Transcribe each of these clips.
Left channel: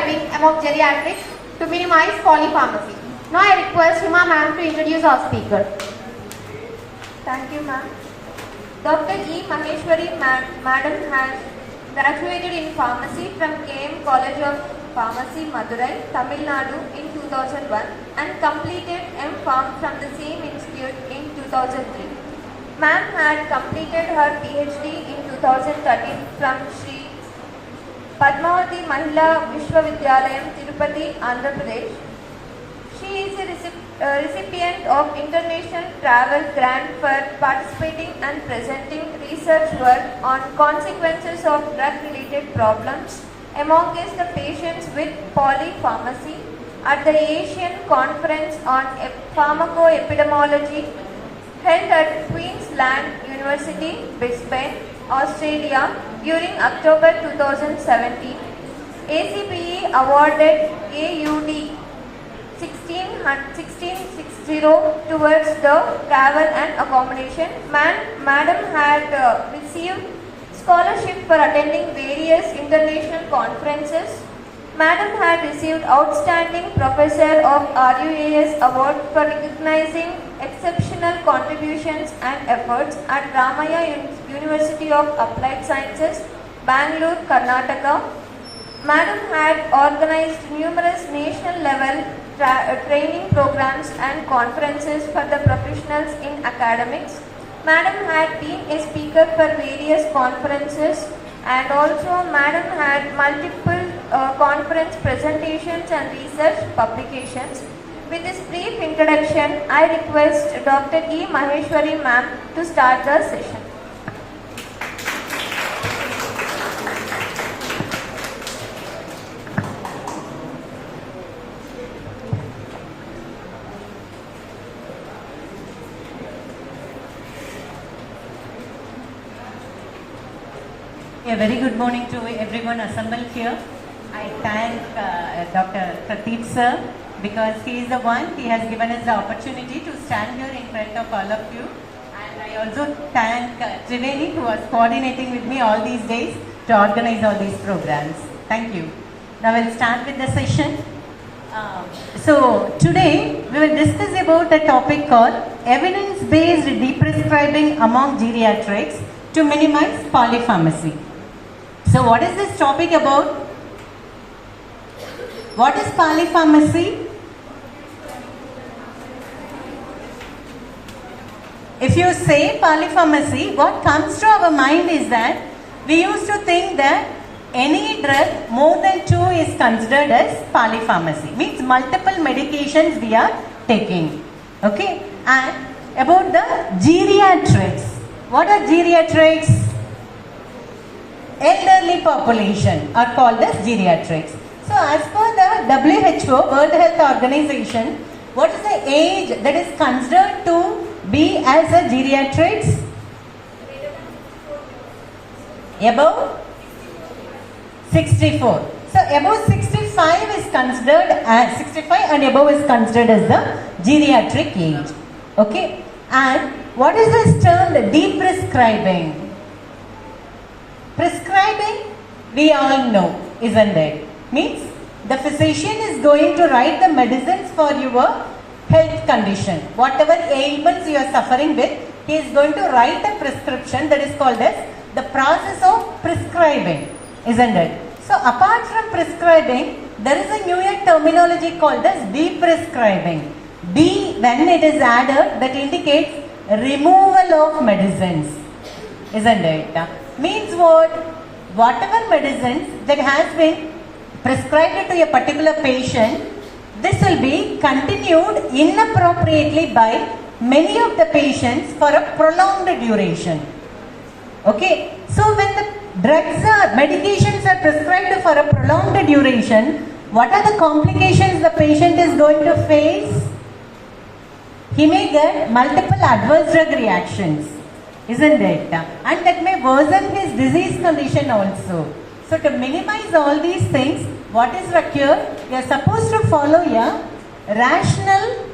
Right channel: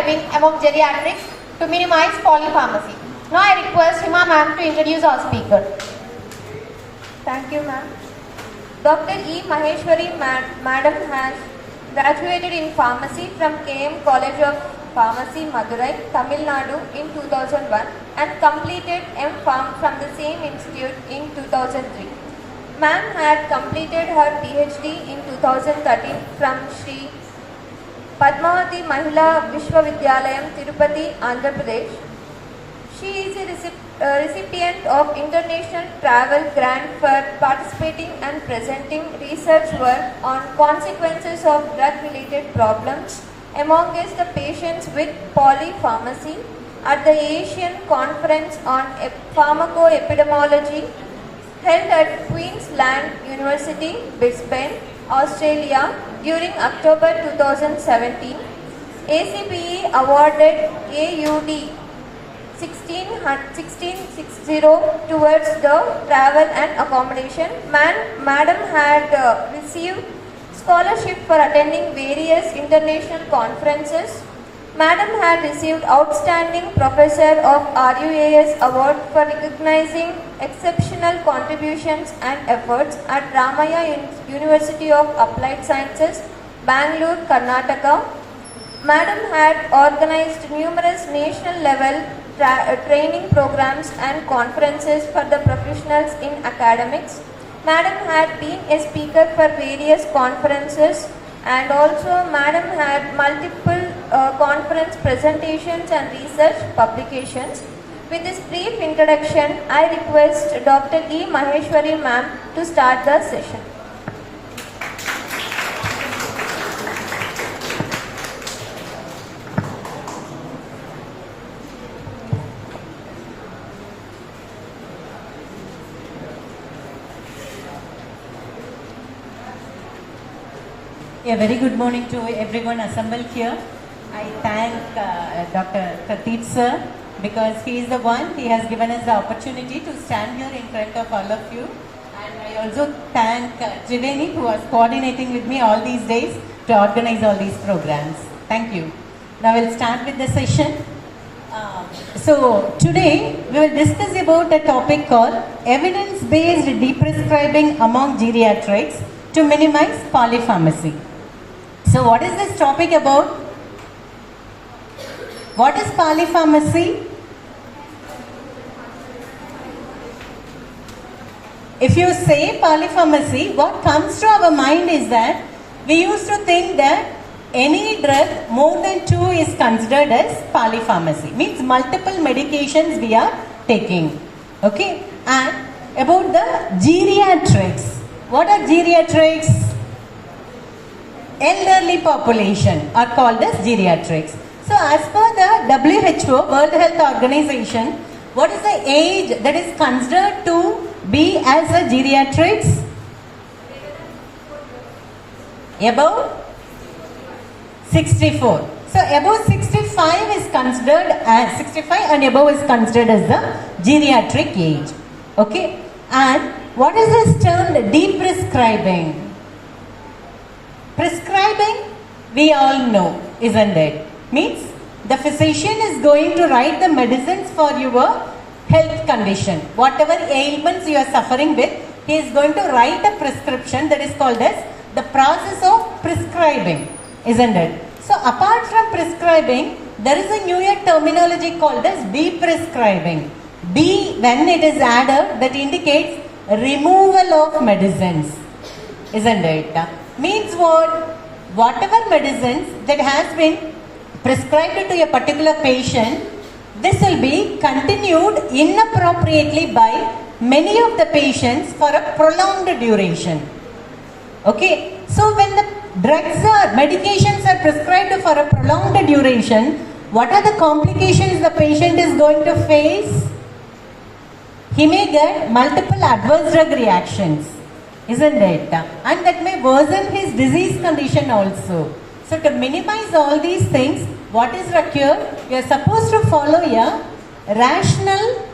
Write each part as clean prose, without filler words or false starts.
prescribing among geriatrics to minimize polypharmacy. Now I request Hima ma'am to introduce our speaker. Thank you, ma'am. Dr. E. Maheshwari Madam has graduated in pharmacy from KM College of Pharmacy, Madurai, Tamil Nadu in 2001 and completed M.Pharm from the same institute in 2003. Ma'am had completed her PhD in 2013 from Sri Padmavati Mahila Vishwavidyalayam, Tirupati, Andhra Pradesh. She is a recipient of International Travel Grant for participating and presenting research work on consequences of drug-related problems amongst the patients with polypharmacy at the Asian Conference on Pharmacoepidemiology held at Queensland University, Brisbane, Australia during October 2017. ACPE awarded AUD 1660 towards the travel and accommodation. Madam had received scholarship for attending various international conferences. Madam had received Outstanding Professor of RUAS Award for recognizing exceptional contributions and efforts at Ramaya University of Applied Sciences, Bangalore, Karnataka. Madam had organized numerous national level training programs and conferences for the professionals in academics. Madam had been a speaker for various conferences and also Madam had multiple conference presentations and research publications. With this brief introduction, I request Dr. E. Maheshwari ma'am to start the session. A very good morning to everyone assembled here. I thank Dr. Prateek sir because he is the one, he has given us the opportunity to stand here in front of all of you. And I also thank Triveni who was coordinating with me all these days to organize all these programs. Thank you. Now we'll start with the session. So today we will discuss about a topic called evidence-based deprescribing among geriatrics to minimize polypharmacy. So what is this topic about? What is polypharmacy? If you say polypharmacy, what comes to our mind is that we used to think that any drug more than 2 is considered as polypharmacy. Means multiple medications we are taking. Okay? And about the geriatrics. What are geriatrics? Elderly population are called as geriatrics. So as per the WHO, World Health Organization, what is the age that is considered to be as a geriatrics? Above 64. So above 65 is considered as 65 and above is considered as the geriatric age. Okay? And what is this term deprescribing? Prescribing, we all know, isn't it? Means the physician is going to write the medicines for your health condition. Whatever ailments you are suffering with, he is going to write a prescription that is called as the process of prescribing, isn't it? So apart from prescribing, there is a newer terminology called as deprescribing. D, when it is added, that indicates removal of medicines, isn't it? Means what? Whatever medicines that has been prescribed to a particular patient, this will be continued inappropriately by many of the patients for a prolonged duration. Okay, so when the medications are prescribed for a prolonged duration, what are the complications the patient is going to face? He may get multiple adverse drug reactions, isn't it? And that may worsen his disease condition also. So to minimize all these things, what is required? We are supposed to follow a rational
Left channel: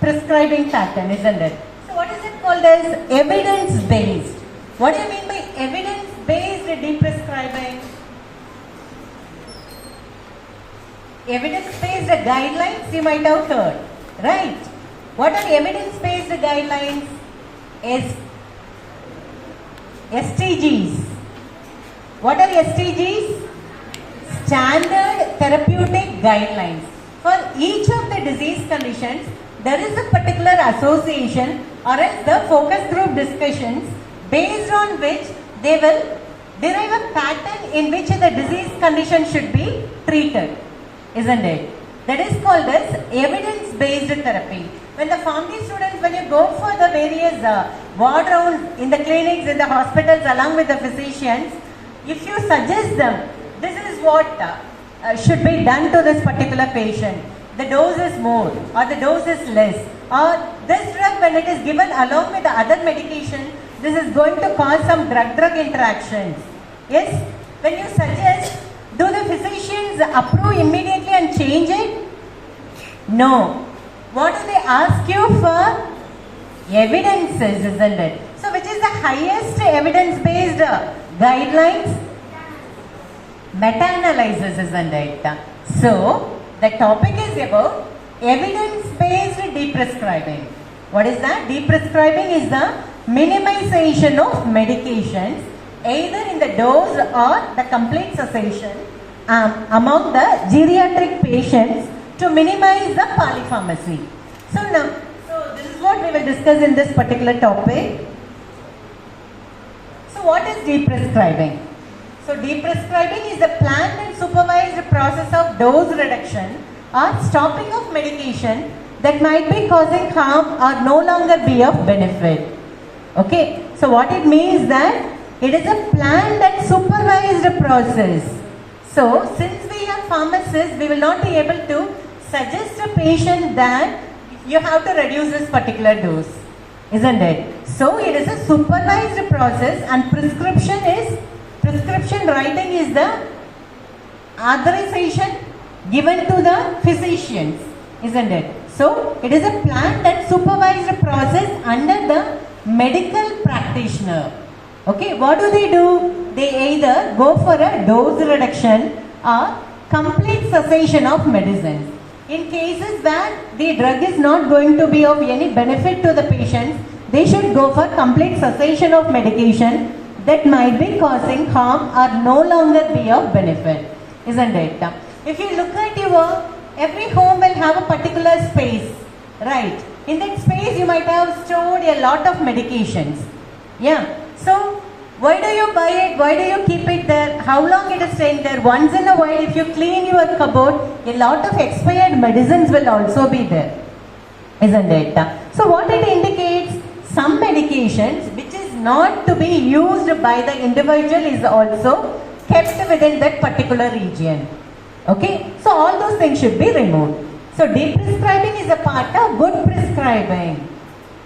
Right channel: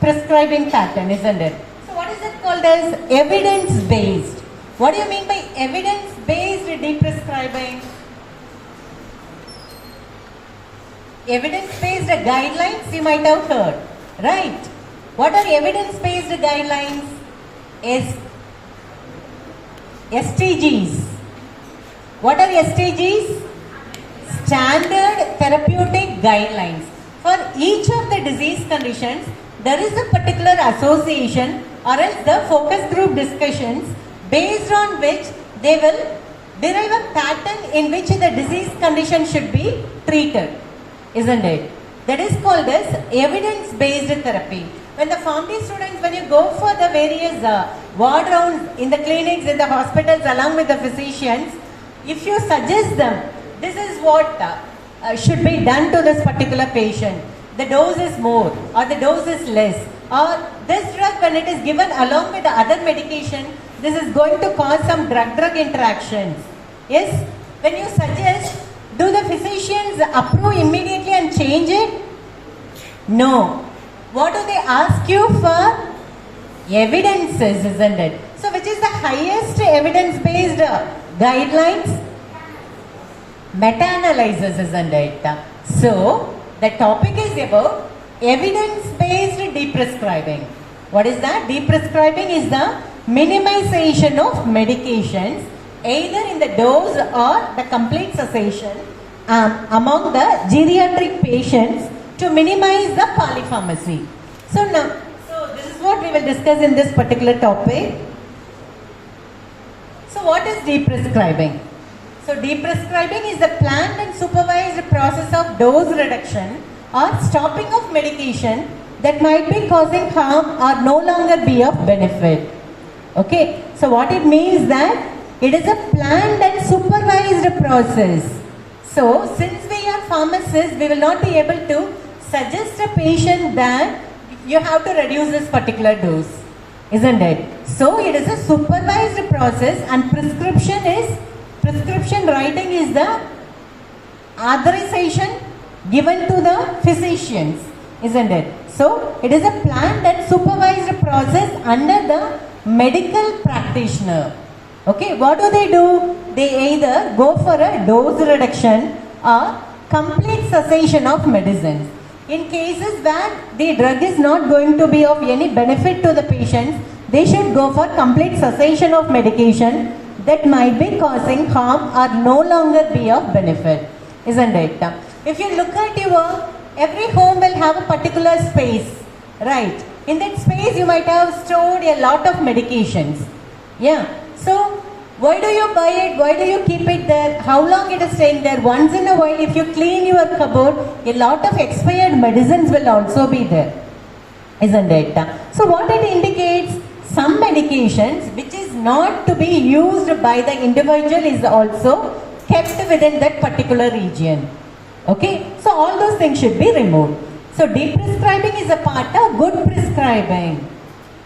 prescribing pattern, isn't it? So what is it called as evidence-based? What do you mean by evidence-based deprescribing? Evidence-based guidelines you might have heard, right? What are evidence-based guidelines? STGs. What are STGs? Standard therapeutic guidelines. For each of the disease conditions, there is a particular association or else the focus group discussions based on which they will derive a pattern in which the disease condition should be treated, isn't it? That is called as evidence-based therapy. When the pharmacy students, when you go for the various ward rounds in the clinics, in the hospitals along with the physicians, if you suggest them, this is what should be done to this particular patient. The dose is more or the dose is less, or this drug when it is given along with the other medication, this is going to cause some drug-drug interactions. Yes, when you suggest, do the physicians approve immediately and change it? No. What do they ask you for? Evidences, isn't it? So which is the highest evidence-based guidelines? Meta-analysis, isn't it? So the topic is about evidence-based deprescribing. What is that? Deprescribing is the minimization of medications either in the dose or the complete cessation among the geriatric patients to minimize the polypharmacy. So now, this is what we will discuss in this particular topic. So what is deprescribing? So deprescribing is the planned and supervised process of dose reduction or stopping of medication that might be causing harm or no longer be of benefit. Okay, so what it means that it is a planned and supervised process. So since we are pharmacists, we will not be able to suggest a patient that you have to reduce this particular dose, isn't it? So it is a supervised process, and prescription writing is the authorization given to the physicians, isn't it? So it is a planned and supervised process under the medical practitioner. Okay, what do? They either go for a dose reduction or complete cessation of medicines. In cases where the drug is not going to be of any benefit to the patients, they should go for complete cessation of medication that might be causing harm or no longer be of benefit, isn't it? If you look at every home will have a particular space, right? In that space you might have stored a lot of medications. Yeah. So why do you buy it? Why do you keep it there? How long it is staying there? Once in a while, if you clean your cupboard, a lot of expired medicines will also be there, isn't it? So what it indicates, some medications which is not to be used by the individual is also kept within that particular region. Okay, so all those things should be removed. So deprescribing is a part of good prescribing.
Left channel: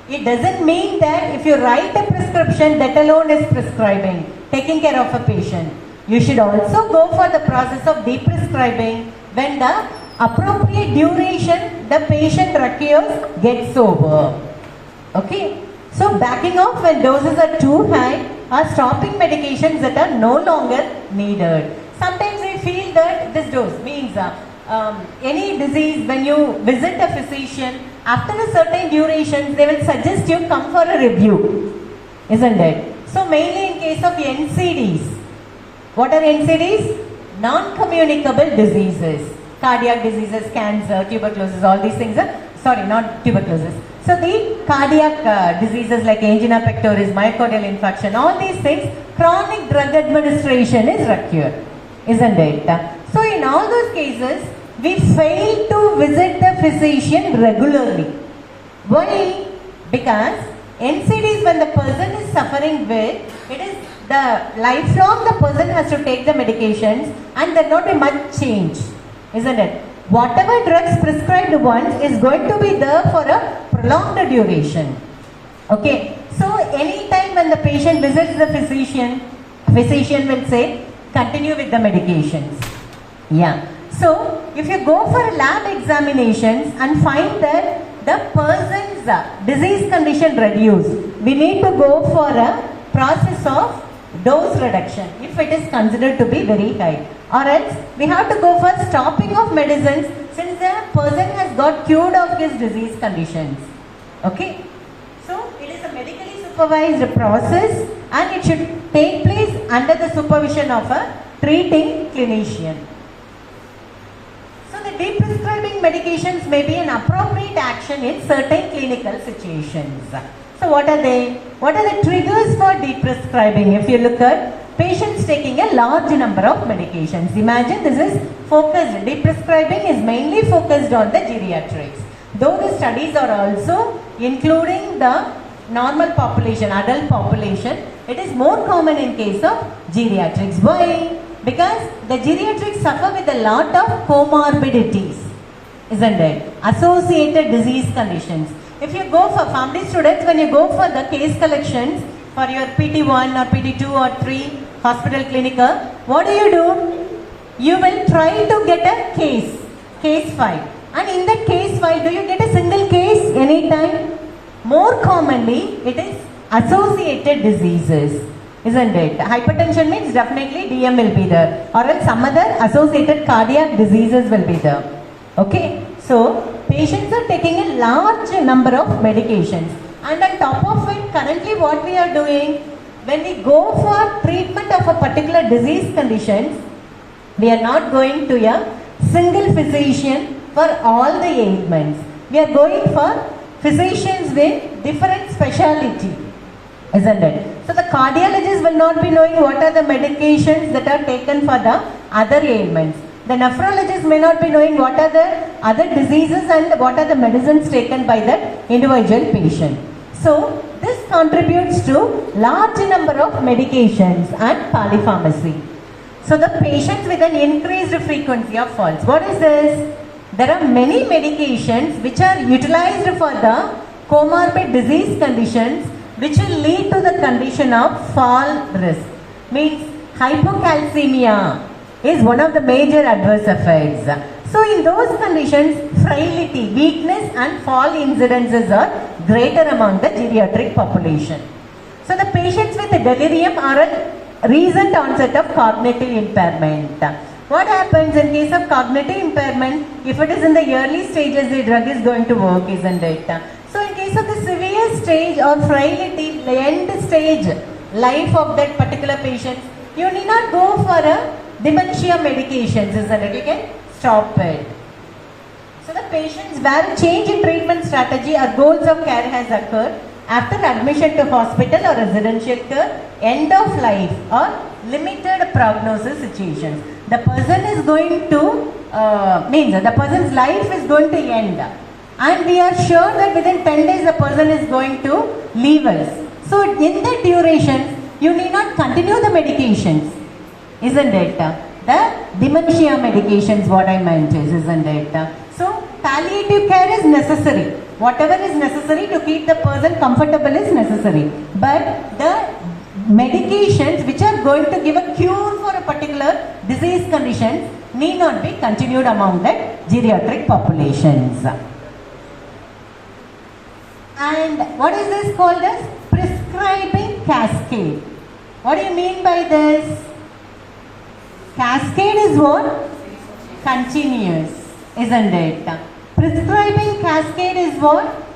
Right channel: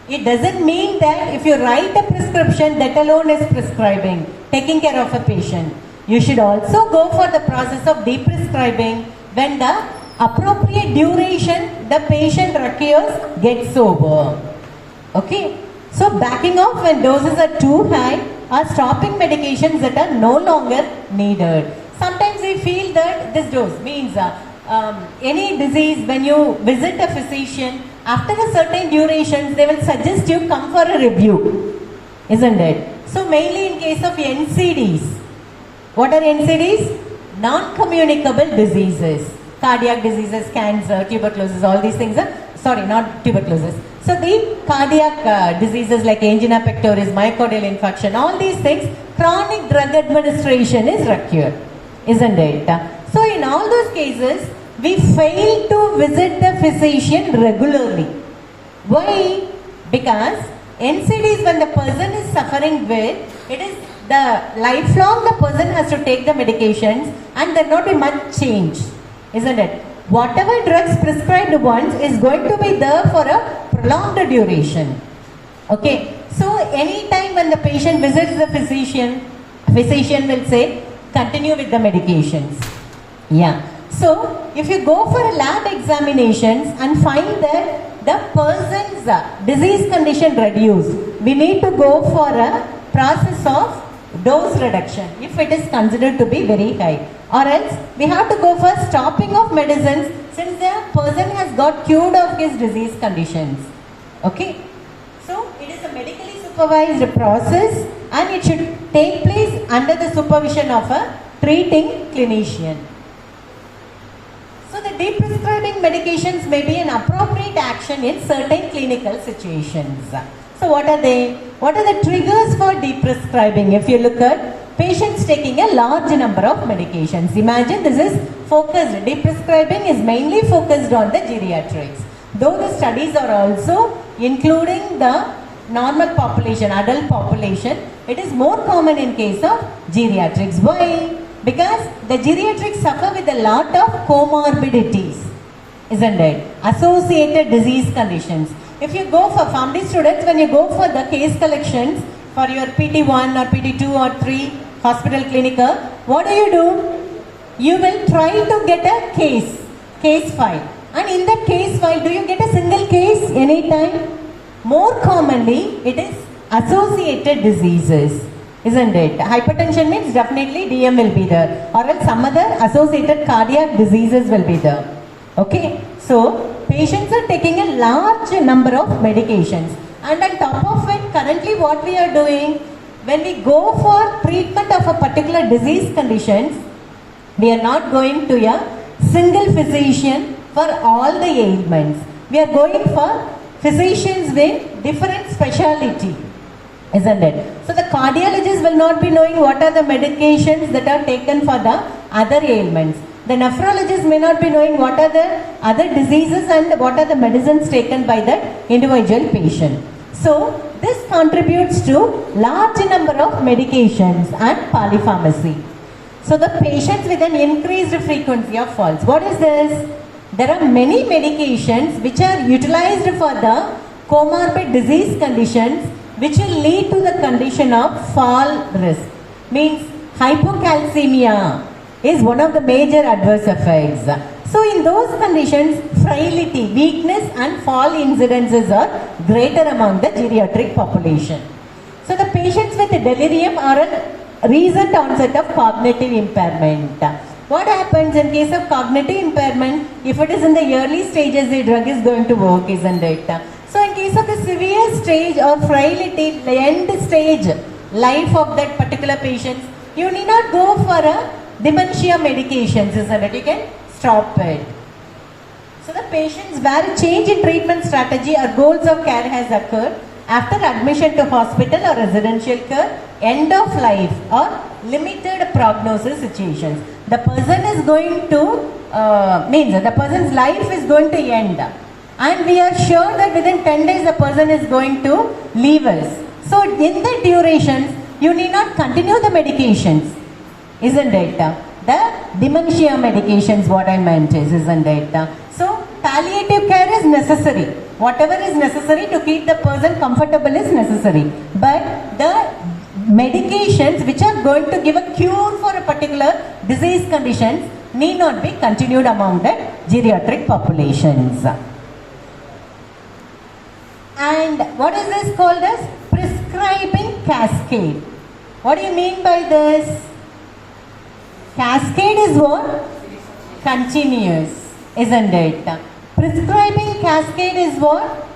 It doesn't mean that if you write a prescription, that alone is prescribing, taking care of a patient. You should also go for the process of deprescribing when the appropriate duration the patient requires gets over. Okay, so backing off when doses are too high or stopping medications that are no longer needed. Sometimes we feel that this dose means any disease, when you visit a physician, after a certain durations, they will suggest you come for a review, isn't it? So mainly in case of NCDs. What are NCDs? Non-communicable diseases. Cardiac diseases, cancer, tuberculosis, all these things are, sorry, not tuberculosis. So the cardiac diseases like angina pectoris, myocardial infarction, all these things, chronic drug administration is required, isn't it? So in all those cases, we fail to visit the physician regularly. Why? Because NCDs, when the person is suffering with, it is the lifelong the person has to take the medications and there not be much change, isn't it? Whatever drugs prescribed once is going to be there for a prolonged duration. Okay, so anytime when the patient visits the physician will say, continue with the medications. Yeah. So, if you go for lab examinations and find that the person's disease condition reduced, we need to go for a process of dose reduction if it is considered to be very high. or else we have to go for stopping of medicines since the person has got cured of his disease conditions. Okay, so it is a medically supervised process and it should take place under the supervision of a treating clinician. So the deprescribing medications may be an appropriate action in certain clinical situations. So what are they? What are the triggers for deprescribing? If you look at patients taking a large number of medications. Imagine this is focused. Deprescribing is mainly focused on the geriatrics. Though the studies are also including the normal population, adult population, it is more common in case of geriatrics. Why? Because the geriatrics suffer with a lot of comorbidities, isn't it? Associated disease conditions. If you go for family students, when you go for the case collections for your PT1 or PT2 or 3 hospital clinical, what do? You will try to get a case file. And in that case file, do you get a single case anytime? More commonly, it is associated diseases, isn't it? Hypertension means definitely DM will be there, or else some other associated cardiac diseases will be there. Okay, so patients are taking a large number of medications, and on top of it, currently what we are doing, when we go for treatment of a particular disease conditions, we are not going to a single physician for all the ailments. We are going for physicians with different speciality, isn't it? So the cardiologist will not be knowing what are the medications that are taken for the other ailments. The nephrologist may not be knowing what are the other diseases and what are the medicines taken by that individual patient. So this contributes to large number of medications and polypharmacy. So the patients with an increased frequency of falls. What is this? There are many medications which are utilized for the comorbid disease conditions which will lead to the condition of fall risk. Means hypocalcemia is one of the major adverse effects. So in those conditions, frailty, weakness and fall incidences are greater among the geriatric population. So the patients with delirium are a recent onset of cognitive impairment. What happens in case of cognitive impairment? If it is in the early stages, the drug is going to work, isn't it? So in case of the severe stage or frailty, the end stage life of that particular patient, you need not go for a dementia medications, isn't it? You can stop it. So the patients where a change in treatment strategy or goals of care has occurred after admission to hospital or residential care, end of life or limited prognosis situations. The person is going to, means the person's life is going to end. And we are sure that within 10 days the person is going to leave us. So in the duration, you need not continue the medications, isn't it? The dementia medications, what I meant is, isn't it? So palliative care is necessary. Whatever is necessary to keep the person comfortable is necessary. But the medications which are going to give a cure for a particular disease conditions need not be continued among the geriatric populations. And what is this called as? Prescribing cascade. What do you mean by this? Cascade is what? Continuous, isn't it? Prescribing cascade is what?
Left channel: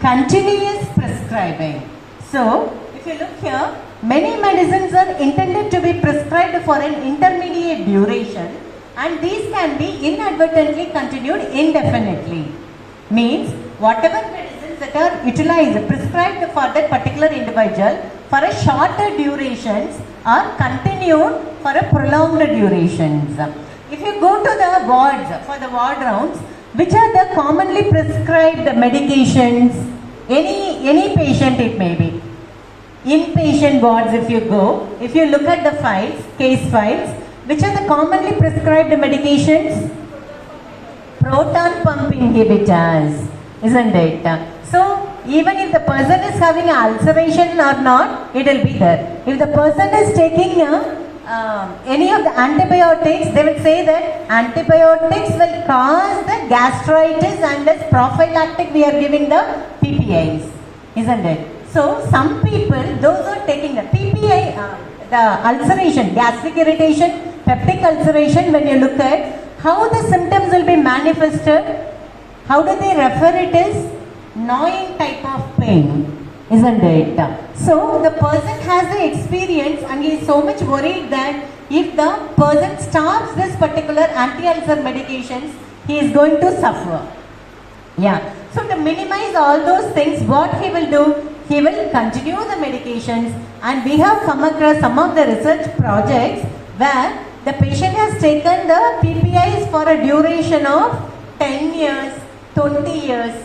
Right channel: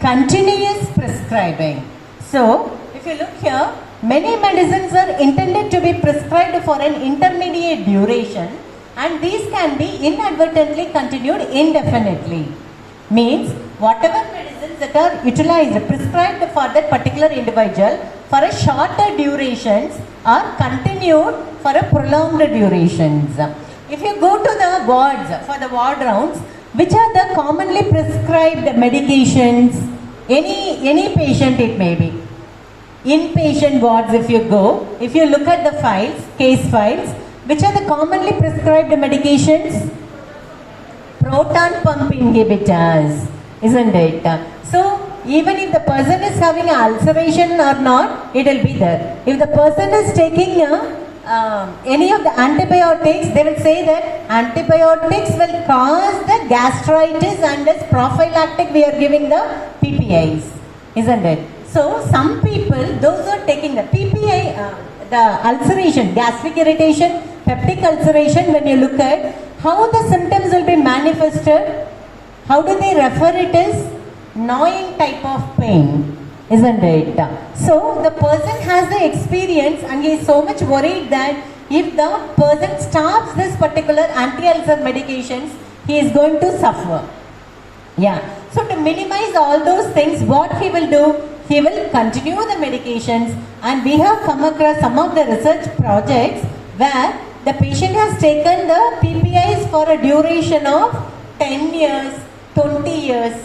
Continuous prescribing. So, if you look here, many medicines are intended to be prescribed for an intermediate duration and these can be inadvertently continued indefinitely. Means, whatever medicines that are utilized, prescribed for that particular individual for a shorter durations are continued for a prolonged durations. If you go to the wards, for the ward rounds, which are the commonly prescribed medications, any patient it may be. Inpatient wards if you go, if you look at the files, case files, which are the commonly prescribed medications? Proton pump inhibitors, isn't it? So, even if the person is having an ulceration or not, it will be there. If the person is taking any of the antibiotics, they will say that antibiotics will cause the gastritis and as prophylactic we are giving the PPIs, isn't it? So, some people, those who are taking the PPI, the ulceration, gastric irritation, Peptic ulceration, when you look at how the symptoms will be manifested, how do they refer it as gnawing type of pain, isn't it? So the person has the experience and he is so much worried that if the person stops this particular anti-ulcer medications, he is going to suffer. Yeah. So to minimize all those things, what he will do, he will continue the medications, and we have come across some of the research projects where the patient has taken the PPIs for a duration of 10 years, 20 years,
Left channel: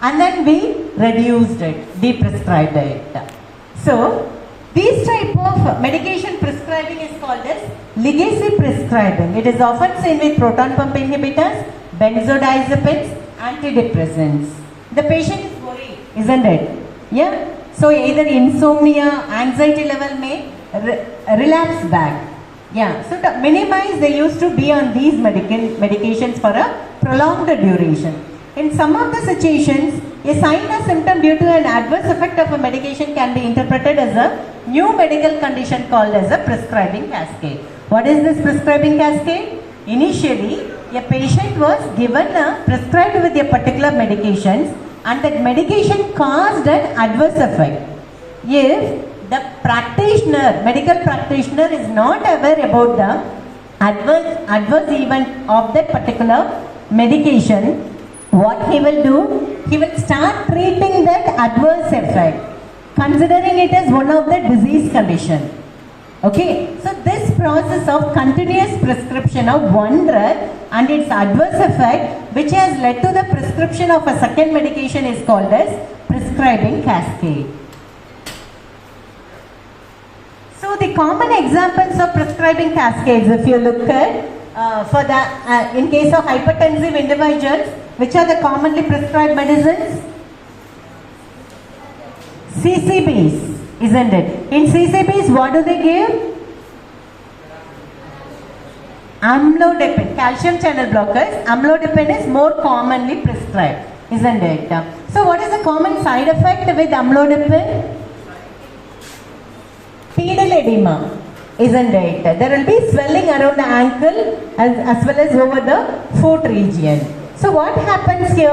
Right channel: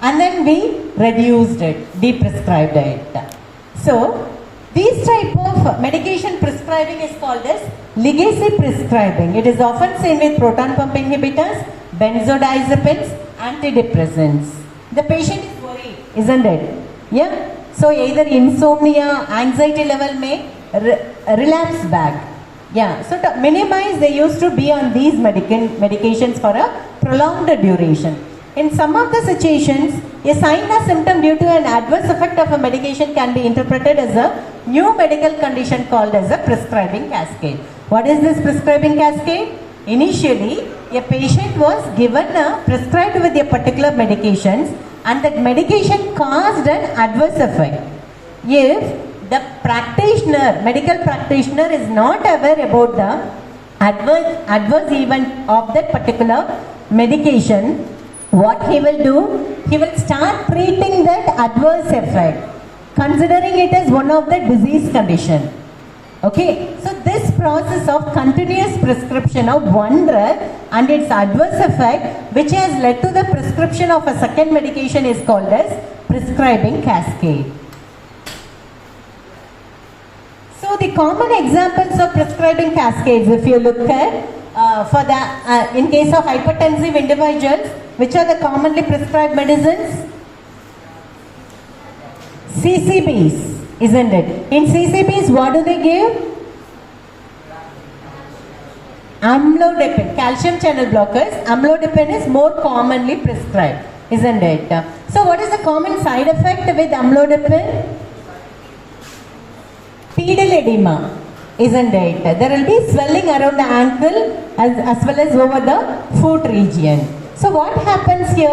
and then we reduced it, deprescribed it. So this type of medication prescribing is called as legacy prescribing. It is often seen with proton pump inhibitors, benzodiazepines, antidepressants. The patient is worried, isn't it? Yeah. So either insomnia, anxiety level may relapse back. Yeah. So to minimize, they used to be on these medications for a prolonged duration. In some of the situations, a sign or symptom due to an adverse effect of a medication can be interpreted as a new medical condition called as a prescribing cascade. What is this prescribing cascade? Initially, a patient was given prescribed with a particular medications, and that medication caused an adverse effect. If the practitioner, medical practitioner, is not aware about the adverse event of that particular medication, what he will do, he will start treating that adverse effect, considering it as one of the disease condition. Okay, so this process of continuous prescription of one drug and its adverse effect, which has led to the prescription of a second medication, is called as prescribing cascade. So the common examples of prescribing cascades, if you look at in case of hypertensive individuals, which are the commonly prescribed medicines? CCBs, isn't it? In CCBs, what do they give? Amlodipine, calcium channel blockers. Amlodipine is more commonly prescribed, isn't it? So what is the common side effect with amlodipine? Pedal edema, isn't it? There will be swelling around the ankle as well as over the foot region. So what happens here?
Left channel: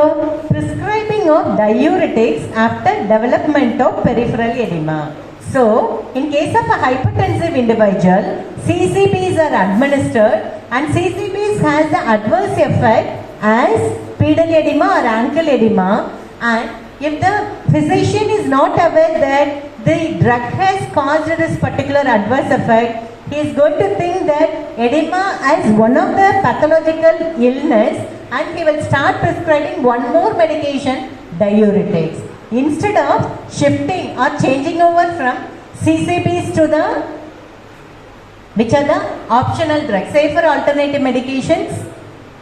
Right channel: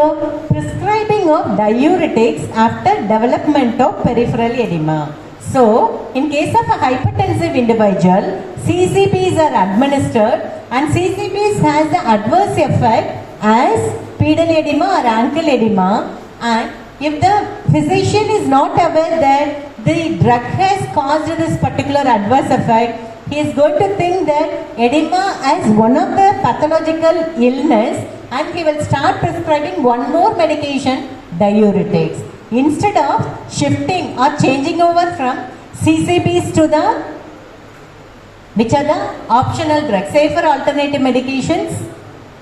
Prescribing of diuretics after development of peripheral edema. So in case of a hypertensive individual, CCBs are administered, and CCBs has the adverse effect as pedal edema or ankle edema, and if the physician is not aware that the drug has caused this particular adverse effect, he is going to think that edema as one of the pathological illness, and he will start prescribing one more medication, diuretics, instead of shifting or changing over from CCBs to the, which are the optional drugs, safer alternative medications.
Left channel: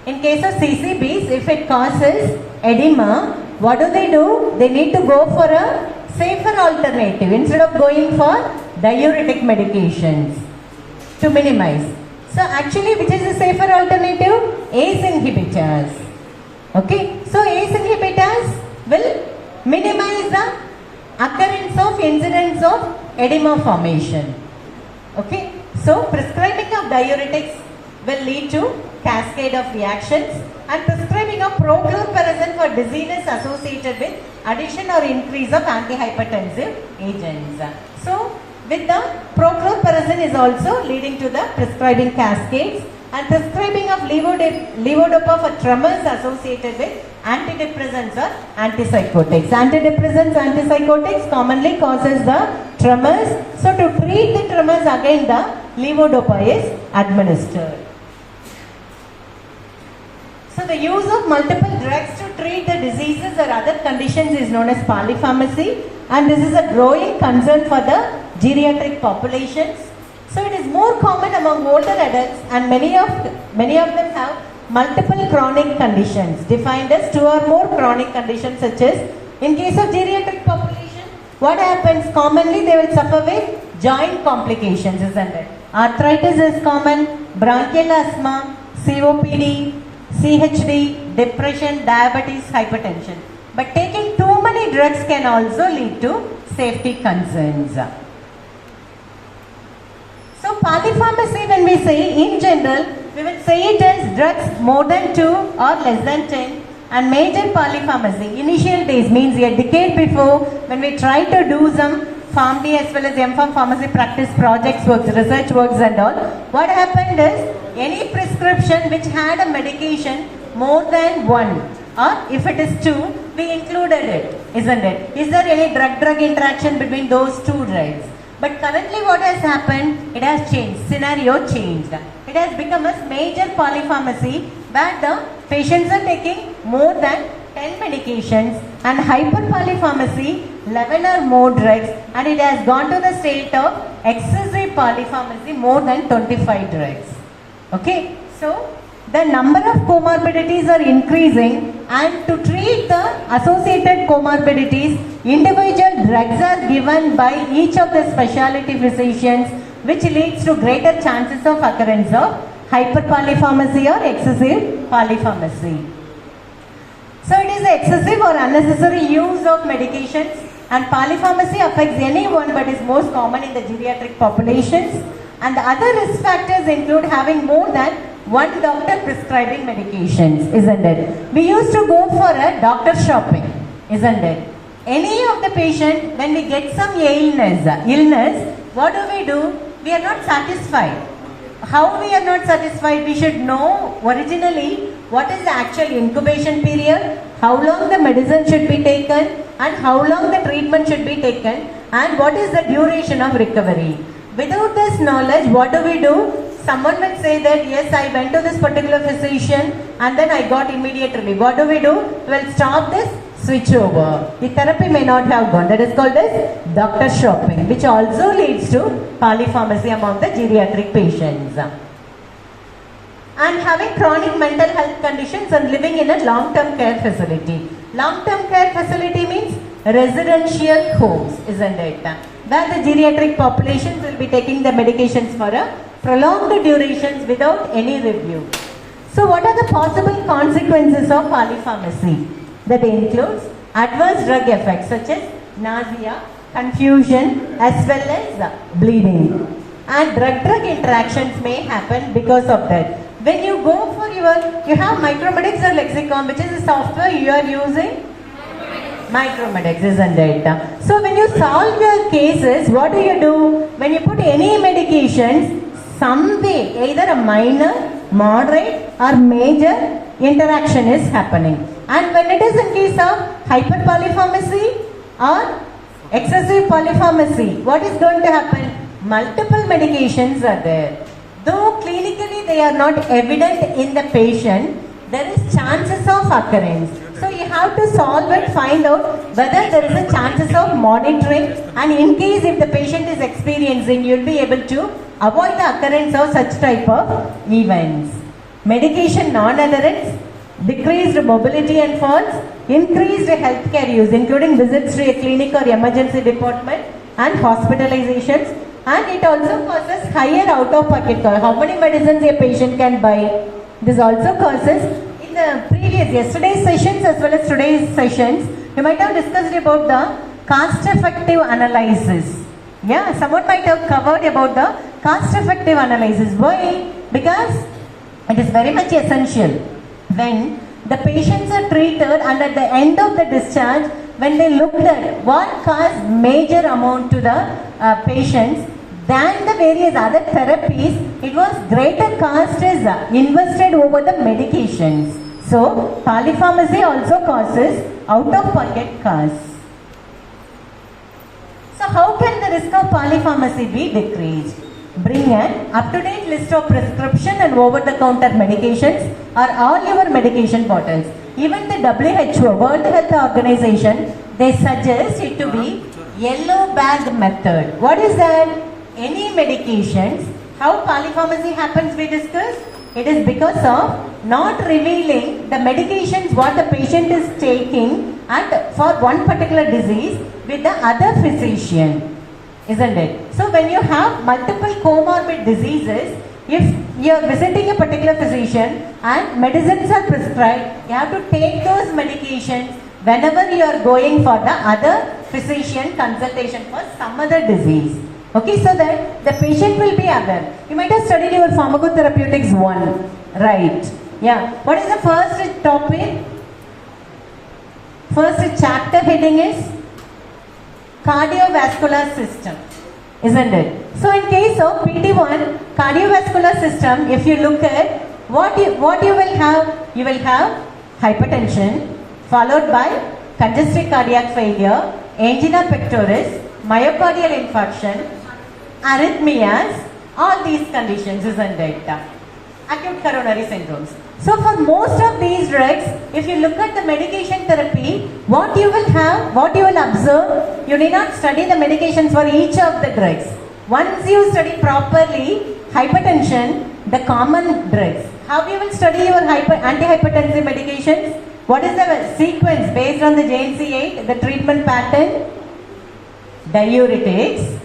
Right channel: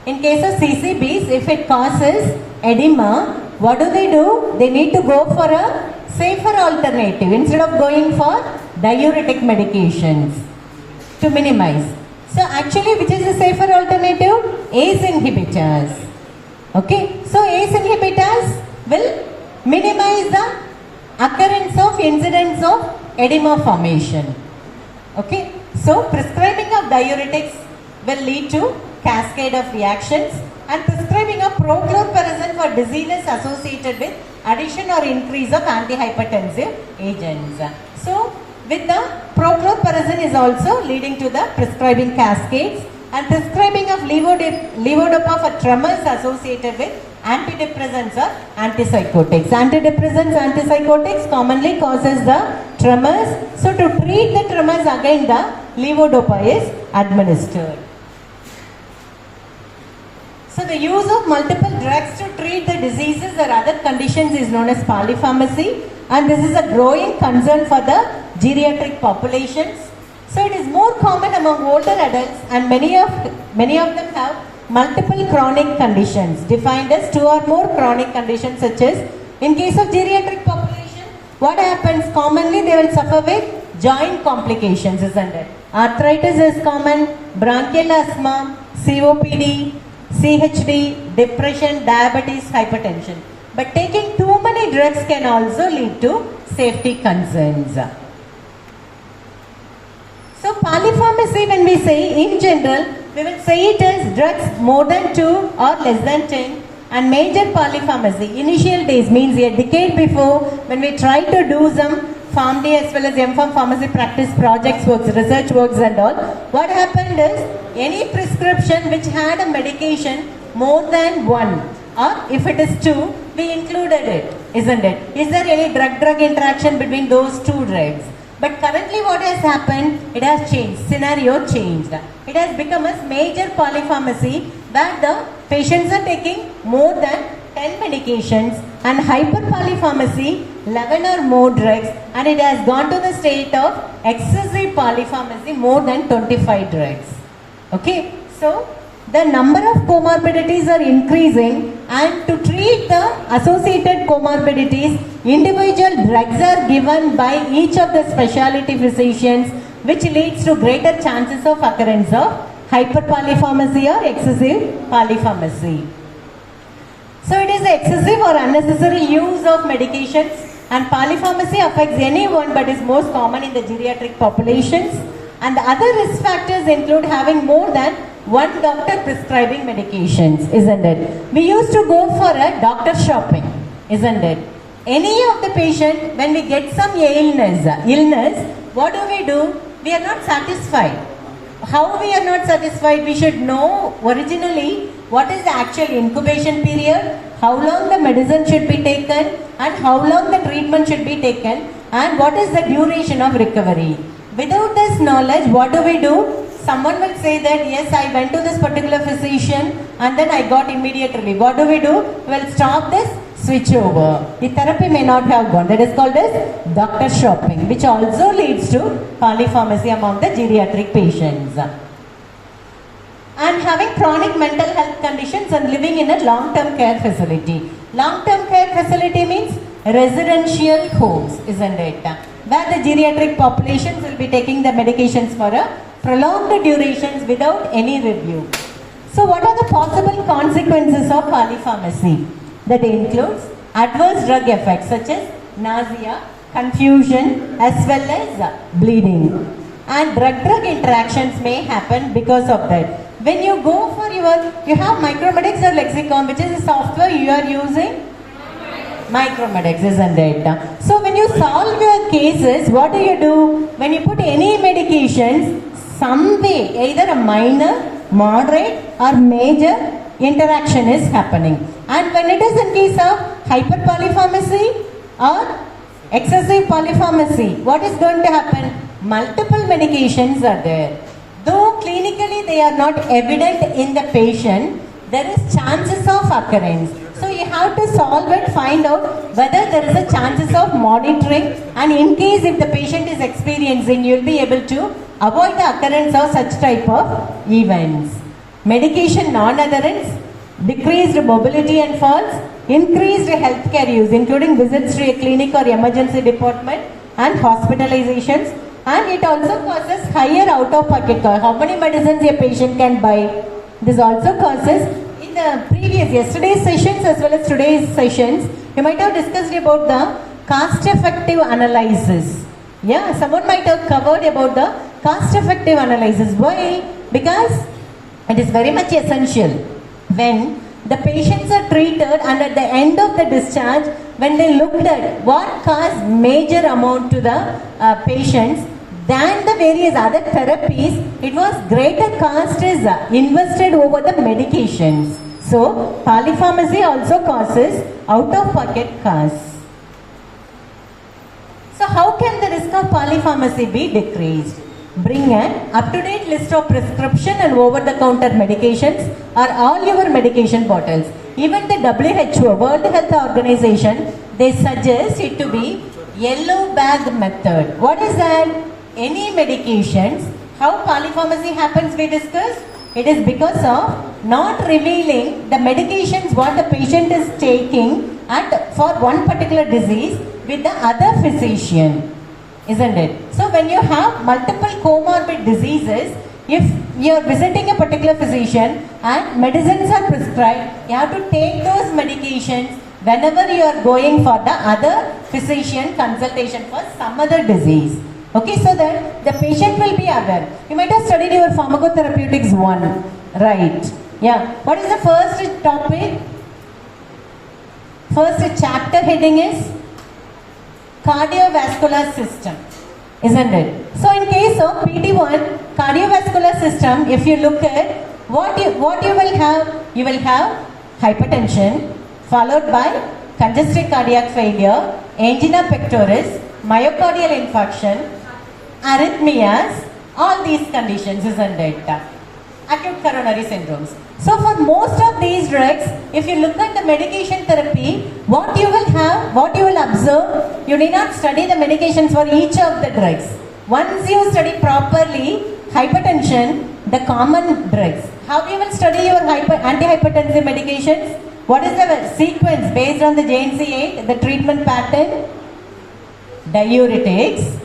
In case of CCBs, if it causes edema, what do? They need to go for a safer alternative instead of going for diuretic medications to minimize. So actually, which is the safer alternative? ACE inhibitors. Okay, so ACE inhibitors will minimize the occurrence of incidence of edema formation. Okay, so prescribing of diuretics will lead to cascade of reactions, and prescribing of prochlorperazine for diseases associated with addition or increase of antihypertensive agents. So with the prochlorperazine is also leading to the prescribing cascades, and prescribing of levodopa for tremors associated with antidepressants or antipsychotics. Antipsychotics commonly causes the tremors. So to treat the tremors, again the levodopa is administered. So the use of multiple drugs to treat the diseases or other conditions is known as polypharmacy, and this is a growing concern for the geriatric populations. So it is more common among older adults, and many of them have multiple chronic conditions defined as 2 or more chronic conditions, such as in case of geriatric population, what happens? Commonly they will suffer with joint complications, isn't it? Arthritis is common, bronchial asthma, COPD, CHD, depression, diabetes, hypertension. But taking too many drugs can also lead to safety concerns. So polypharmacy, when we say in general, we will say it as drugs more than 2 or less than 10. And major polypharmacy, initial days means a decade before, when we try to do some PharmD as well as M.Pharm pharmacy practice projects works, research works and all, what happened is any prescription which had a medication more than 1 or if it is 2, we included it, isn't it? Is there any drug-drug interaction between those 2 drugs? But currently what has happened, it has changed, scenario changed. It has become a major polypharmacy where the patients are taking more than 10 medications and hyperpolypharmacy 11 or more drugs, and it has gone to the state of excessive polypharmacy more than 25 drugs. Okay, so the number of comorbidities are increasing, and to treat the associated comorbidities, individual drugs are given by each of the specialty physicians, which leads to greater chances of occurrence of hyperpolypharmacy or excessive polypharmacy. So it is excessive or unnecessary use of medications, and polypharmacy affects anyone but is most common in the geriatric populations. And the other risk factors include having more than one doctor prescribing medications, isn't it? We used to go for a doctor shopping, isn't it? Any of the patient, when we get some illness, what do? We are not satisfied. How we are not satisfied? We should know originally what is the actual incubation period, how long the medicine should be taken, and how long the treatment should be taken, and what is the duration of recovery. Without this knowledge, what do? Someone will say that, yes, I went to this particular physician and then I got immediate relief. What do? Well, stop this, switch over. The therapy may not have gone. That is called as doctor shopping, which also leads to polypharmacy among the geriatric patients. And having chronic mental health conditions and living in a long-term care facility. Long-term care facility means residential homes, isn't it? Where the geriatric populations will be taking the medications for a prolonged durations without any review. So what are the possible consequences of polypharmacy? That includes adverse drug effects such as nausea, confusion as well as bleeding. And drug-drug interactions may happen because of that. When you go for you have Micromedics or Lexicon, which is a software you are using? Micromedics, isn't it? So when you solve your cases, what do? When you put any medications, some way, either a minor, moderate or major interaction is happening. And when it is in case of hyperpolypharmacy or excessive polypharmacy, what is going to happen? Multiple medications are there. Though clinically they are not evident in the patient, there is chances of occurrence. So you have to solve it, find out whether there is a chances of monitoring, and in case if the patient is experiencing, you will be able to avoid the occurrence of such type of events. Medication non-adherence, decreased mobility and falls, increased healthcare use including visits to a clinic or emergency department and hospitalizations, and it also causes higher out-of-pocket cost. How many medicines a patient can buy? This also causes, in the previous yesterday's sessions as well as today's sessions, you might have discussed about the cost-effective analysis. Yeah, someone might have covered about the cost-effective analysis. Why? Because it is very much essential. When the patients are treated and at the end of the discharge, when they looked at what caused major amount to the patients than the various other therapies, it was greater cost is invested over the medications. So, polypharmacy also causes out-of-pocket costs. So, how can the risk of polypharmacy be decreased? Bring an up-to-date list of prescription and over-the-counter medications or all your medication bottles. Even the WHO, World Health Organization, they suggest it to be yellow bag method. What is that? Any medications, how polypharmacy happens we discussed? It is because of not revealing the medications what the patient is taking and for one particular disease with the other physician, isn't it? So when you have multiple comorbid diseases, if you are visiting a particular physician and medicines are prescribed, you have to take those medications whenever you are going for the other physician consultation for some other disease. Okay, so that the patient will be aware. You might have studied your pharmacotherapeutics 1, right? Yeah. What is the first topic? First chapter heading is cardiovascular system, isn't it? So in case of PT1, cardiovascular system, if you look at what you will have hypertension followed by congestive cardiac failure, angina pectoris, myocardial infarction, arrhythmias, all these conditions, isn't it? Acute coronary syndromes. So for most of these drugs, if you look at the medication therapy, what you will observe, you need not study the medications for each of the drugs. Once you study properly hypertension, the common drugs, how you will study your antihypertensive medications? What is the sequence based on the JNC8, the treatment pattern? Diuretics,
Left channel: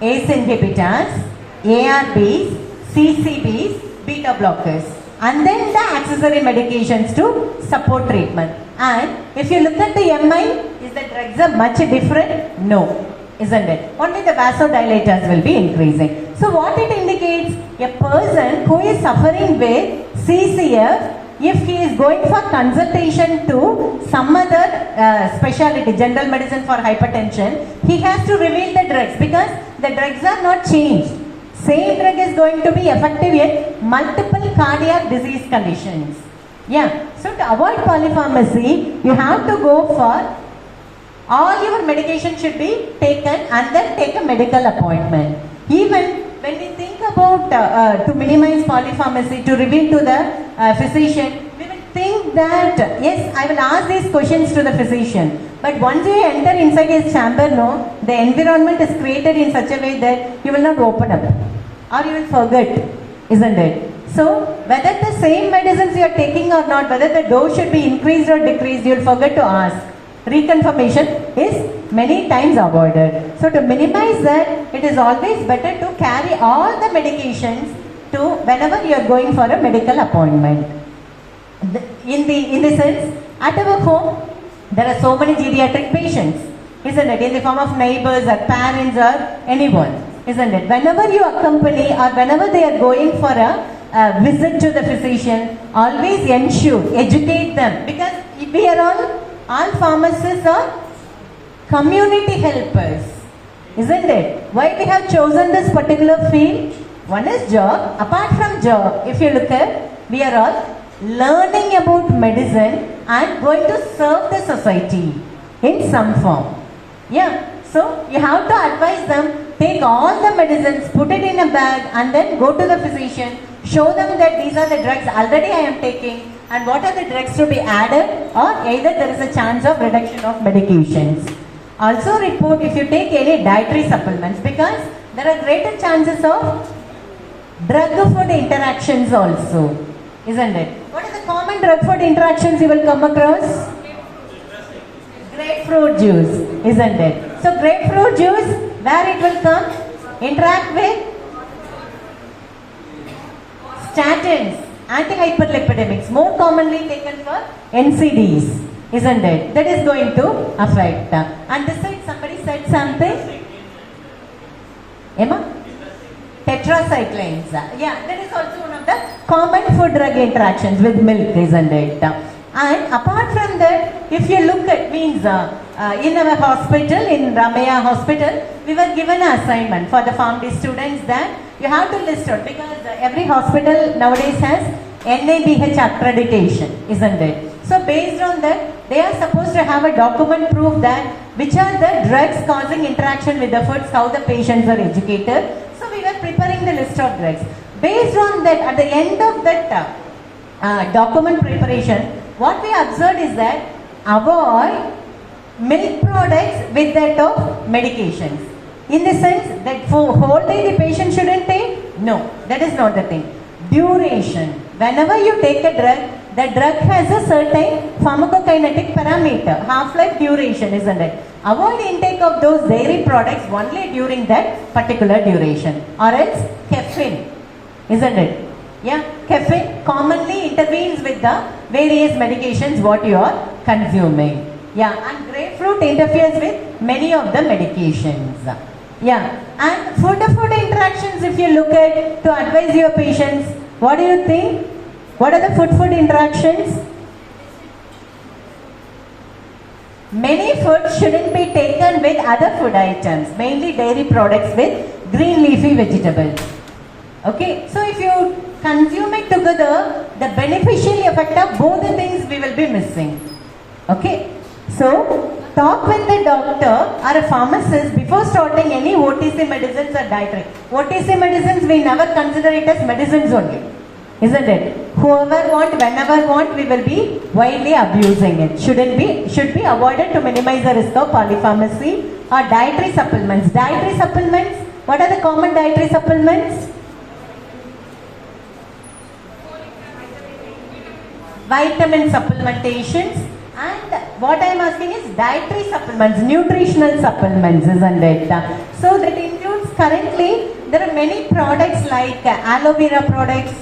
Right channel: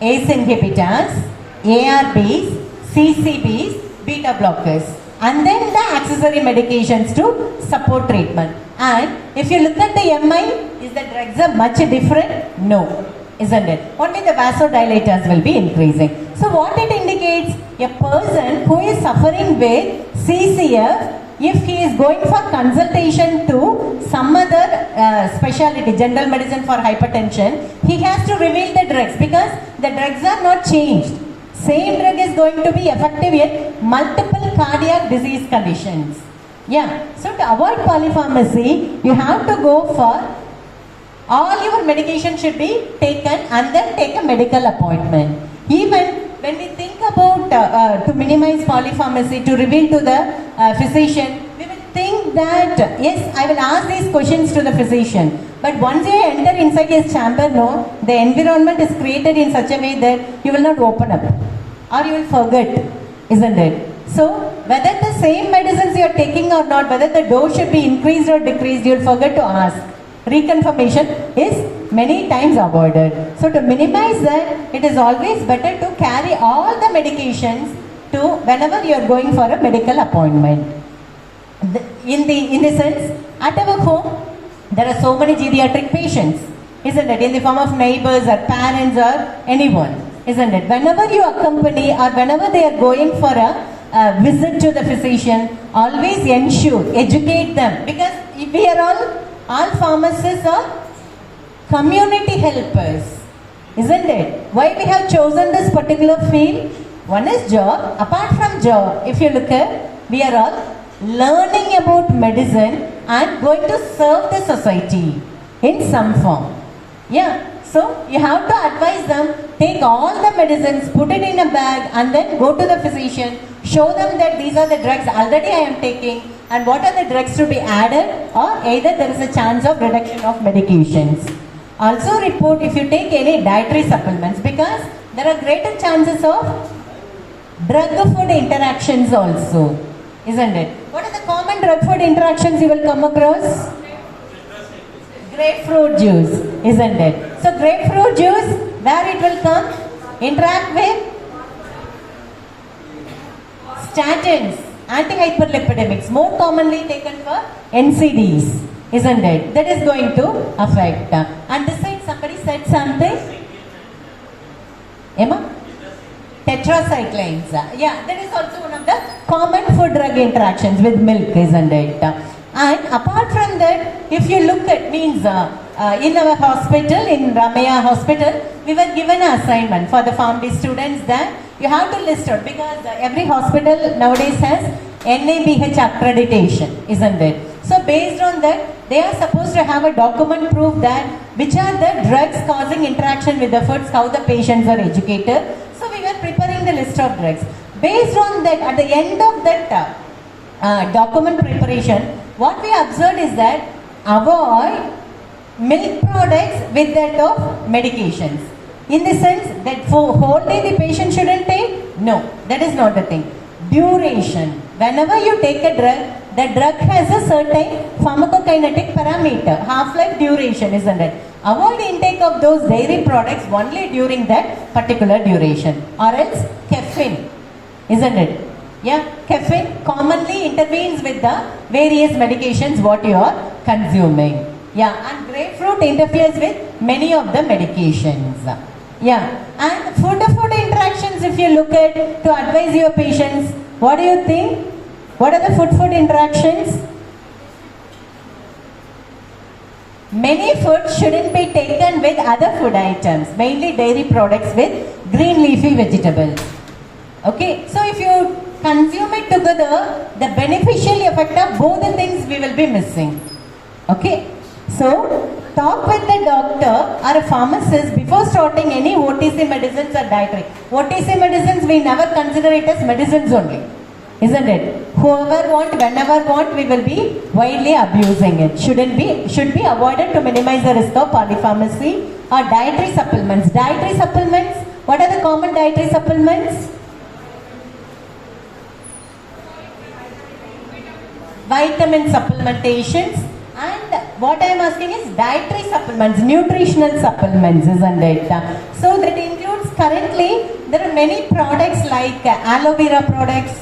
ACE inhibitors, ARBs, CCBs, beta blockers, and then the accessory medications to support treatment. And if you look at the MI, is the drugs are much different? No, isn't it? Only the vasodilators will be increasing. So what it indicates, a person who is suffering with CCF, if he is going for consultation to some other specialty, general medicine for hypertension, he has to reveal the drugs because the drugs are not changed. Same drug is going to be effective in multiple cardiac disease conditions. Yeah, so to avoid polypharmacy, you have to go for all your medication should be taken and then take a medical appointment. Even when we think about to minimize polypharmacy, to reveal to the physician, we will think that yes, I will ask these questions to the physician. But once you enter inside his chamber, no, the environment is created in such a way that you will not open up or you will forget, isn't it? So whether the same medicines you are taking or not, whether the dose should be increased or decreased, you will forget to ask. Reconfirmation is many times avoided. So to minimize that, it is always better to carry all the medications to whenever you are going for a medical appointment. In the sense, at our home, there are so many geriatric patients, isn't it? In the form of neighbors or parents or anyone, isn't it? Whenever you accompany or whenever they are going for a visit to the physician, always ensure, educate them, because we are all pharmacists are community helpers, isn't it? Why we have chosen this particular field? One is job. Apart from job, if you look at, we are all learning about medicine and going to serve the society in some form. Yeah, so you have to advise them, take all the medicines, put it in a bag and then go to the physician, show them that these are the drugs already I am taking and what are the drugs to be added, or either there is a chance of reduction of medications. Also report if you take any dietary supplements, because there are greater chances of drug-food interactions also, isn't it? What are the common drug-food interactions you will come across? Grapefruit juice, isn't it? So grapefruit juice, where it will come? Interact with statins, antihyperlipidemics, more commonly taken for NCDs, isn't it? That is going to affect. And this side somebody said something? Emma? Tetracyclines. Yeah, that is also one of the common food drug interactions with milk, isn't it? And apart from that, if you look at means in our hospital, in Ramaya Hospital, we were given an assignment for the PharmD students that you have to list out, because every hospital nowadays has NABH accreditation, isn't it? So based on that, they are supposed to have a document proof that which are the drugs causing interaction with the foods, how the patients are educated. So we were preparing the list of drugs. Based on that, at the end of that document preparation, what we observed is that avoid milk products with that of medications. In the sense that for whole day the patient shouldn't take? No, that is not the thing. Duration. Whenever you take a drug, the drug has a certain pharmacokinetic parameter, half-life duration, isn't it? Avoid intake of those dairy products only during that particular duration. Or else caffeine, isn't it? Yeah, caffeine commonly intervenes with the various medications what you are consuming. Yeah, and grapefruit interferes with many of the medications. Yeah, and food interactions, if you look at to advise your patients, what do you think? What are the food interactions? Many foods shouldn't be taken with other food items, mainly dairy products with green leafy vegetables. Okay, so if you consume it together, the beneficial effect of both the things we will be missing. Okay, so talk with the doctor or a pharmacist before starting any OTC medicines or dietary. OTC medicines we never consider it as medicines only, isn't it? Whoever want, whenever want, we will be widely abusing it. Should be avoided to minimize the risk of polypharmacy. Or dietary supplements. Dietary supplements, what are the common dietary supplements? Vitamin supplementations. And what I am asking is dietary supplements, nutritional supplements, isn't it? So that includes currently, there are many products like aloe vera products,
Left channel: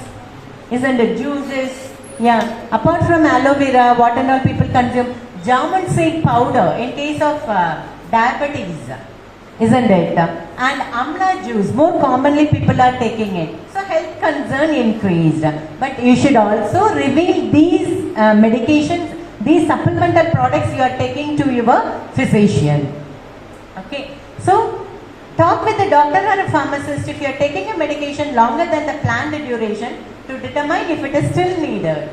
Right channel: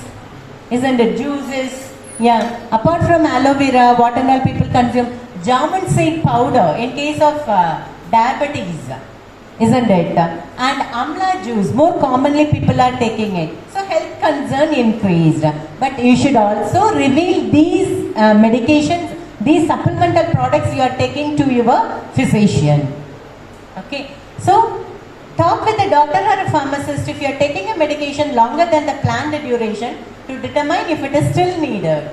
isn't it? Juices. Yeah. Apart from aloe vera, what and all people consume? Jamun seed powder in case of diabetes, isn't it? And amla juice, more commonly people are taking it. So health concern increased. But you should also reveal these medications, these supplemental products you are taking to your physician. Okay. So talk with the doctor or a pharmacist if you are taking a medication longer than the planned duration to determine if it is still needed.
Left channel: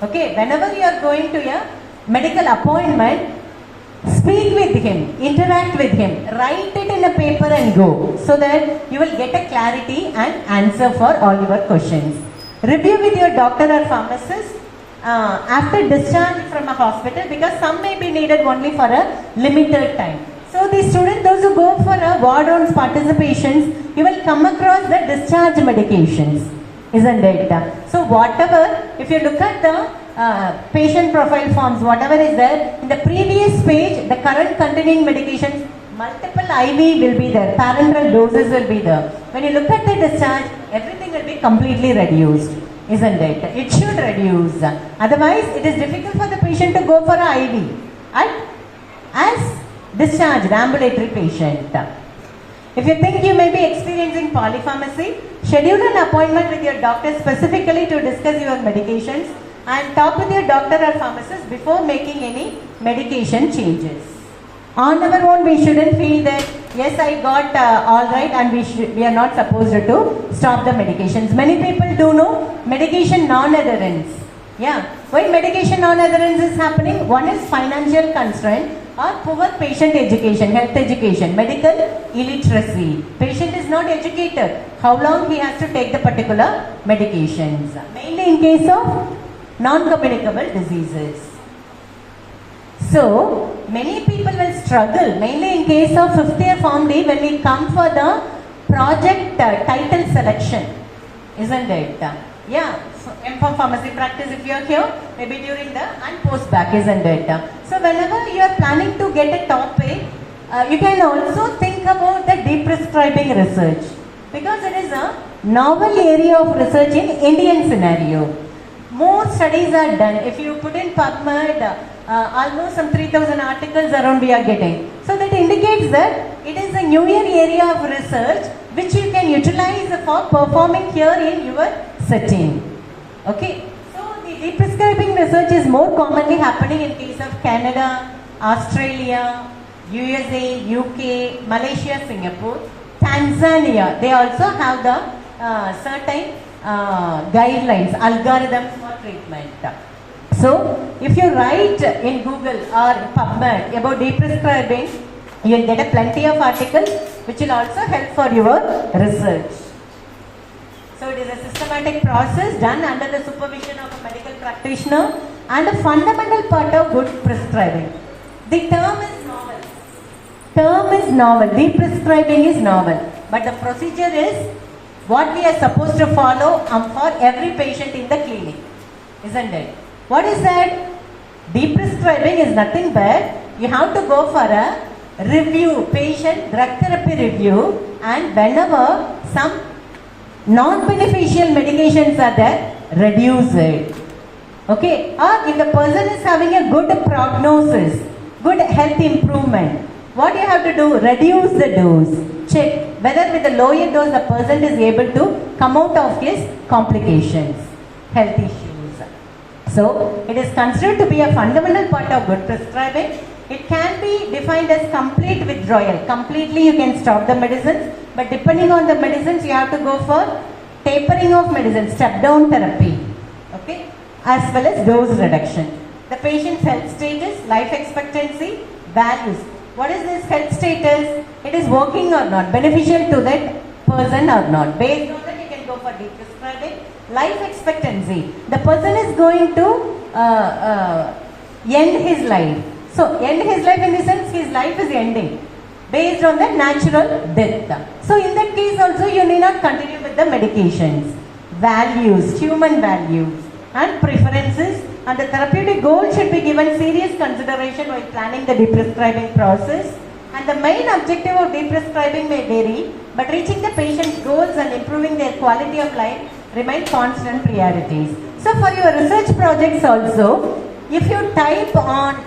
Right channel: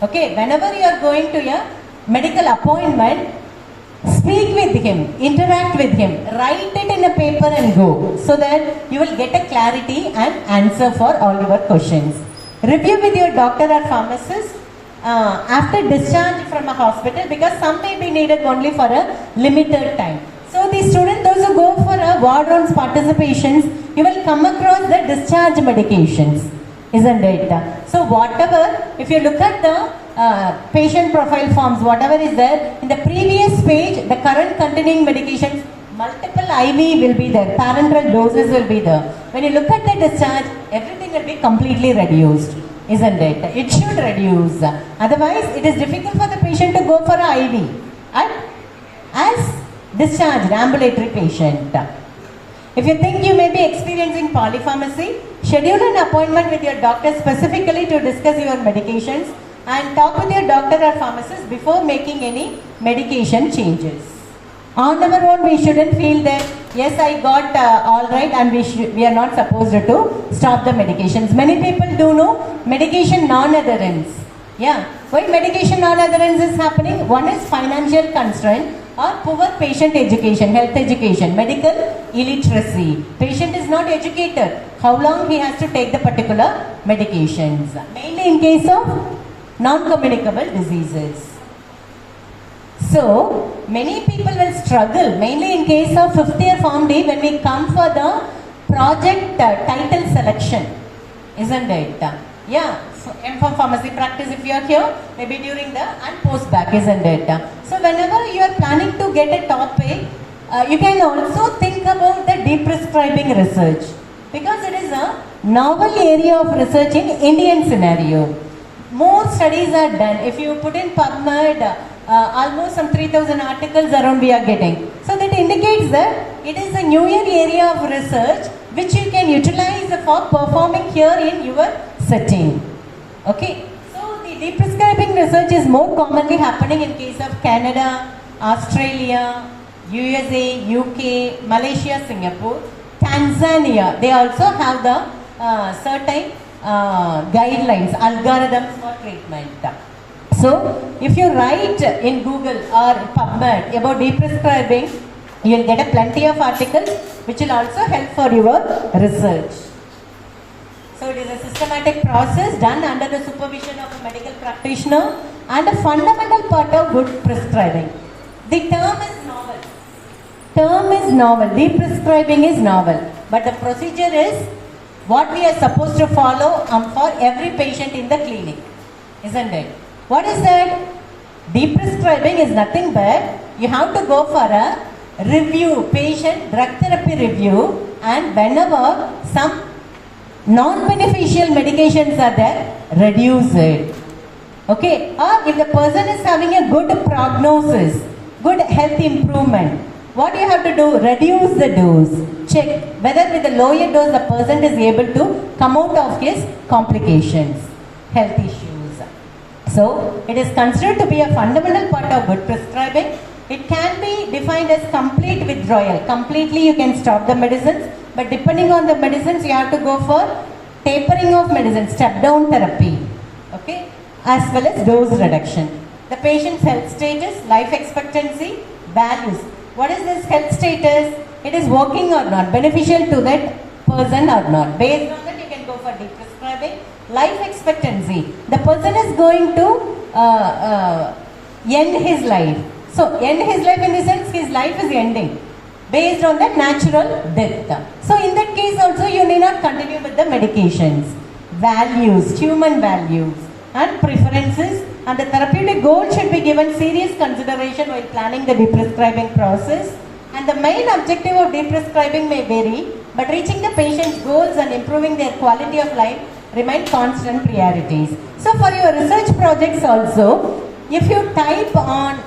Okay, whenever you are going to a medical appointment, speak with him, interact with him, write it in a paper and go, so that you will get a clarity and answer for all your questions. Review with your doctor or pharmacist after discharge from a hospital, because some may be needed only for a limited time. So the students, those who go for a ward rounds participations, you will come across the discharge medications, isn't it? So whatever, if you look at the patient profile forms, whatever is there, in the previous page, the current continuing medications, multiple IV will be there, parenteral doses will be there. When you look at the discharge, everything will be completely reduced, isn't it? It should reduce. Otherwise, it is difficult for the patient to go for an IV as discharged ambulatory patient. If you think you may be experiencing polypharmacy, schedule an appointment with your doctor specifically to discuss your medications and talk with your doctor or pharmacist before making any medication changes. On our own, we shouldn't feel that, yes, I got all right and we are not supposed to stop the medications. Many people do know medication non-adherence. Yeah, why medication non-adherence is happening? One is financial constraint or poor patient education, health education, medical illiteracy. Patient is not educated. How long he has to take the particular medications? Mainly in case of non-communicable diseases. So, many people will struggle, mainly in case of 5th year Form D, when we come for the project title selection, isn't it? Yeah, M.Pharm pharmacy practice, if you are here, maybe during the and post back, isn't it? So, whenever you are planning to get a topic, you can also think about the deprescribing research, because it is a novel area of research in Indian scenario. More studies are done. If you put in PubMed, almost some 3,000 articles around we are getting. So that indicates that it is a newer area of research which you can utilize for performing here in your setting. Okay. So the deprescribing research is more commonly happening in case of Canada, Australia, USA, UK, Malaysia, Singapore, Tanzania. They also have the certain guidelines, algorithms for treatment. So, if you write in Google or PubMed about deprescribing, you will get a plenty of articles which will also help for your research. So, it is a systematic process done under the supervision of a medical practitioner and a fundamental part of good prescribing. The term is novel. Deprescribing is novel. But the procedure is what we are supposed to follow for every patient in the clinic, isn't it? What is that? Deprescribing is nothing but you have to go for a review, patient drug therapy review, and whenever some non-beneficial medications are there, reduce it. Okay? Or if the person is having a good prognosis, good health improvement, what you have to do? Reduce the dose. check whether with the lower dose the person is able to come out of his complications, health issues. So, it is considered to be a fundamental part of good prescribing. It can be defined as complete withdrawal. Completely you can stop the medicines, but depending on the medicines you have to go for tapering of medicines, step down therapy, okay, as well as dose reduction. The patient's health status, life expectancy, values. What is this health status? It is working or not, beneficial to that person or not. Based on that you can go for deep prescribing. Life expectancy. The person is going to end his life. So, end his life in the sense his life is ending based on the natural death. So, in that case also you need not continue with the medications. Values, human values and preferences, and the therapeutic goal should be given serious consideration while planning the deprescribing process. And the main objective of deprescribing may vary, but reaching the patient's goals and improving their quality of life remain constant priorities. So for your research projects also, if you type on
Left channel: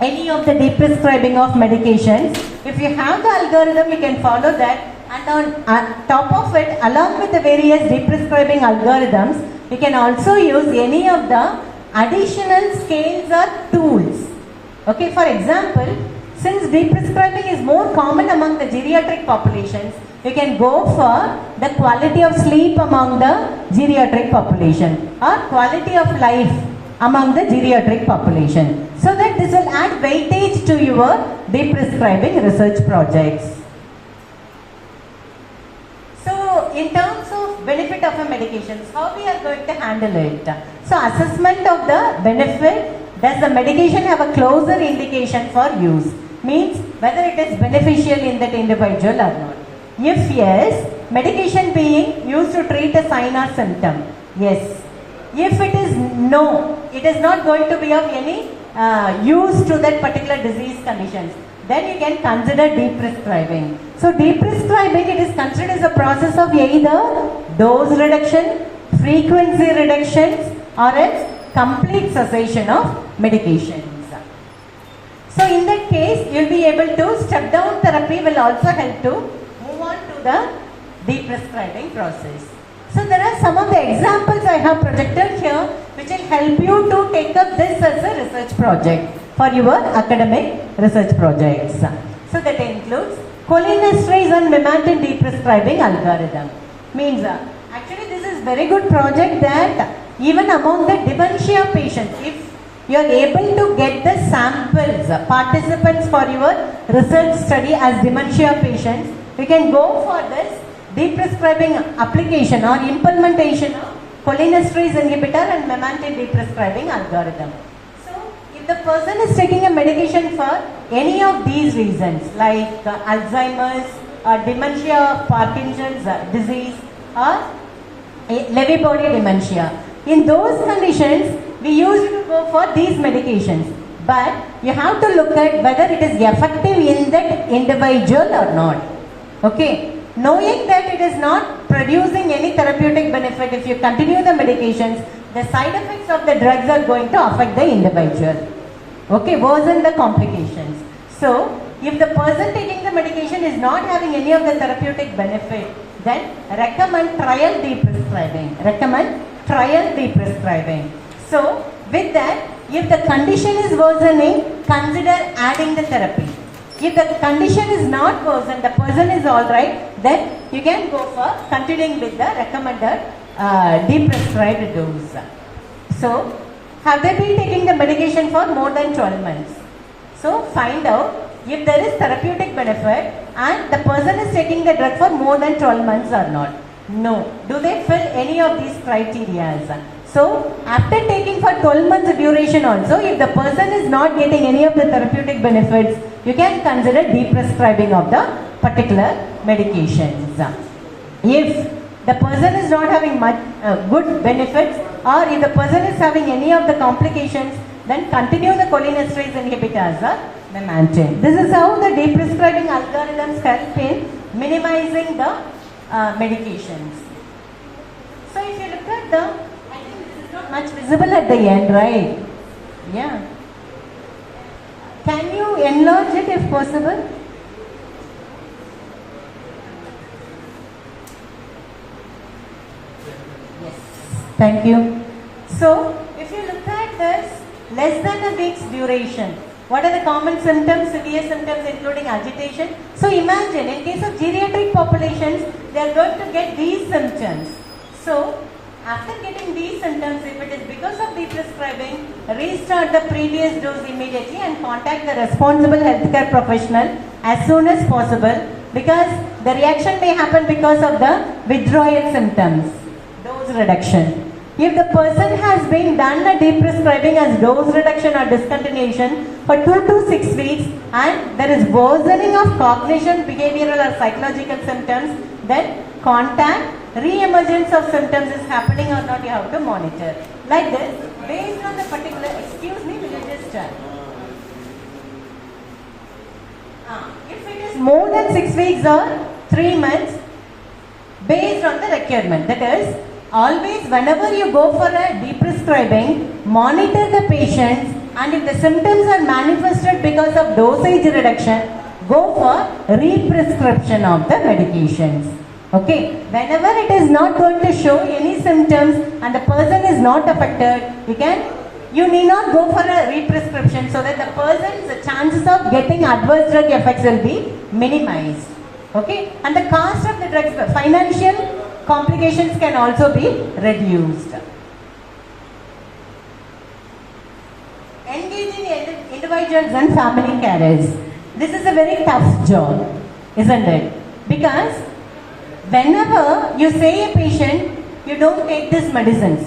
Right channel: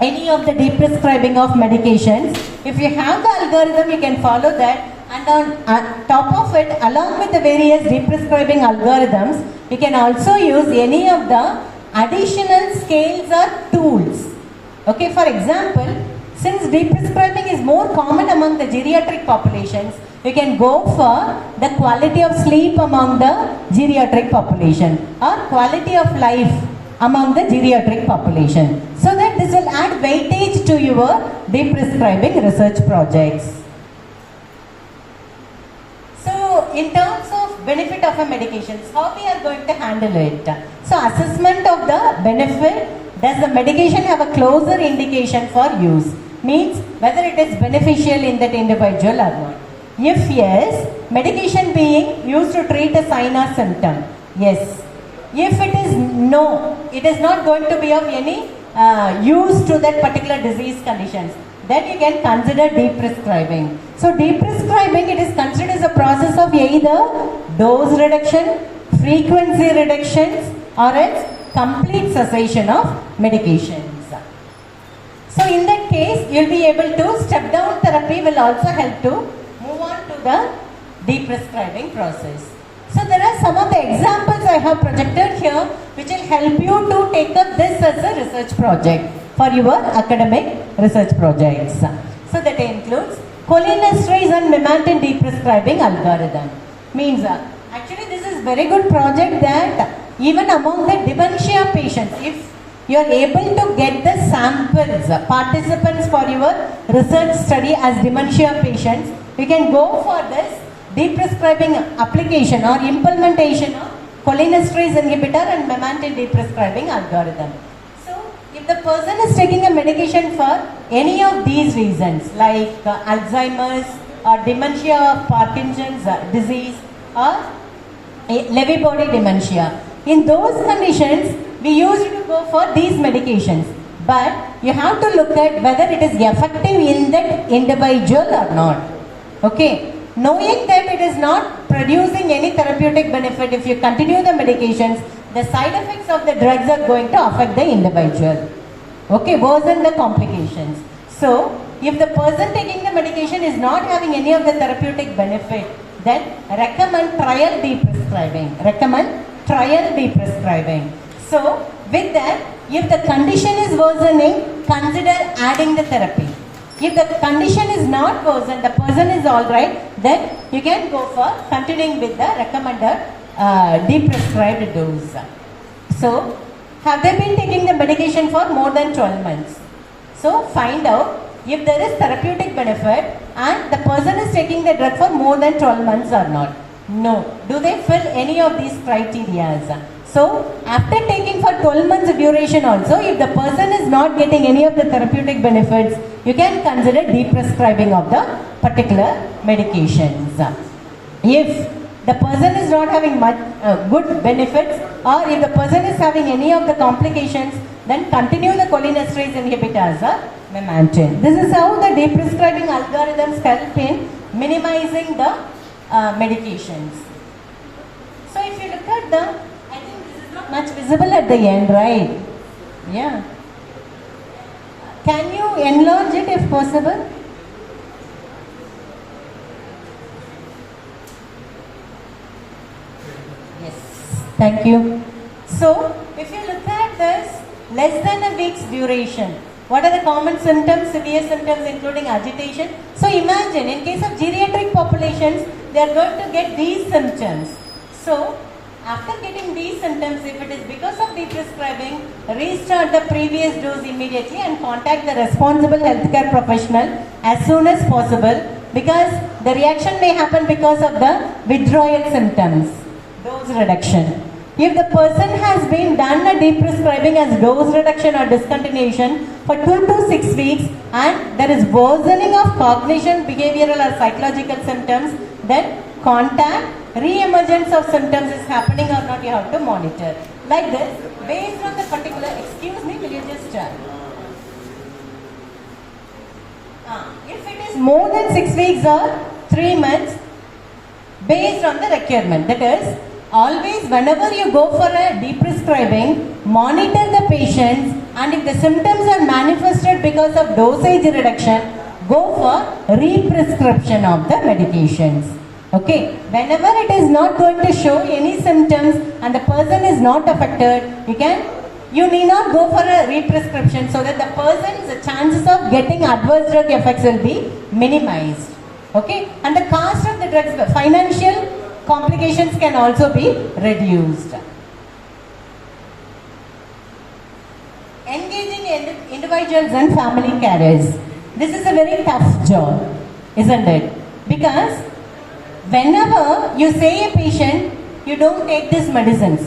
any of the deprescribing of medications, if you have the algorithm, you can follow that, and on top of it, along with the various deprescribing algorithms, you can also use any of the additional scales or tools. Okay, for example, since deprescribing is more common among the geriatric populations, you can go for the quality of sleep among the geriatric population or quality of life among the geriatric population. So that this will add weightage to your deprescribing research projects. So in terms of benefit of a medication, how we are going to handle it? So assessment of the benefit, does the medication have a closer indication for use? Means whether it is beneficial in that individual or not. If yes, medication being used to treat a sign or symptom. Yes. If it is no, it is not going to be of any use to that particular disease conditions, then you can consider deprescribing. So deprescribing, it is considered as a process of either dose reduction, frequency reductions, or else complete cessation of medications. So in that case, you will be able to step down therapy will also help to move on to the deprescribing process. So there are some of the examples I have projected here which will help you to take up this as a research project for your academic research projects. So that includes cholinesterase and memantine deprescribing algorithm. Means actually this is very good project that even among the dementia patients, if you are able to get the samples, participants for your research study as dementia patients, you can go for this deprescribing application or implementation of cholinesterase inhibitor and memantine deprescribing algorithm. So, if the person is taking a medication for any of these reasons like Alzheimer's or dementia, Parkinson's disease or Lewy body dementia, in those conditions we used to go for these medications, but you have to look at whether it is effective in that individual or not. Okay. Knowing that it is not producing any therapeutic benefit, if you continue the medications, the side effects of the drugs are going to affect the individual. Okay, worsen the complications. So, if the person taking the medication is not having any of the therapeutic benefit, then recommend trial deprescribing. Recommend trial deprescribing. So, with that, if the condition is worsening, consider adding the therapy. If the condition is not worsened, the person is alright, then you can go for continuing with the recommended deprescribed dose. So, have they been taking the medication for more than 12 months? So, find out if there is therapeutic benefit and the person is taking the drug for more than 12 months or not. No. Do they fill any of these criteria? So, after taking for 12 months duration also, if the person is not getting any of the therapeutic benefits, you can consider deprescribing of the particular medications. If the person is not having much good benefits, or if the person is having any of the complications, then continue the cholinesterase inhibitors or memantine. This is how the deprescribing algorithms help in minimizing the medications. So, if you look at the much visible at the end, right? Yeah. Can you enlarge it if possible? Thank you. So, if you look at this, less than a week's duration, what are the common symptoms, severe symptoms including agitation? So, imagine in case of geriatric populations, they are going to get these symptoms. So, after getting these symptoms, if it is because of the prescribing, restart the previous dose immediately and contact the responsible healthcare professional as soon as possible, because the reaction may happen because of the withdrawal symptoms, dose reduction. If the person has been done a deprescribing as dose reduction or discontinuation for 2 to 6 weeks and there is worsening of cognition, behavioral or psychological symptoms, then contact. Re-emergence of symptoms is happening or not, you have to monitor. Like this, based on the particular, excuse me, will you just if it is more than 6 weeks or 3 months, based on the requirement, that is, always whenever you go for a deprescribing, monitor the patients, and if the symptoms are manifested because of dosage reduction, go for re-prescription of the medications. Okay, whenever it is not going to show any symptoms and the person is not affected, you need not go for a re-prescription, so that the person's chances of getting adverse drug effects will be minimized. Okay, and the cost of the drugs, financial complications can also be reduced. Engaging individuals and family carers. This is a very tough job, isn't it? Because whenever you say a patient, you don't take these medicines,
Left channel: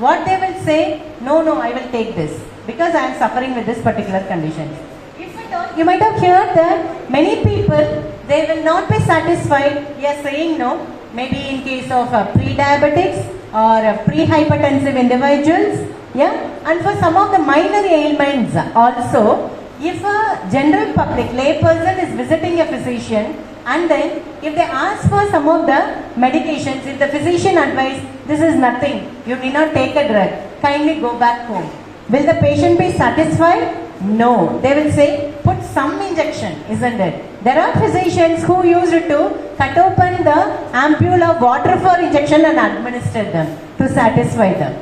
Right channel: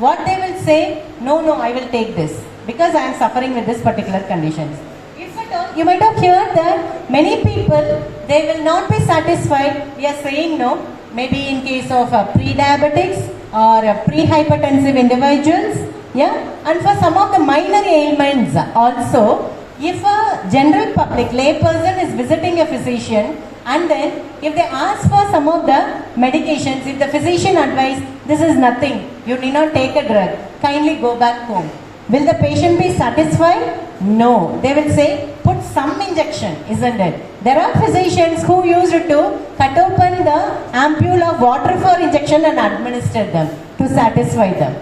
what they will say, no, I will take this because I am suffering with this particular condition. If at all, you might have heard that many people, they will not be satisfied. We are saying no, maybe in case of pre-diabetics or pre-hypertensive individuals, and for some of the minor ailments also, if a general public layperson is visiting a physician, and then if they ask for some of the medications, if the physician advises, this is nothing, you need not take a drug, kindly go back home. Will the patient be satisfied? No. They will say, put some injection, isn't it? There are physicians who used to cut open the ampule of water for injection and administer them to satisfy them.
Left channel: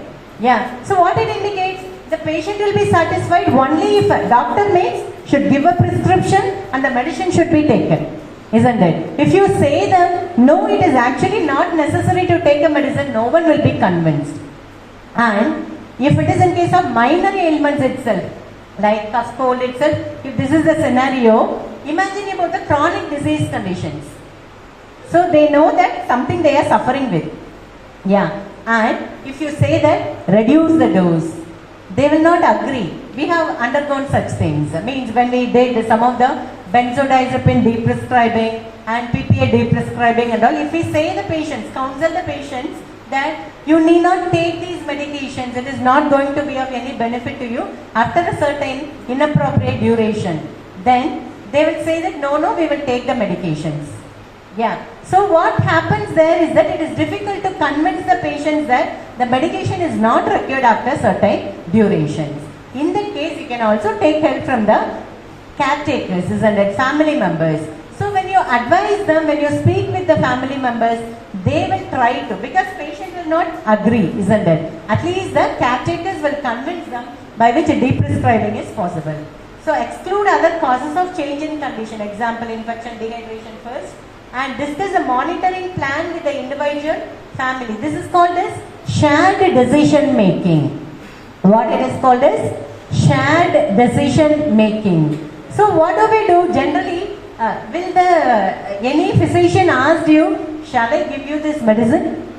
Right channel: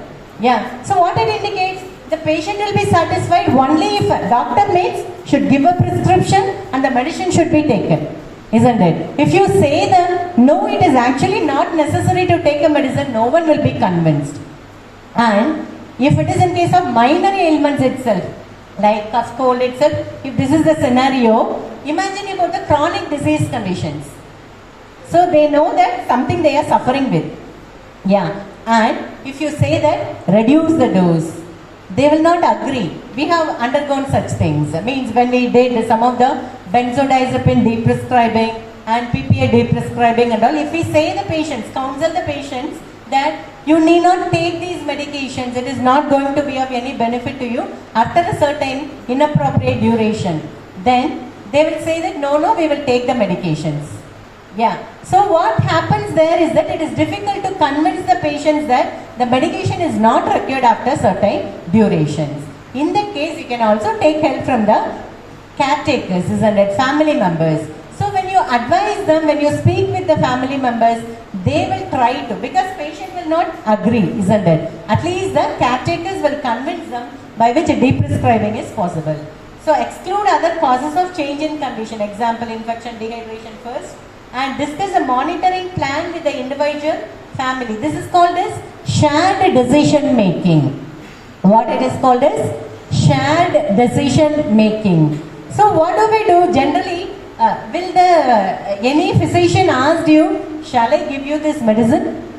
So what it indicates, the patient will be satisfied only if a doctor should give a prescription and the medicine should be taken. Isn't it? If you say them, no, it is actually not necessary to take a medicine, no one will be convinced. And if it is in case of minor ailments itself, like cough, cold itself, if this is the scenario, imagine about the chronic disease conditions. So they know that something they are suffering with. And if you say that, reduce the dose, they will not agree. We have undergone such things. Means when we did some of the benzodiazepine deprescribing and PPA deprescribing and all, if we say the patients, counsel the patients that you need not take these medications, it is not going to be of any benefit to you after a certain inappropriate duration, then they will say that no, we will take the medications. So what happens there is that it is difficult to convince the patients that the medication is not required after certain durations. In that case, you can also take help from the caretakers, isn't it? Family members. So when you advise them, when you speak with the family members, they will try to, because patient will not agree, isn't it? At least the caretakers will convince them by which a deprescribing is possible. So exclude other causes of change in condition, example infection, dehydration first, and discuss a monitoring plan with the individual family. This is called as shared decision making. What it is called as shared decision making. So what do we do generally? Will any physician ask you, shall I give you this medicine?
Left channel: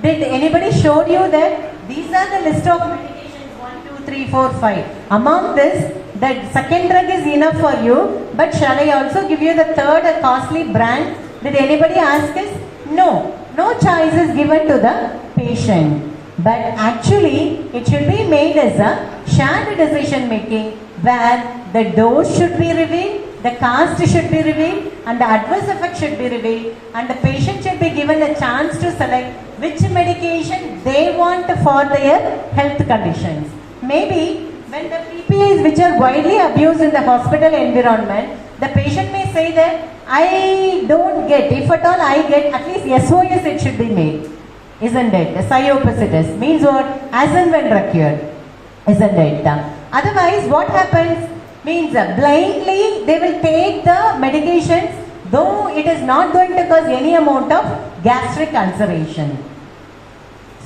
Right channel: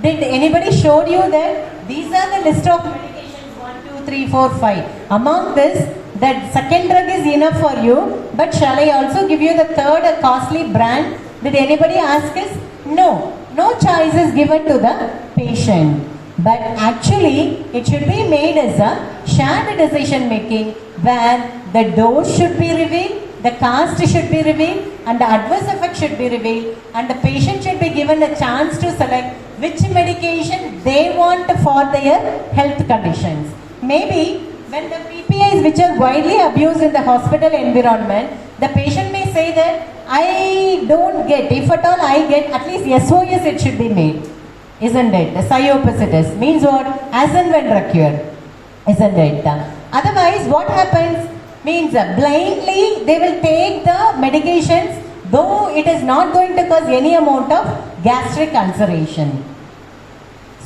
Did anybody show you that these are the list of medications 1, 2, 3, 4, 5. Among this, that second drug is enough for you, but shall I also give you the third, a costly brand? Did anybody ask us? No. No choice is given to the patient. But actually, it should be made as a shared decision making where the dose should be revealed, the cost should be revealed, and the adverse effect should be revealed, and the patient should be given a chance to select which medication they want for their health conditions. Maybe when the PPIs which are widely abused in the hospital environment, the patient may say that I don't get, if at all I get, at least SOS it should be made. isn't it? Cyopicitis means what? As and when recur, isn't it? Otherwise, what happens means blindly they will take the medications, though it is not going to cause any amount of gastric ulceration.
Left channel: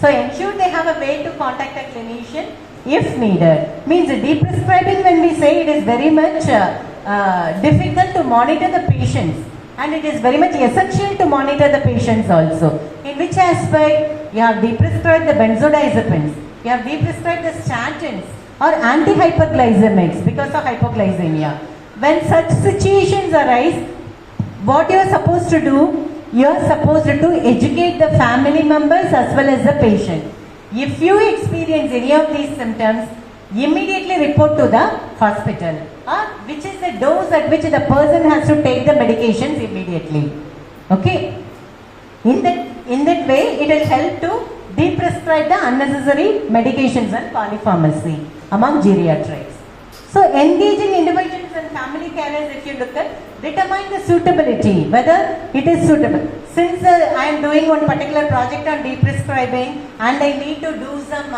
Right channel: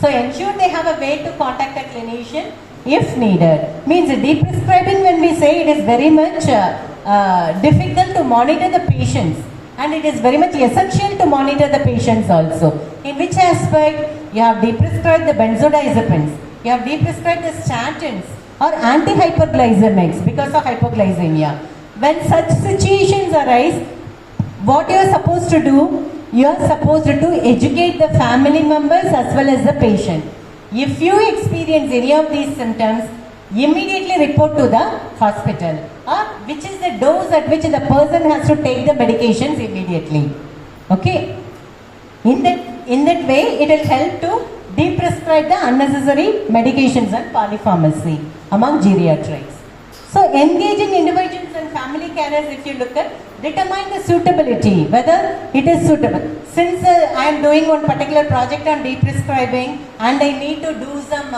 So ensure they have a way to contact a clinician if needed. Means deprescribing, when we say, it is very much difficult to monitor the patients, and it is very much essential to monitor the patients also. In which aspect? You have deprescribed the benzodiazepines, you have deprescribed the statins or antihyperglycemics because of hypoglycemia. When such situations arise, what you are supposed to do? You are supposed to educate the family members as well as the patient. If you experience any of these symptoms, immediately report to the hospital, or which is the dose at which the person has to take the medications immediately. Okay? In that way, it will help to deprescribe the unnecessary medications and polypharmacy among geriatrics. So engaging individuals and family carers, if you look at, determine the suitability, whether it is suitable. Since I am doing one particular project on deprescribing and I need to do some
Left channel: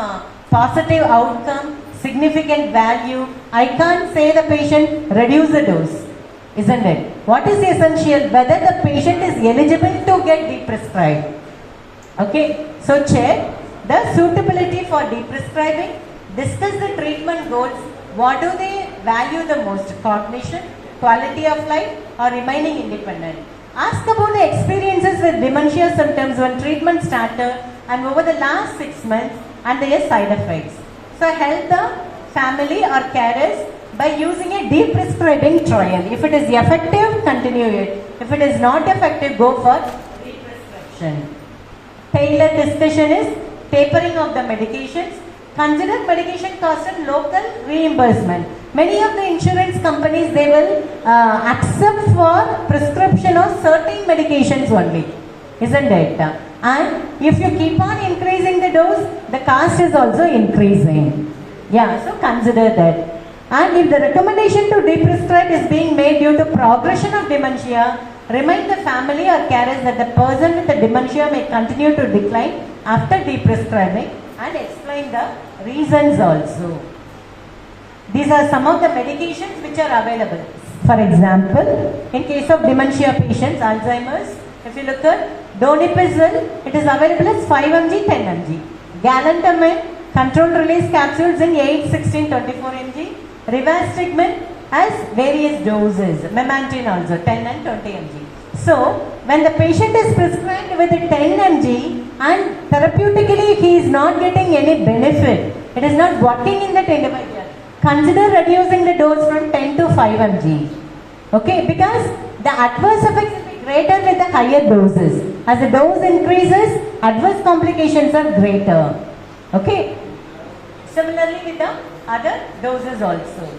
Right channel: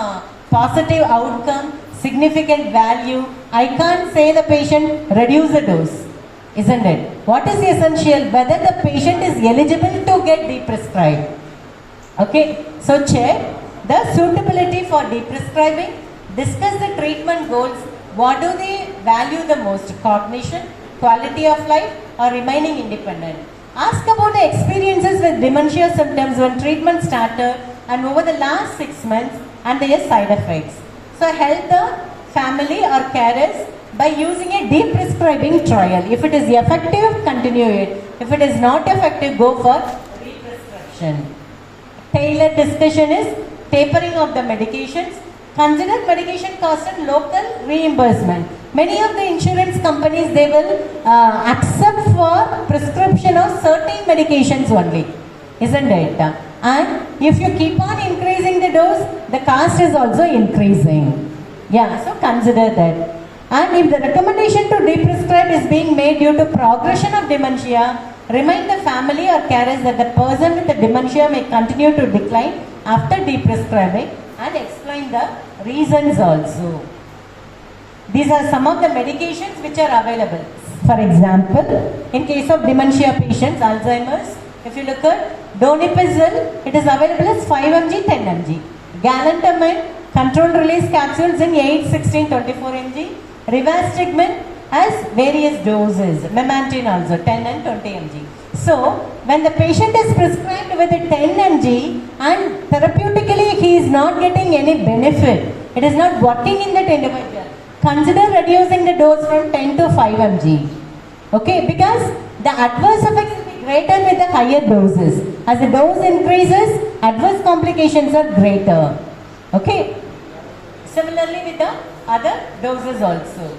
positive outcome, significant value, I can't say the patient reduce the dose, isn't it? What is essential? Whether the patient is eligible to get deprescribed. Okay, so check the suitability for deprescribing, discuss the treatment goals. What do they value the most? Cognition, quality of life, or remaining independent? Ask about the experiences with dementia symptoms when treatment started and over the last 6 months and their side effects. So help the family or carers by using a deprescribing trial. If it is effective, continue it. If it is not effective, go for deprescription. Tailored discussion is tapering of the medications. Consider medication cost and local reimbursement. Many of the insurance companies, they will accept for prescription of certain medications only, isn't it? And if you keep on increasing the dose, the cost is also increasing. Yeah, so consider that. And if the recommendation to deprescribe is being made due to progression of dementia, remind the family or carers that the person with the dementia may continue to decline after deprescribing, and explain the reasons also. These are some of the medications which are available. For example, in case of dementia patients, Alzheimer's, if you look at donepezil, it is available as 5 mg, 10 mg. Galantamine, controlled release capsules in 8, 16, 24 mg. Rivastigmine has various doses. Memantine also 10 and 20 mg. So, when the patient is prescribed with 10 mg and therapeutically he is not getting any benefit, it is not working in that individual, consider reducing the dose from 10 to 5 mg. Okay, because the adverse effects will be greater with the higher doses. As the dose increases, adverse complications are greater. Okay, similarly with the other doses also.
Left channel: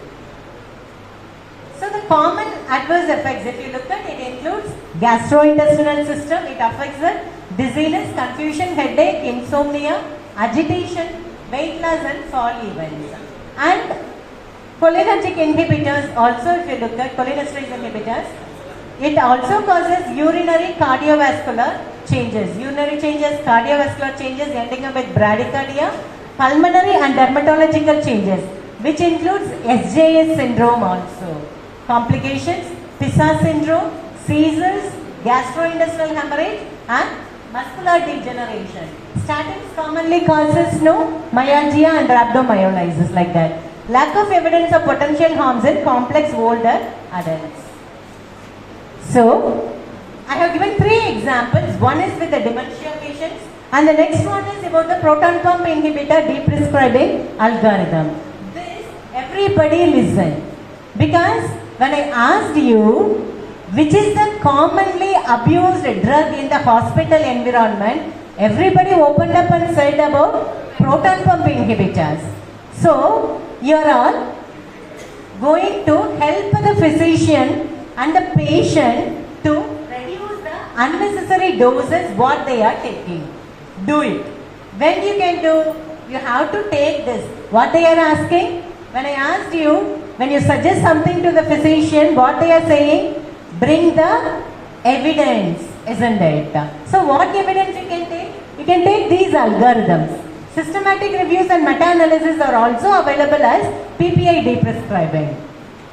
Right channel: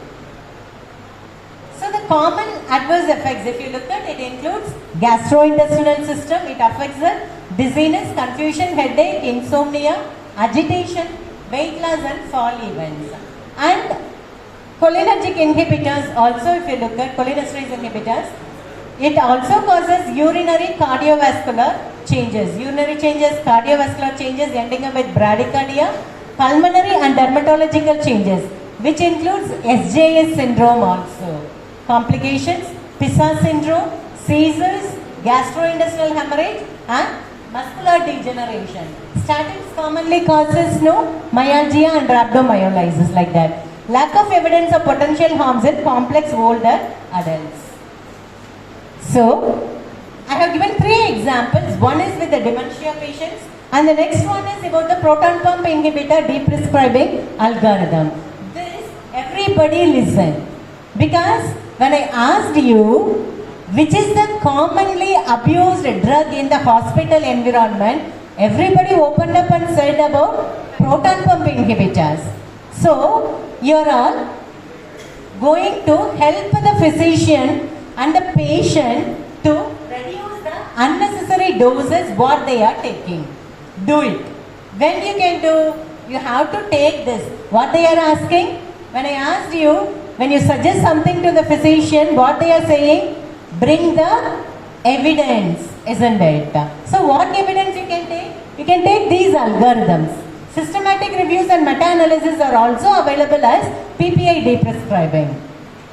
So the common adverse effects, if you look at it, includes gastrointestinal system. It affects the dizziness, confusion, headache, insomnia, agitation, weight loss and fall events. And cholinergic inhibitors also, if you look at cholinesterase inhibitors, it also causes urinary cardiovascular changes. Urinary changes, cardiovascular changes ending up with bradycardia, pulmonary and dermatological changes, which includes SJS syndrome also. Complications, PISA syndrome, seizures, gastrointestinal hemorrhage and muscular degeneration. Statins commonly causes myalgia and rhabdomyolysis, like that. Lack of evidence of potential harms in complex older adults. So, I have given 3 examples. One is with the dementia patients and the next one is about the proton pump inhibitor deprescribing algorithm. This, everybody listen, because when I asked you which is the commonly abused drug in the hospital environment, everybody opened up and said about proton pump inhibitors. So, you are all going to help the physician and the patient to reduce the unnecessary doses what they are taking. Do it. When you can do, you have to take this. What they are asking? When I asked you, when you suggest something to the physician, what they are saying? Bring the evidence, isn't it? So what evidence you can take? you can take these algorithms. Systematic reviews and meta-analysis are also available as PPI deprescribing.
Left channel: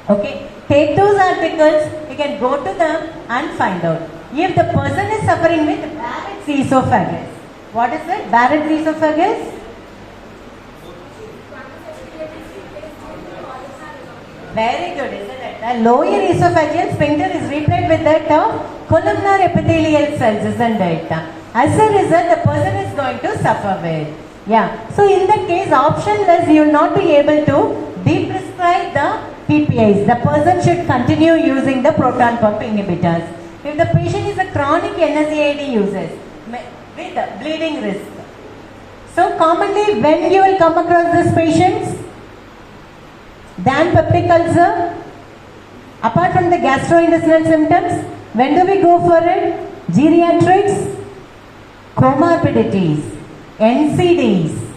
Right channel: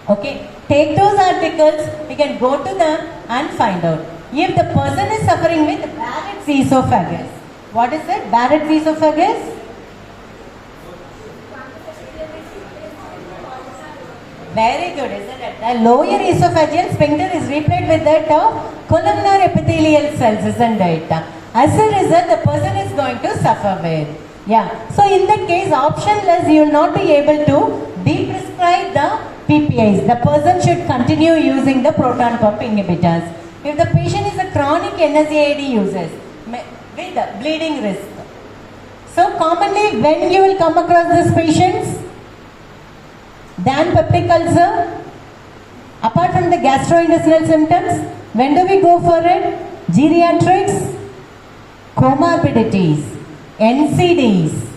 Okay, take those articles, you can go to them and find out. If the person is suffering with Barrett's esophagus, what is it? Barrett's esophagus? Very good, isn't it? The lower esophageal sphincter is replaced with that columnar epithelial cells, isn't it? As a result, the person is going to suffer with. Yeah. So in that case, optionless, you will not be able to deprescribe the PPIs. The person should continue using the proton pump inhibitors. If the patient is a chronic NSAID user with bleeding risk. So commonly, when you will come across these patients, then peptic ulcer, apart from the gastrointestinal symptoms, when do we go for it? Geriatrics, comorbidities, NCDs,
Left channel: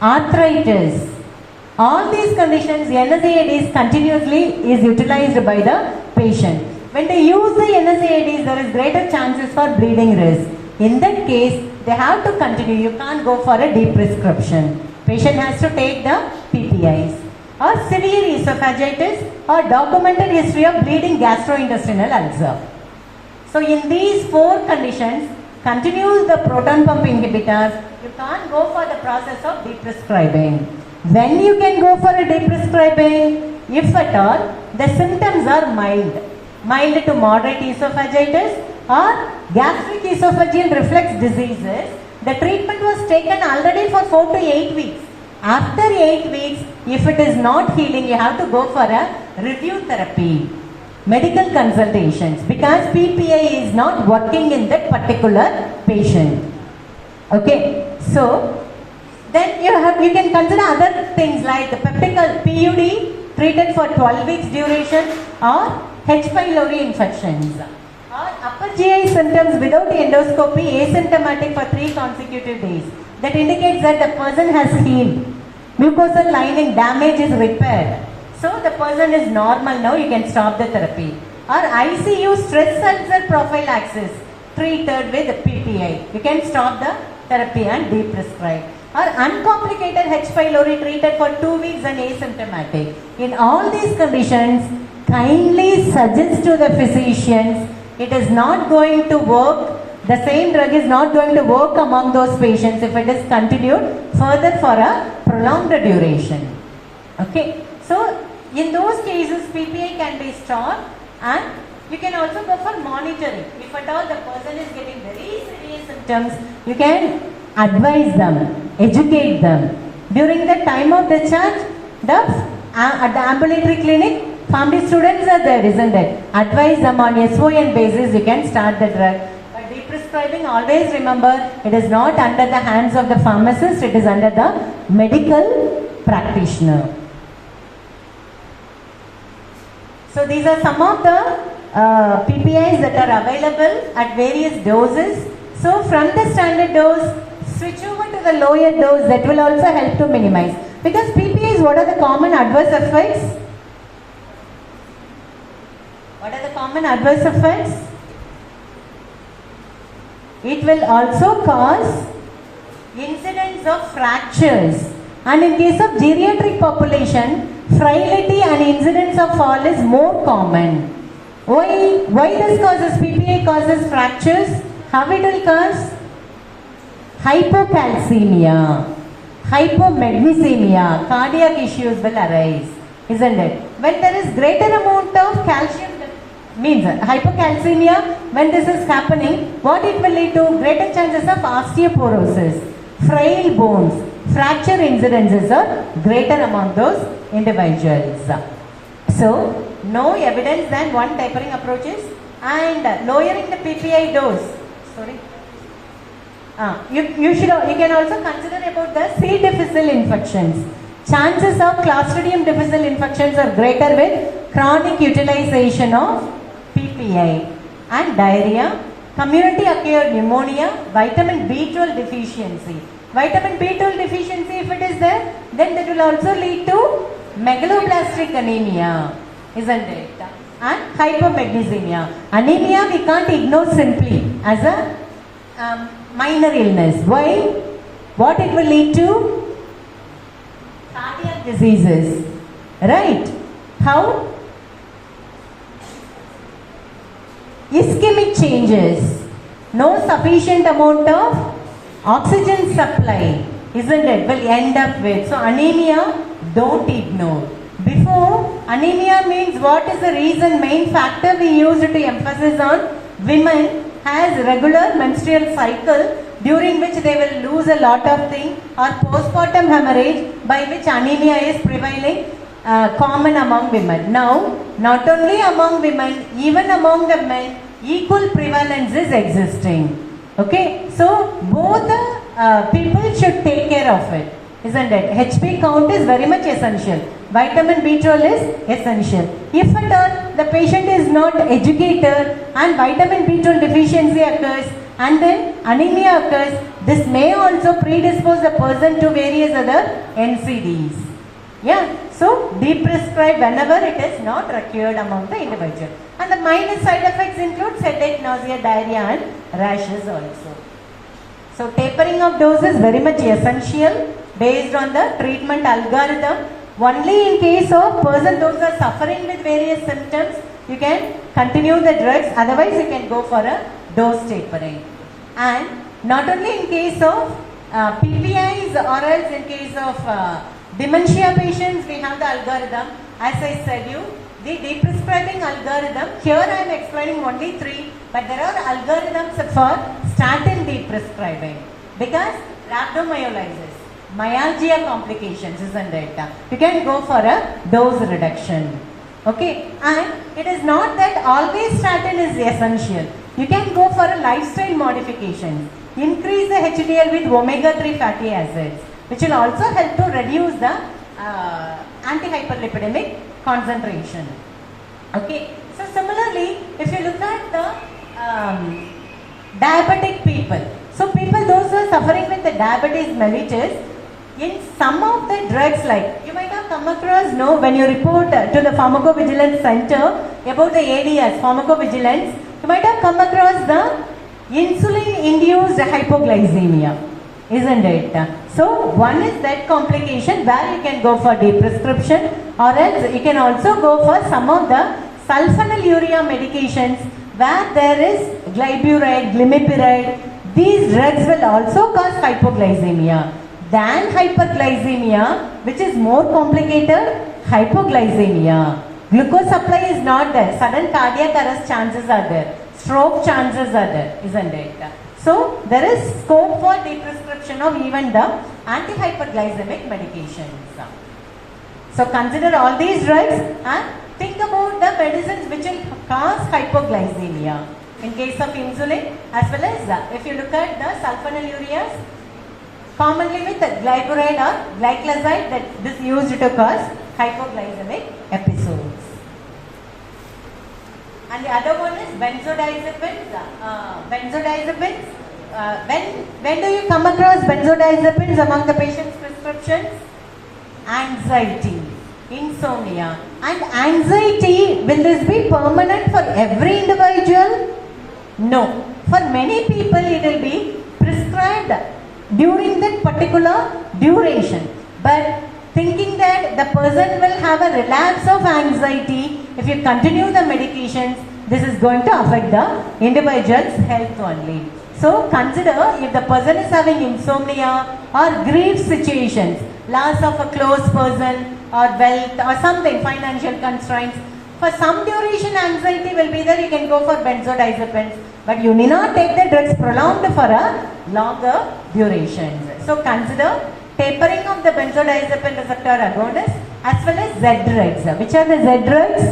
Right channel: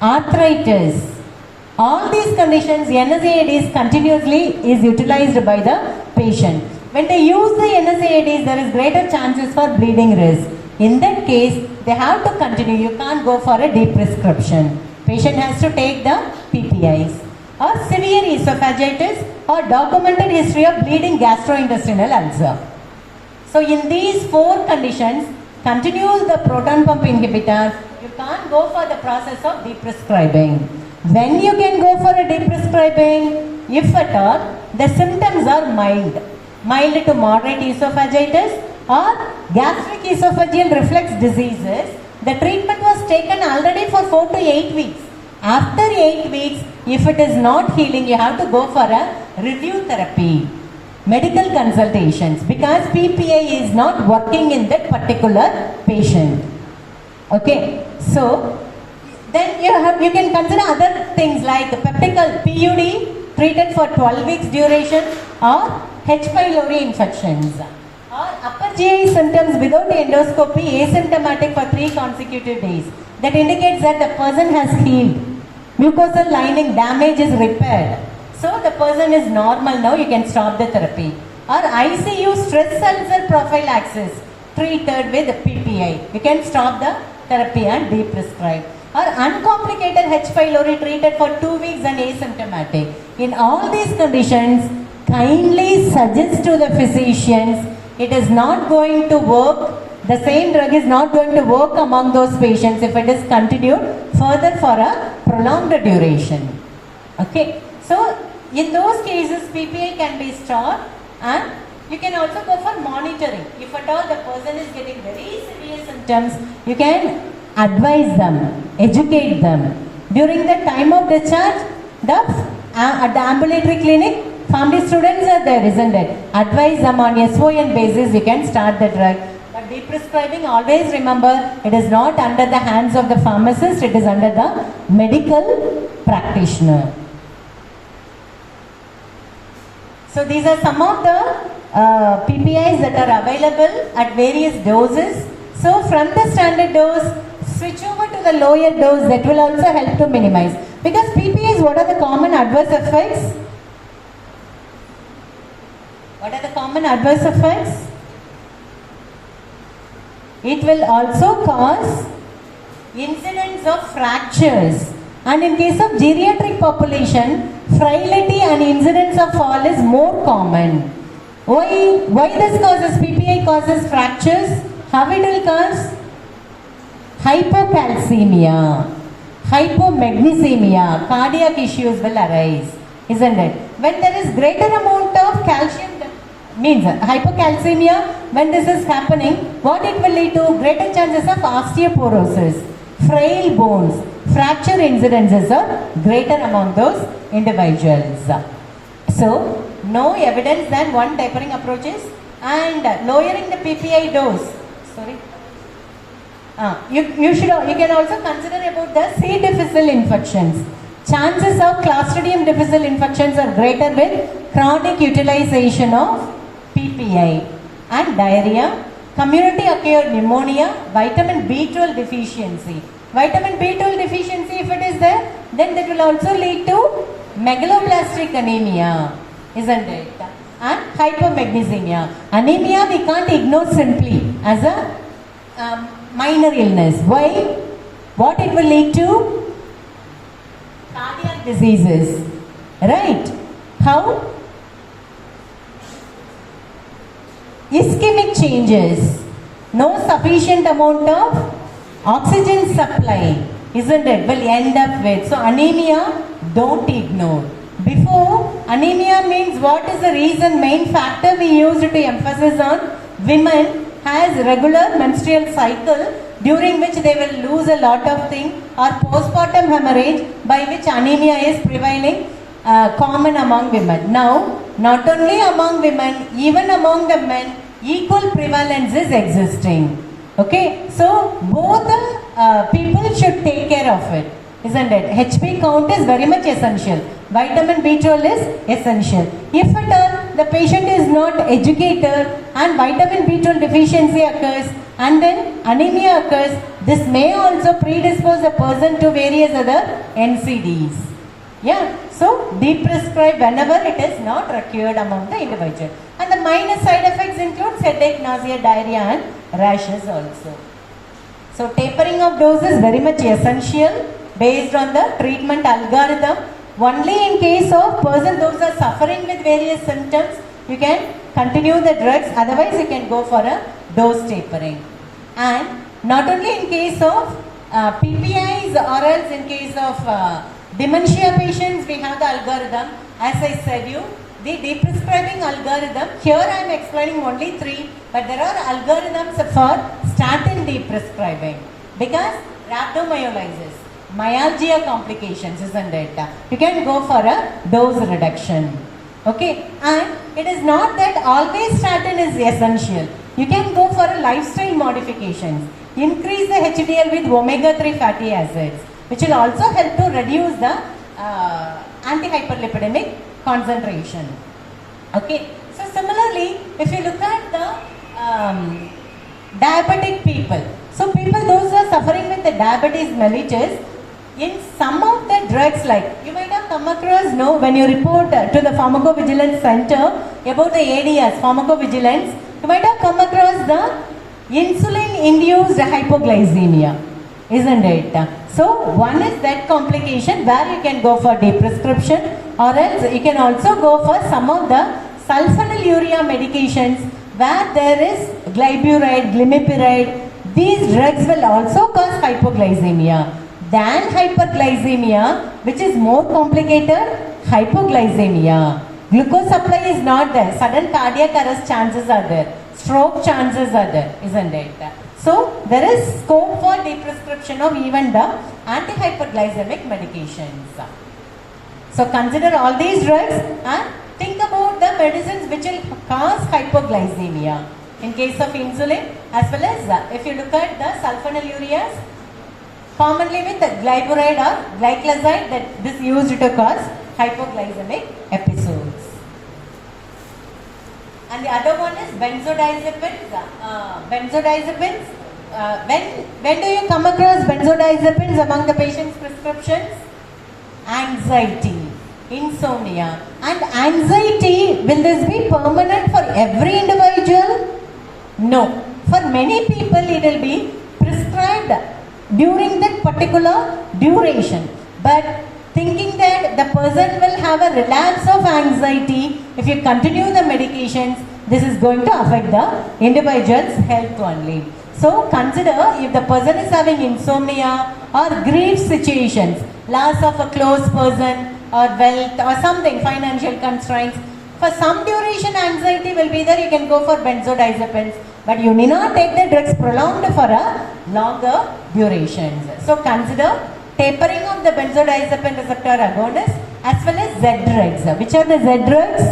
arthritis, all these conditions, NSAIDs continuously is utilized by the patient. When they use the NSAIDs, there is greater chances for bleeding risk. In that case, they have to continue. You can't go for a deprescription. Patient has to take the PPIs. Or severe esophagitis or documented history of bleeding gastrointestinal ulcer. So in these 4 conditions, continue the proton pump inhibitors. You can't go for the process of deprescribing. When you can go for a deprescribing, if at all, the symptoms are mild to moderate esophagitis or gastric esophageal reflux diseases. The treatment was taken already for 4 to 8 weeks. After 8 weeks, if it is not healing, you have to go for a review therapy, medical consultations, because PPI is not working in that particular patient. Okay, so then you can consider other things like the peptic PUD treated for 12 weeks duration or H. pylori infections or upper GI symptoms without endoscopy asymptomatic for 3 consecutive days. That indicates that the person has healed. Mucosal lining damage is repaired. So the person is normal now, you can stop the therapy. Or ICU stress ulcer prophylaxis treated with PPI. You can stop the therapy and deprescribe. Or uncomplicated H. pylori treated for 2 weeks and asymptomatic. In all these conditions, kindly suggest to the physicians, it is not going to work. The same drug is not going to work among those patients if it is continued further for a prolonged duration. Okay. So, in those cases, PPI can be stopped and you can also go for monitoring. If at all the person is getting very severe symptoms, you can advise them, educate them. During the time of discharge, at the ambulatory clinic, family students are there, isn't it? Advise them on SON basis, you can start the drug. Deprescribing, always remember, it is not under the hands of the pharmacist, it is under the medical practitioner. So these are some of the PPIs that are available at various doses. So from the standard dose, switch over to the lower dose, that will also help to minimize. Because PPIs, what are the common adverse effects? What are the common adverse effects? It will also cause incidence of fractures, and in case of geriatric population, frailty and incidence of fall is more common. Why this causes PPI causes fractures? How it will cause? Hypocalcemia, hypomagnesemia, cardiac issues will arise, isn't it? When there is greater amount of calcium, means hypocalcemia, when this is happening, what it will lead to? Greater chances of osteoporosis, frail bones, fracture incidences are greater among those individuals. So, no evidence than one tapering approaches and lowering the PPI dose. Sorry. You can also consider about the C. difficile infections. Chances of Clostridium difficile infections are greater with chronic utilization of PPI and diarrhea, community acquired pneumonia, vitamin B12 deficiency. Vitamin B12 deficiency, if it is there, then that will also lead to megaloblastic anemia, isn't it? And hypomagnesemia. Anemia we can't ignore simply as a minor illness. Why? What it will lead to? Cardiac diseases. Right? How? Ischemic changes. No sufficient amount of oxygen supply, isn't it? Will end up with. So anemia, don't ignore. Before, anemia means what is the reason, main factor we used to emphasize on women has regular menstrual cycle during which they will lose a lot of things, or postpartum hemorrhage by which anemia is prevailing common among women. Now, not only among women, even among the men, equal prevalence is existing. Okay, so both people should take care of it, isn't it? HB count is very much essential. Vitamin B12 is essential. If at all the patient is not educated and vitamin B12 deficiency occurs and then anemia occurs, this may also predispose the person to various other NCDs. Yeah, so deprescribe whenever it is not required among the individual. And the minor side effects include headache, nausea, diarrhea and rashes also. So tapering of dose is very much essential based on the treatment algorithm. Only in case of person those are suffering with various symptoms, you can continue the drugs, otherwise you can go for a dose tapering. And not only in case of PPIs or else in case of dementia patients, we have the algorithm. As I said you, the deprescribing algorithm, here I am explaining only 3, but there are algorithms for statin deprescribing because rhabdomyolysis, myalgia complications, isn't it? You can go for a dose reduction. Okay, and it is not that always statin is essential. You can go for a lifestyle modifications. Increase the HDL with omega-3 fatty acids, which will also help to reduce the antihyperlipidemic concentration. Okay, so similarly, if you look at the diabetic people, so people those who are suffering with the diabetes mellitus, in some of the drugs, like you might have come across, no, when you report to the pharmacovigilance center about the ADS, pharmacovigilance, you might have come across the insulin-induced hypoglycemia, isn't it? So one is that complication where you can go for deprescription, or else you can also go for some of the sulfonylurea medications where there is glyburide, glimepiride. These drugs will also cause hypoglycemia. Than hyperglycemia, which is more complicated, hypoglycemia. Glucose supply is not there. Sudden cardiac arrest chances are there. Stroke chances are there, isn't it? So there is scope for deprescription of even the antihyperglycemic medications. So consider all these drugs and think about the medicines which will cause hypoglycemia. In case of insulin, as well as if you look at the sulfonylureas, commonly with glyburide or glyclazide, that this used to cause hypoglycemic episodes. And the other one is benzodiazepines. When do you come across benzodiazepines among the patient's prescriptions? Anxiety, insomnia. And anxiety, will this be permanent for every individual? No. For many people it will be prescribed during that particular duration. But thinking that the person will have a relapse of anxiety, if you continue the medications, this is going to affect the individual's health only. So consider if the person is having insomnia or grief situations, loss of a close person or wealth or something, financial constraints. For some duration anxiety will be there, you can go for benzodiazepines, but you need not take the drugs prolonged for a longer durations. So consider tapering of the benzodiazepine receptor agonists as well as Z drugs. Which are the Z drugs?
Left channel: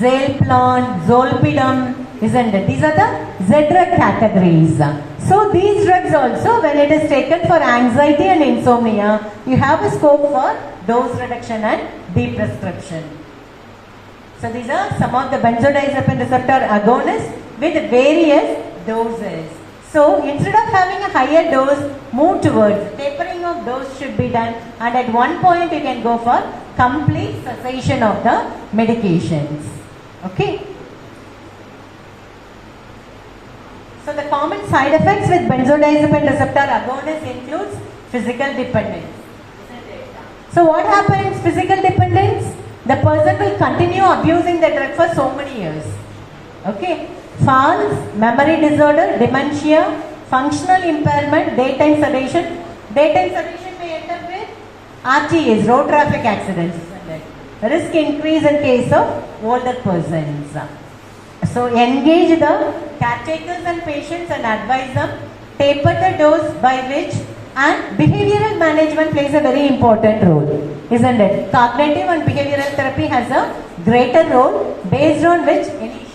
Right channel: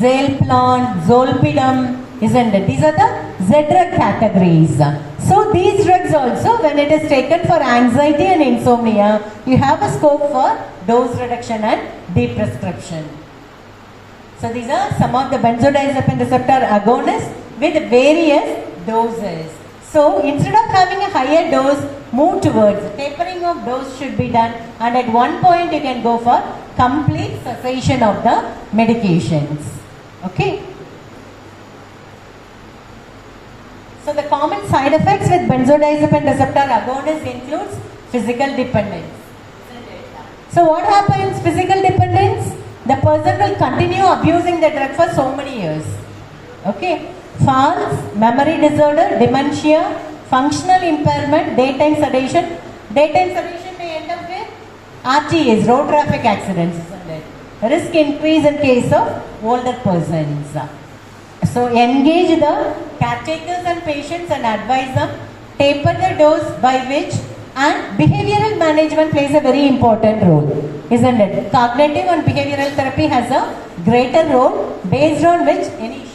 Zalplan, Zolpidem, isn't it? These are the Z drug categories. So these drugs also, when it is taken for anxiety and insomnia, you have a scope for dose reduction and deprescription. So these are some of the benzodiazepine receptor agonists with various doses. So instead of having a higher dose, move towards tapering of dose should be done, and at one point you can go for complete cessation of the medications. Okay. So the side effects with benzodiazepine receptor agonist includes physical dependence. So what happens? Physical dependence, the person will continue abusing the drug for so many years. Okay. Falls, memory disorder, dementia, functional impairment, daytime sedation. Daytime sedation may end up with RTAs, road traffic accidents, isn't it? Risk increase in case of older persons. So engage the caretakers and patients and advise them, taper the dose by which, and behavioral management plays a very important role, isn't it? Cognitive and behavioral therapy has a greater role based on which any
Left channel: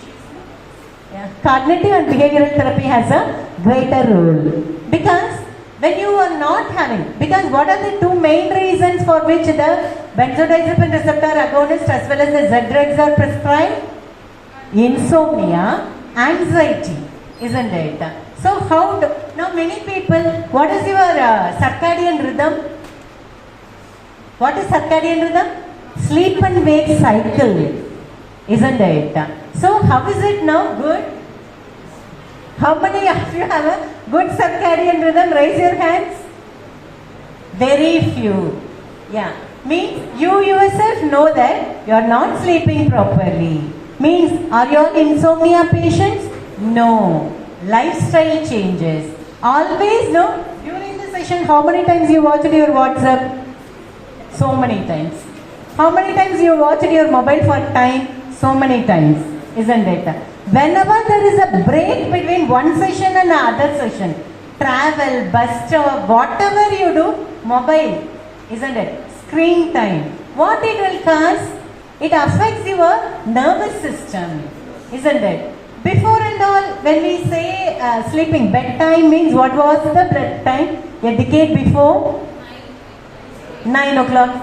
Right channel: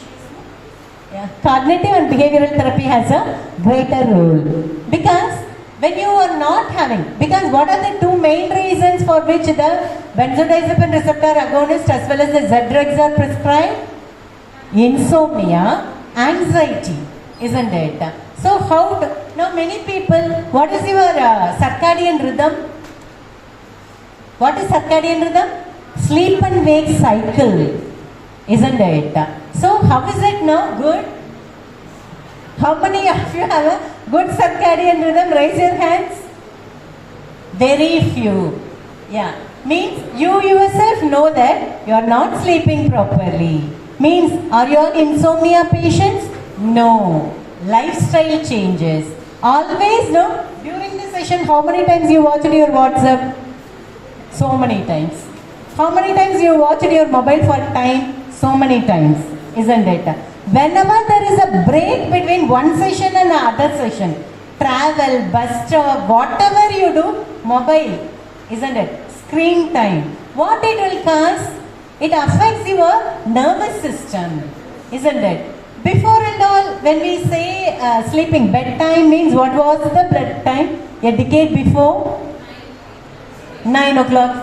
cognitive and behavioral therapy has a greater role. Because when you are not having, because what are the two main reasons for which the benzodiazepine receptor agonist as well as the Z drugs are prescribed? Insomnia, anxiety, isn't it? So how do, now many people, what is your circadian rhythm? What is circadian rhythm? Sleep and wake cycle, isn't it? So how is it now? Good? How many of you have a good circadian rhythm? Raise your hands. Very few. Yeah. Means you yourself know that you are not sleeping properly. Means are you all insomnia patients? No. Lifestyle changes. Always no. During the session, how many times you watched your WhatsApp? So many times. How many times you watched your mobile for time? So many times. Isn't it? Whenever there is a break between one session and another session, travel, bus stop, whatever you do, mobile, isn't it? Screen time. What it will cause? It affects your nervous system, isn't it? Before and all, when we say sleeping, bedtime means what was the bedtime? A decade before? 9 o'clock,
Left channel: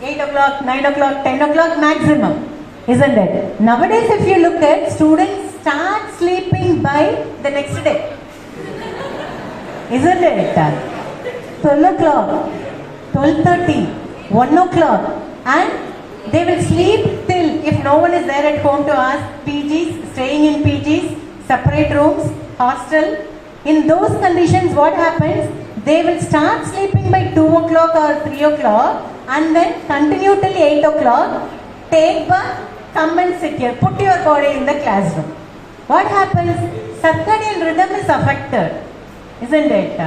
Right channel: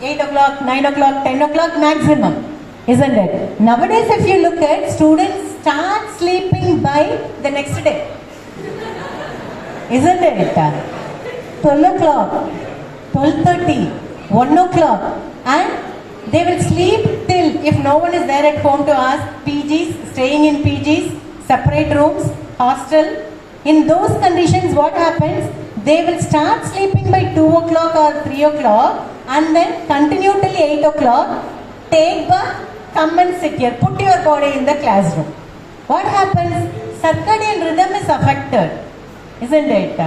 8 o'clock, 9 o'clock, 10 o'clock maximum. Isn't it? Nowadays, if you look at, students start sleeping by the next day. Isn't it? 12 o'clock, 12:30, 1 o'clock, and they will sleep till, if no one is there at home to ask, PGs, staying in PGs, separate rooms, hostel. In those conditions, what happens? They will start sleeping by 2 o'clock or 3 o'clock and then continue till 8 o'clock. Take bath, come and sit here, put your body in the classroom. What happens? Circadian rhythm is affected, isn't it?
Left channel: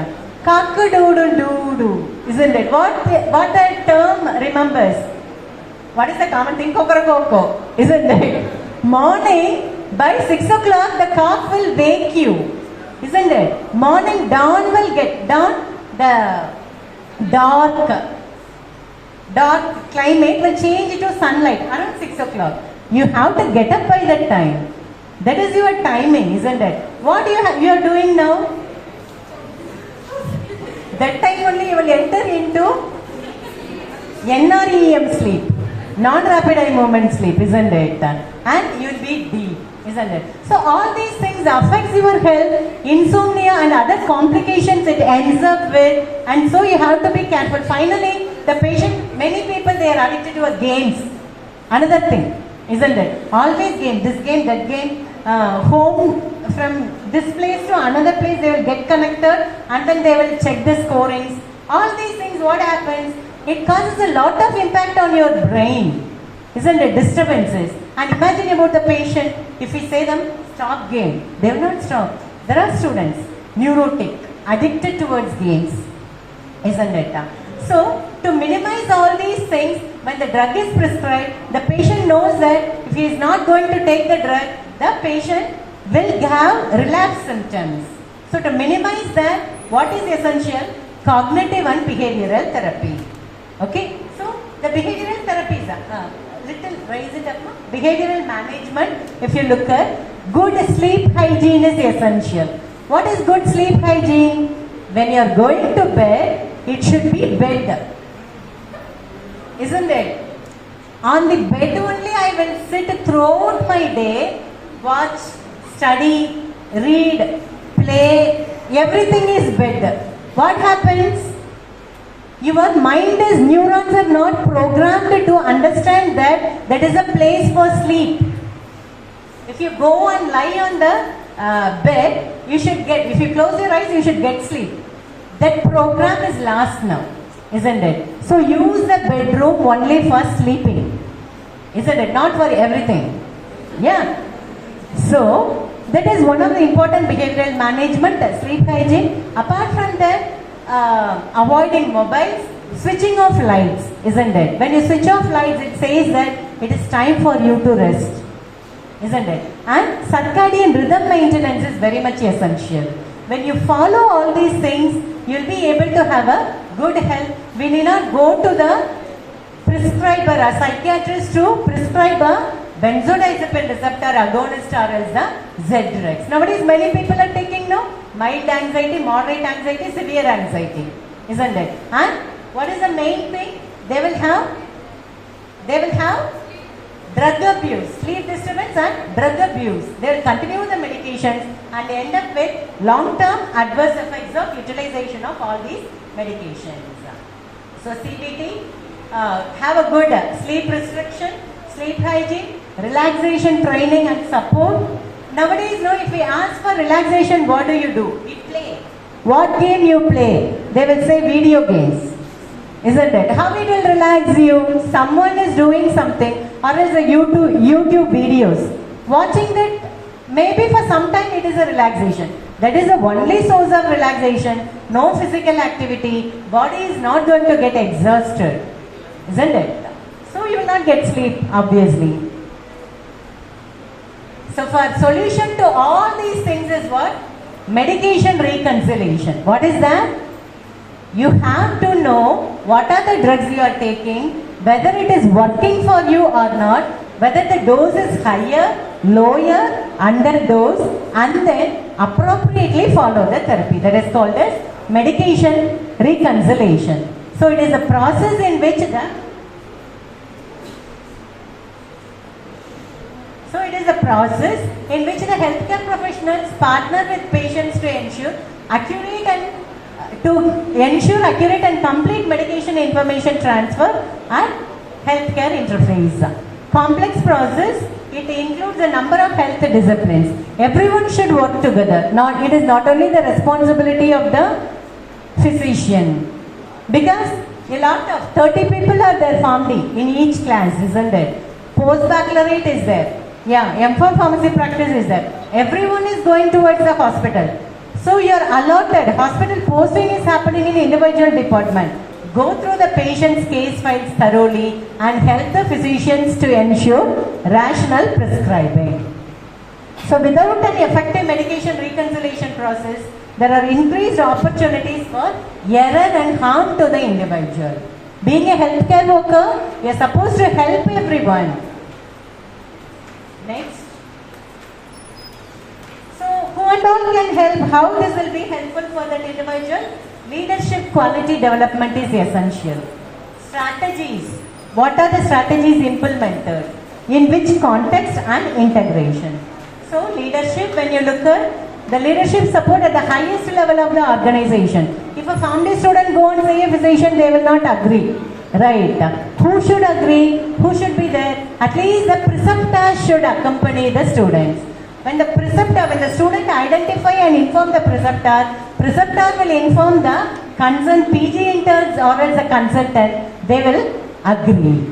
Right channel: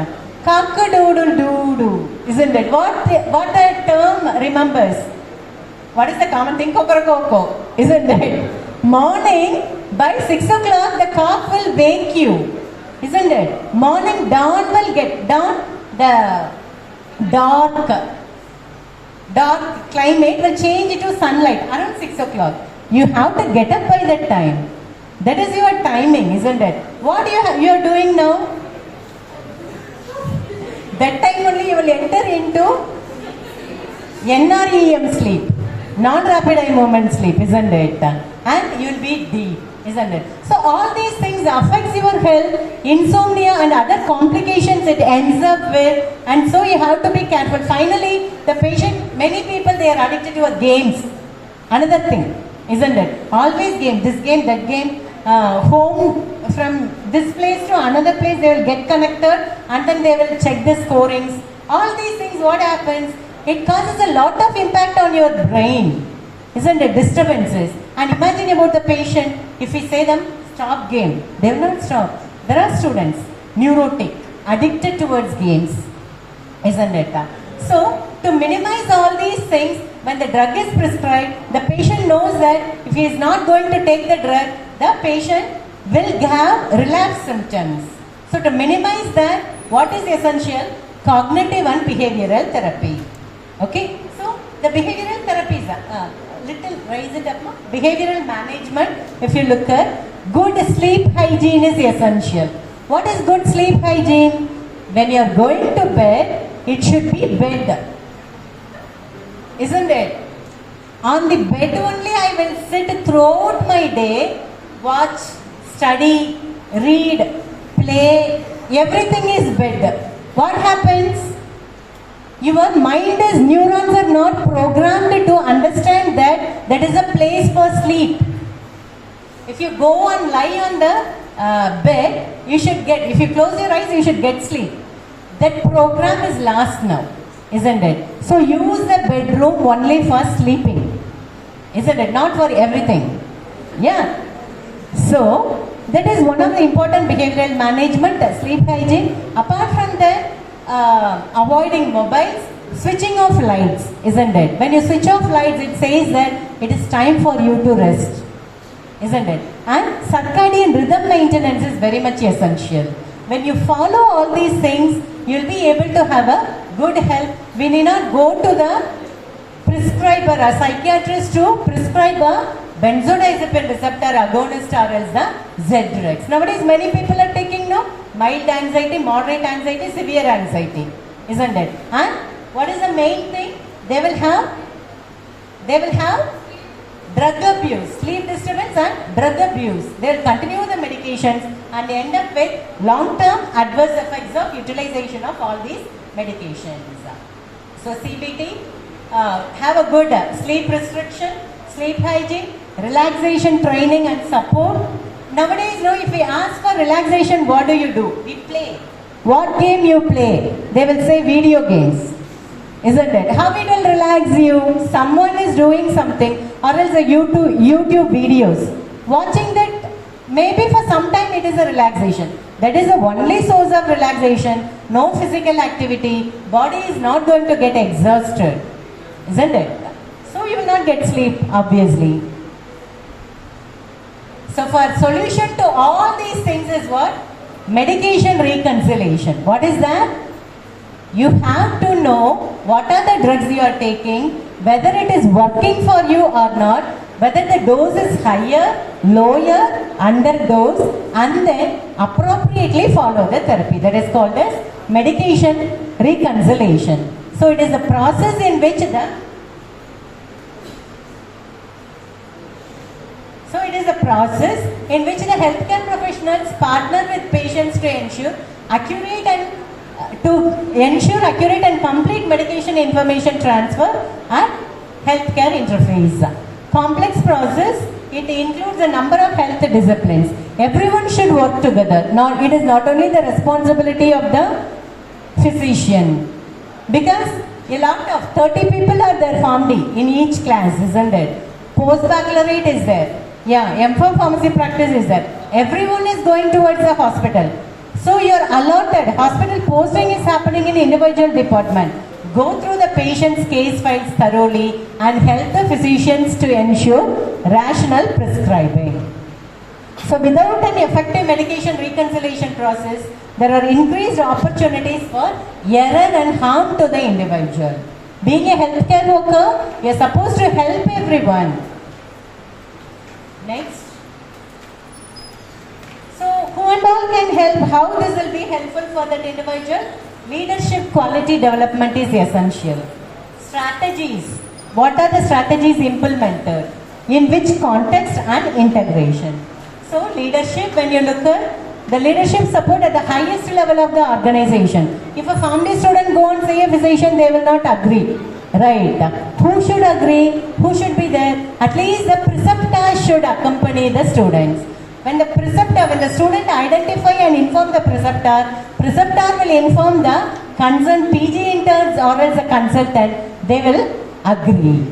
Cock-a-doodle-doo-doo, isn't it? What the term remembers? What is the common thing? Coco, isn't it? Morning, by 6 o'clock, the cock will wake you, isn't it? Morning dawn will get dawn, the dark climate will change to sunlight around 6 o'clock. You have to get up by that time. That is your timing, isn't it? What you are doing now? That time only you will enter into NREM sleep, non-rapid eye movement sleep, isn't it? And you will be deep, isn't it? So all these things affects your health, insomnia and other complications it ends up with, and so you have to be careful. Finally, the patient, many people, they are addicted to games. Another thing, isn't it? Always game, this game, that game, home, from this place to another place they will get connected and then they will check the scorings. All these things, what happens? It causes a lot of impact on your brain, isn't it? Disturbances. And imagine about the patient, if we say them, stop game, they will not stop. There are students, neurotic, addicted towards games, isn't it? So, to minimize all these things, when the drug is prescribed, the patient knows that if he is not going to take the drug, the patient will have relapse symptoms. So, to minimize that, what is essential? Cognitive and behavioral therapy. Okay? So, the behavioral therapies are, raise it up now. Behavioral management, if you look at, good sleep hygiene is essential. What is good sleep hygiene? When you are going to bed, it should be bed. Isn't it? On the bed only I will sit throughout my day, watch, study, read, play, everything is bed. What happens? Your mind is, neurons are not programmed to understand that that is a place for sleep. If you go and lie on the bed, you should get, if you close your eyes, you should get sleep. That program is last now, isn't it? So use the bedroom only for sleeping, isn't it? Not for everything. Yeah. So that is one of the important behavioral management, sleep hygiene. Apart from that, avoiding mobiles, switching off lights, isn't it? When you switch off lights, it says that it is time for you to rest, isn't it? And circadian rhythm maintenance is very much essential. When you follow all these things, you'll be able to have a good health. We need not go to the prescriber, a psychiatrist to prescribe a benzodiazepine receptor agonist or else the Z-drugs. Nowadays, many people are taking now mild anxiety, moderate anxiety, severe anxiety, isn't it? And what is the main thing? They will have drug abuse, sleep disturbance and drug abuse. They will continue the medications and end up with long-term adverse effects of utilization of all these medications. So CBT, have a good sleep restriction, sleep hygiene, relaxation training and support. Nowadays, no, if we ask for relaxation, what do? We play. What game you play? They will say video games. Isn't it? How it will relax you? Someone is doing something or else a YouTube videos. Watching that, maybe for some time it is a relaxation. That is the only source of relaxation. No physical activity. Body is not going to get exhausted. Isn't it? So you will not get sleep, obviously. So for solution to all these things is what? Medication reconciliation. What is that? You have to know what are the drugs you are taking, whether it is working for you or not, whether the dose is higher, lower, underdose, and then appropriately follow the therapy. That is called as medication reconciliation. So it is a process in which the healthcare professionals partner with patients to ensure accurate and complete medication information transfer and healthcare interface. Complex process, it includes a number of health disciplines. Everyone should work together. It is not only the responsibility of the physician, because a lot of 30 people are there formed in each class, isn't it? Post-baccalaureate is there. Yeah, M4 pharmacy practice is there. Everyone is going towards the hospital. So you are allotted, hospital posting is happening in individual department. Go through the patient's case files thoroughly and help the physicians to ensure rational prescribing. So without an effective medication reconciliation process, there are increased opportunities for error and harm to the individual. Being a healthcare worker, you are supposed to help everyone. Next. So who and all can help? How this will be helpful for that individual? Leadership quality development is essential. Strategies. What are the strategies implemented? In which context and integration? So leadership, when you look at the leadership support at the highest level of the organization. If a family student go and say a physician, they will not agree. Right. Who should agree? Who should be there? At least the preceptor should accompany the students. When the student identify and inform the preceptor will inform the concerned PG interns or as a consultant, they will agree.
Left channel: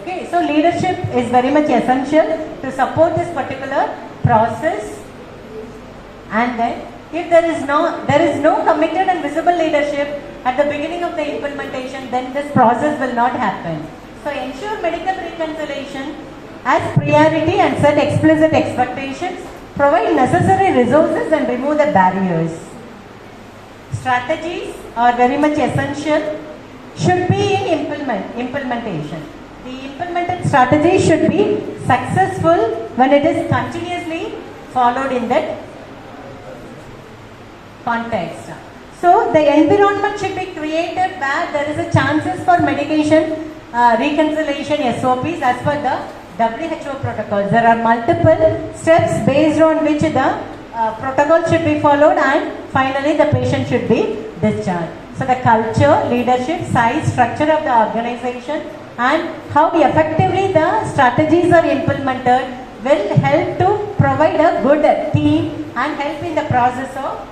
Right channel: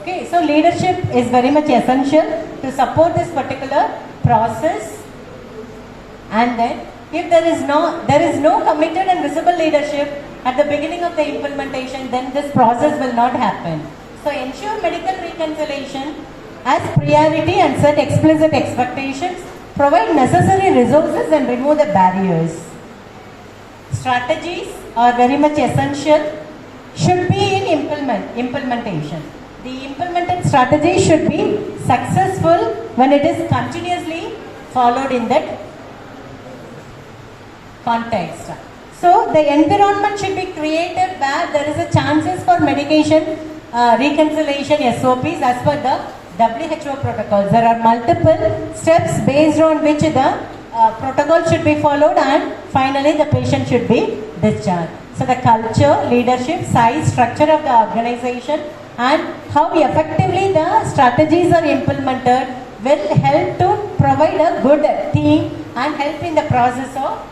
Okay, so leadership is very much essential to support this particular process. And then if there is no committed and visible leadership at the beginning of the implementation, then this process will not happen. So ensure medical reconciliation as priority and set explicit expectations, provide necessary resources and remove the barriers. Strategies are very much essential, should be in implementation. The implemented strategy should be successful when it is continuously followed in that context. So the environment should be created where there is a chances for medication reconciliation SOPs as per the WHO protocols. There are multiple steps based on which the protocol should be followed and finally the patient should be discharged. So the culture, leadership, size, structure of the organization and how effectively the strategies are implemented will help to provide a good team and help in the process of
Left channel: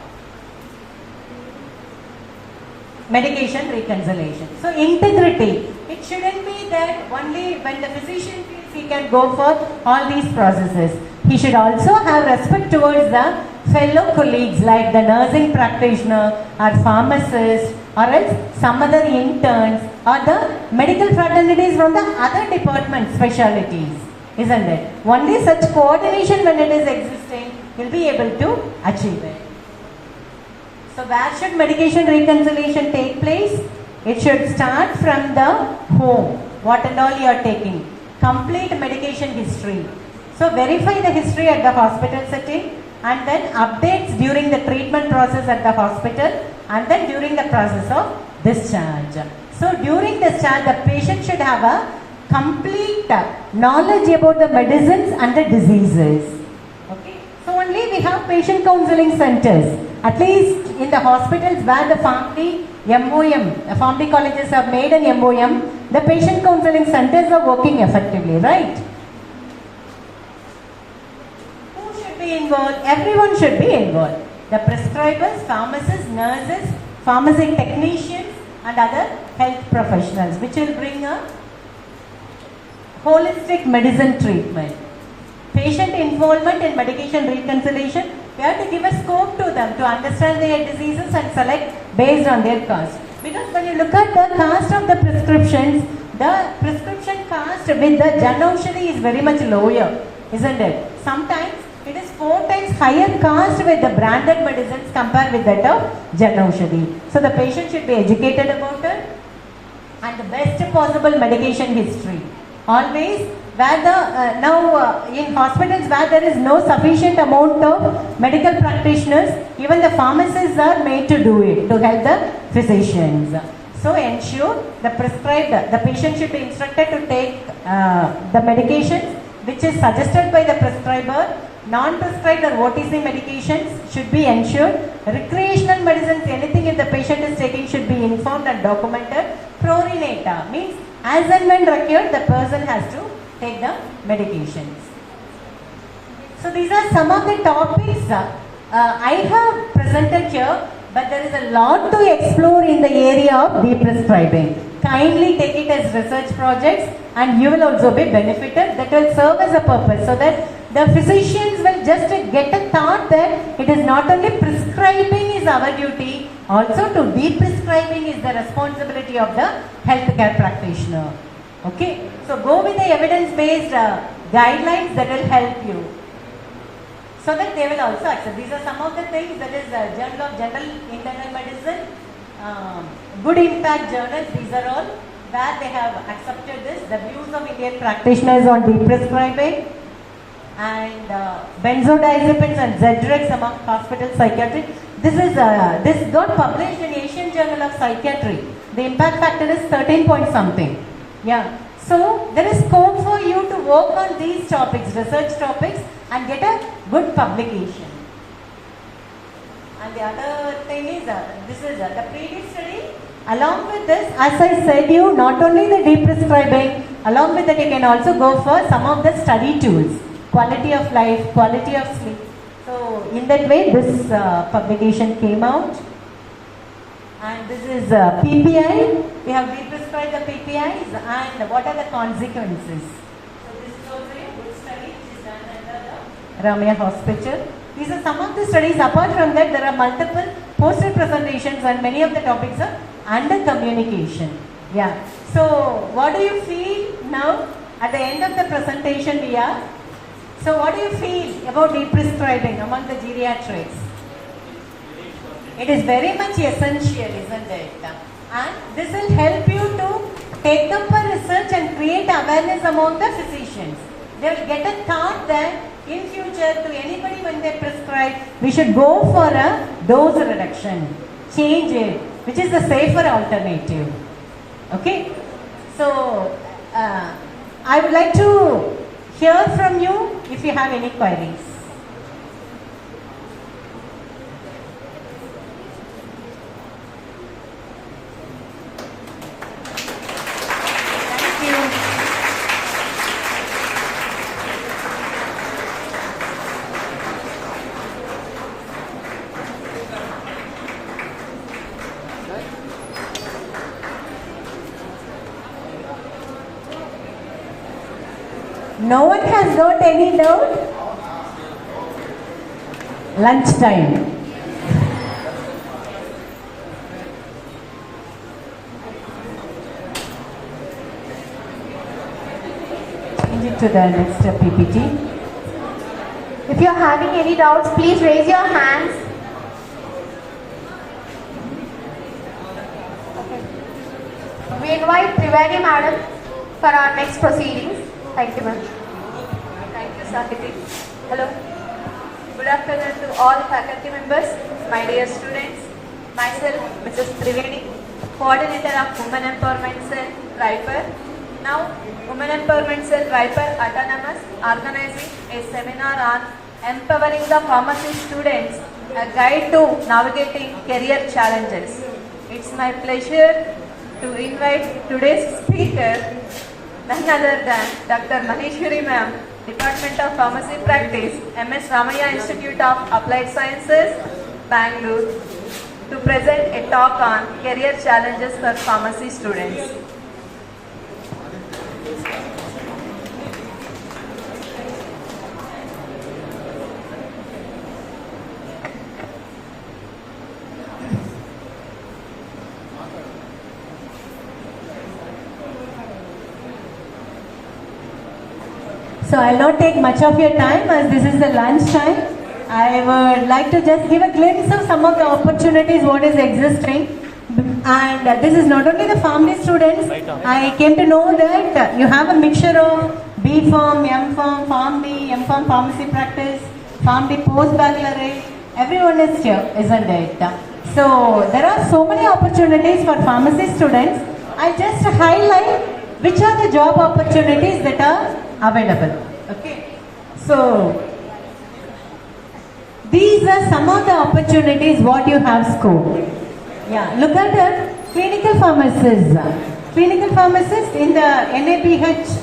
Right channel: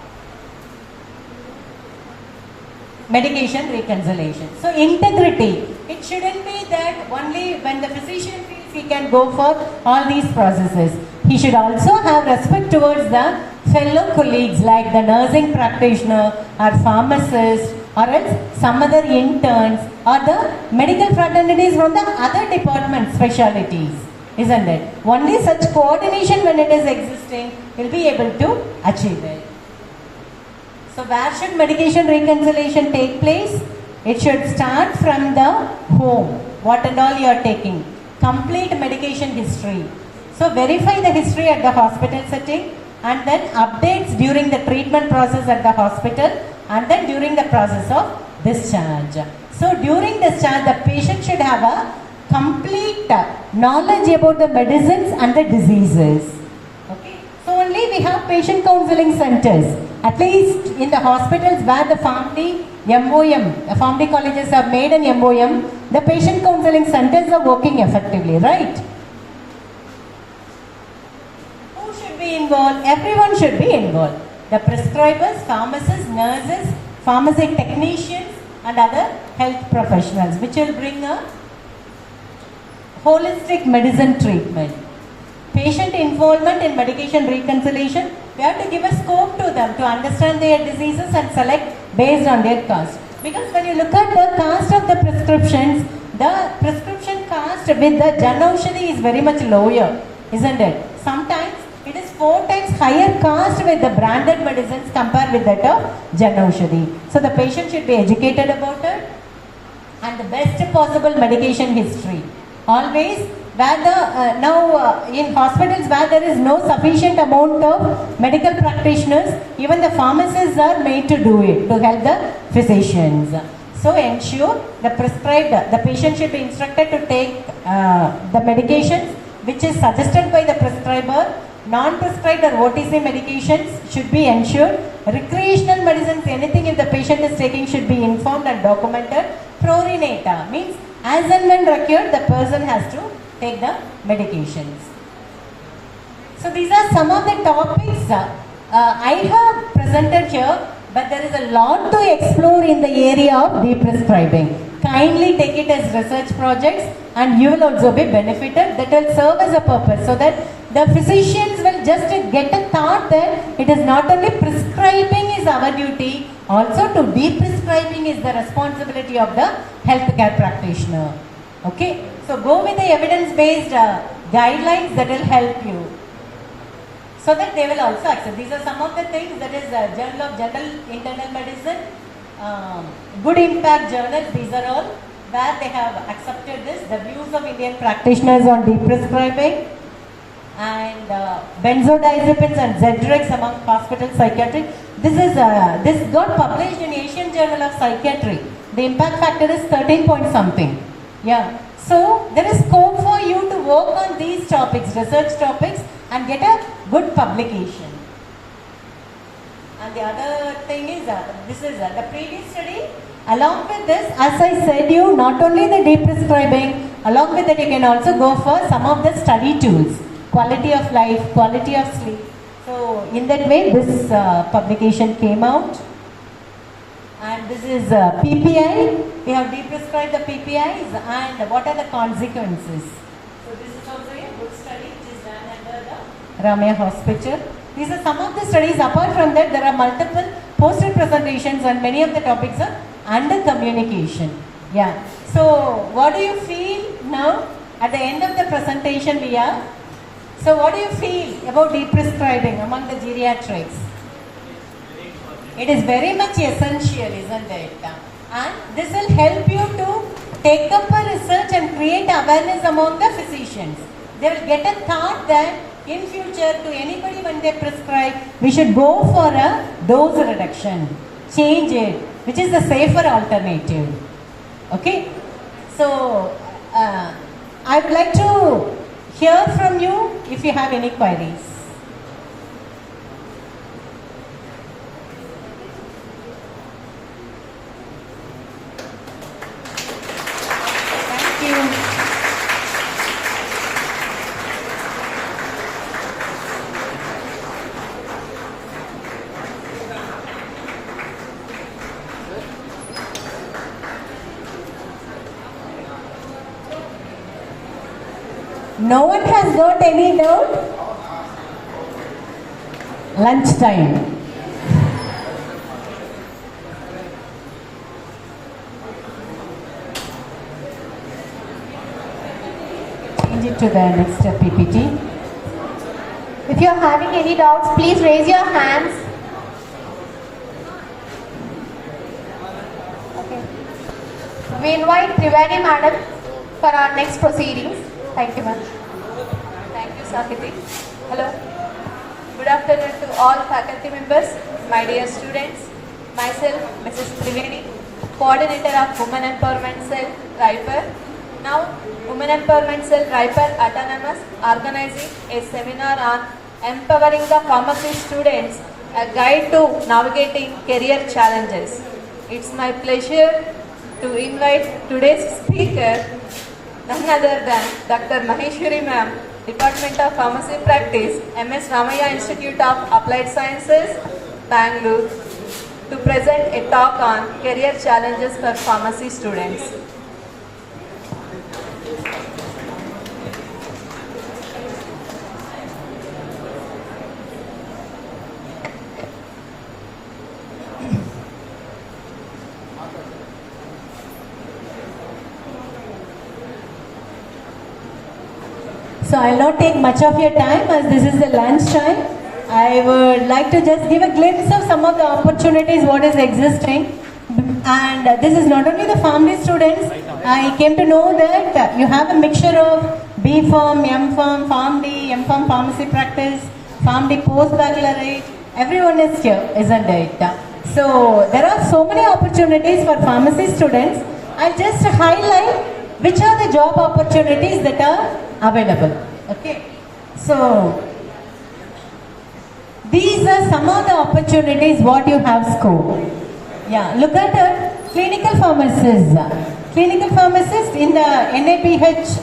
medication reconciliation. So integrity, it shouldn't be that only when the physician feels he can go for all these processes. He should also have respect towards the fellow colleagues like the nursing practitioner or pharmacist or else some other interns or the medical fraternities from the other department specialties, isn't it? Only such coordination when it is existing will be able to achieve it. So where should medication reconciliation take place? It should start from the home. What and all you are taking. Complete medication history. So verify the history at the hospital setting and then updates during the treatment process at the hospital and then during the process of discharge. So during discharge, the patient should have a complete knowledge about the medicines and the diseases. Okay. So only we have patient counseling centers. At least in the hospitals where the family MOM, the family colleges have made an MOM, the patient counseling centers are working effectively, right? Who should be involved? Everyone should be involved. The prescribers, pharmacists, nurses, pharmacy technicians and other health professionals, which will bring a holistic medicine treatment. Patient involvement in medication reconciliation, we have to give a scope to them to understand their diseases and select based on their cost. Because when you look at the cost of the prescriptions, the prescription cost with the Janaushadhi is very much lower, isn't it? Sometimes it is 4 times higher cost with the branded medicines compared with that of Janaushadhi. So the patient should be educated about it and the best possible medication history. Always where the in hospitals where there is no sufficient amount of medical practitioners, even the pharmacists are made to do it to help the physicians. So ensure the patient should be instructed to take the medications which is suggested by the prescriber. Non-prescribed or OTC medications should be ensured. Recreational medicines, anything if the patient is taking should be informed and documented. Prorinata means as and when required the person has to take the medications. So these are some of the topics I have presented here, but there is a lot to explore in the area of deprescribing. Kindly take it as research projects and you will also be benefited. That will serve as a purpose so that the physicians will just get a thought that it is not only prescribing is our duty, also to deprescribing is the responsibility of the healthcare practitioner. Okay, so go with the evidence-based guidelines that will help you, so that they will also accept. These are some of the things that is Journal of General Internal Medicine, Good Impact journals. These are all where they have accepted this. The views of Indian practitioners on deprescribing and benzodiazepines and Z-drugs among hospital psychiatry. This got published in Asian Journal of Psychiatry. The impact factor is 13 point something. Yeah, so there is scope for you to work on these topics, research topics, and get a good publication. And the other thing is, this is the previous study. Along with this, as I said you, not only the deprescribing, along with that you can also go for some of the study tools, quality of life, quality of sleep. So in that way, this publication came out. And this is PPI. We have deprescribed the PPIs and what are the consequences. So this is also a good study which is done under the Ramaya Hospital. These are some of the studies. Apart from that, there are multiple poster presentations and many of the topics are under communication. Yeah. So what do you feel now at the end of the presentation we are? So what do you feel about deprescribing among the geriatrics? It is very much essential, isn't it? And this will help you to take up a research and create awareness among the physicians. They will get a thought that in future to anybody when they prescribe, we should go for a dose reduction, change it, which is the safer alternative. Okay? So, I would like to hear from you if you have any queries. Thank you. No one has got any doubt? Lunchtime. Change it to the next PPT. If you are having any doubts, please raise your hands. Okay. We invite Trivedi Madam for our next proceedings. Thank you, ma'am. Thank you, Sakiti. Hello. Good afternoon to all faculty members, my dear students. Myself, Mrs. Trivedi, Coordinator of Women Empowerment Cell, Raipur. Now, Women Empowerment Cell, Raipur Autonomous, organizing a seminar on empowering the pharmacy students, a guide to navigating career challenges. It's my pleasure to invite today's speaker, none other than Dr. Maheshwari Ma'am, Department of Pharmacy Practice, MS Ramaya Institute of Applied Sciences, Bangalore, to present a talk on career challenges for pharmacy students. So I'll not take much of your time as this is the lunch time. I would like to just give a glimpse of some of the opportunities what is existing. And this is not only the family students. I came to know that you have a mixture of B Pharm, M Pharm, Pharm D, M Pharm Pharmacy Practice, Pharm D Postbaccalaureate. Everyone is here, isn't it? So there are so many opportunities for pharmacy students. I'll just highlight which are the job opportunities that are available. Okay. So these are some of the opportunities what you have scope. Yeah, look at it. Clinical pharmacists. Clinical pharmacists in the NABH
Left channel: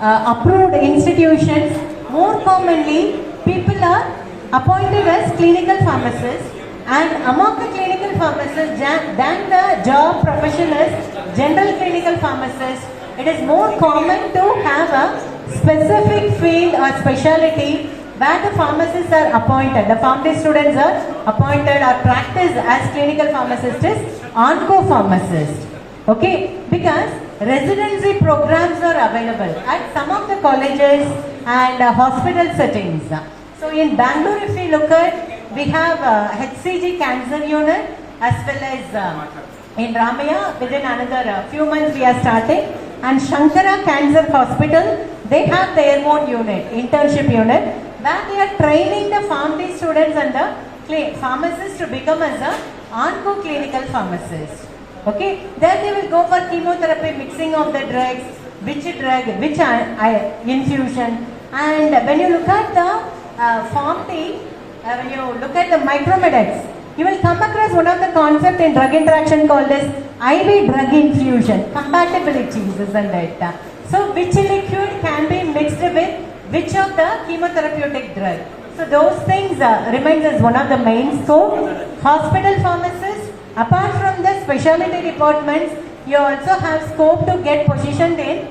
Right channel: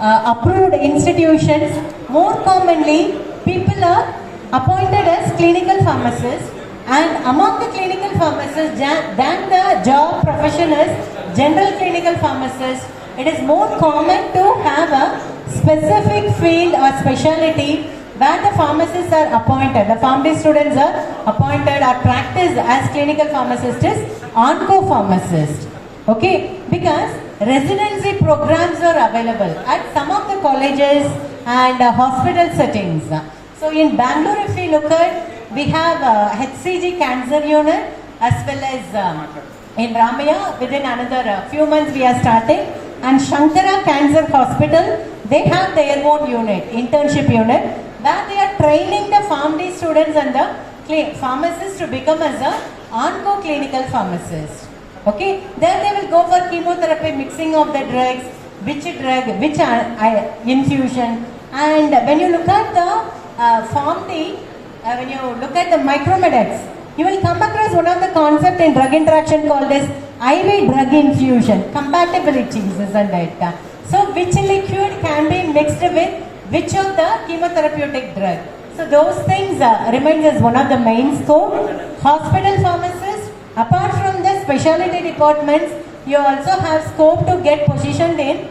approved institutions, more commonly people are appointed as clinical pharmacists, and among the clinical pharmacists than the job profession as general clinical pharmacist, it is more common to have a specific field or specialty where the pharmacists are appointed. The pharmacy students are appointed or practice as clinical pharmacist is onco-pharmacist. Okay, because residency programs are available at some of the colleges and hospital settings. So in Bangalore, if we look at, we have HCG cancer unit as well as in Ramaya, within another few months we are starting, and Shankara Cancer Hospital, they have their own unit, internship unit, where they are training the pharmacy students and the pharmacists to become as a onco clinical pharmacist. Okay, then they will go for chemotherapy, mixing of the drugs, which drug, which infusion, and when you look at the pharmacy, when you look at the micromedics, you will come across one of the concept in drug interaction called as IV drug infusion, compatibilities, isn't it? So which liquid can be mixed with which of the chemotherapeutic drug. So those things remains as one of the main scope. Hospital pharmacists, apart from the specialty departments, you also have scope to get positioned in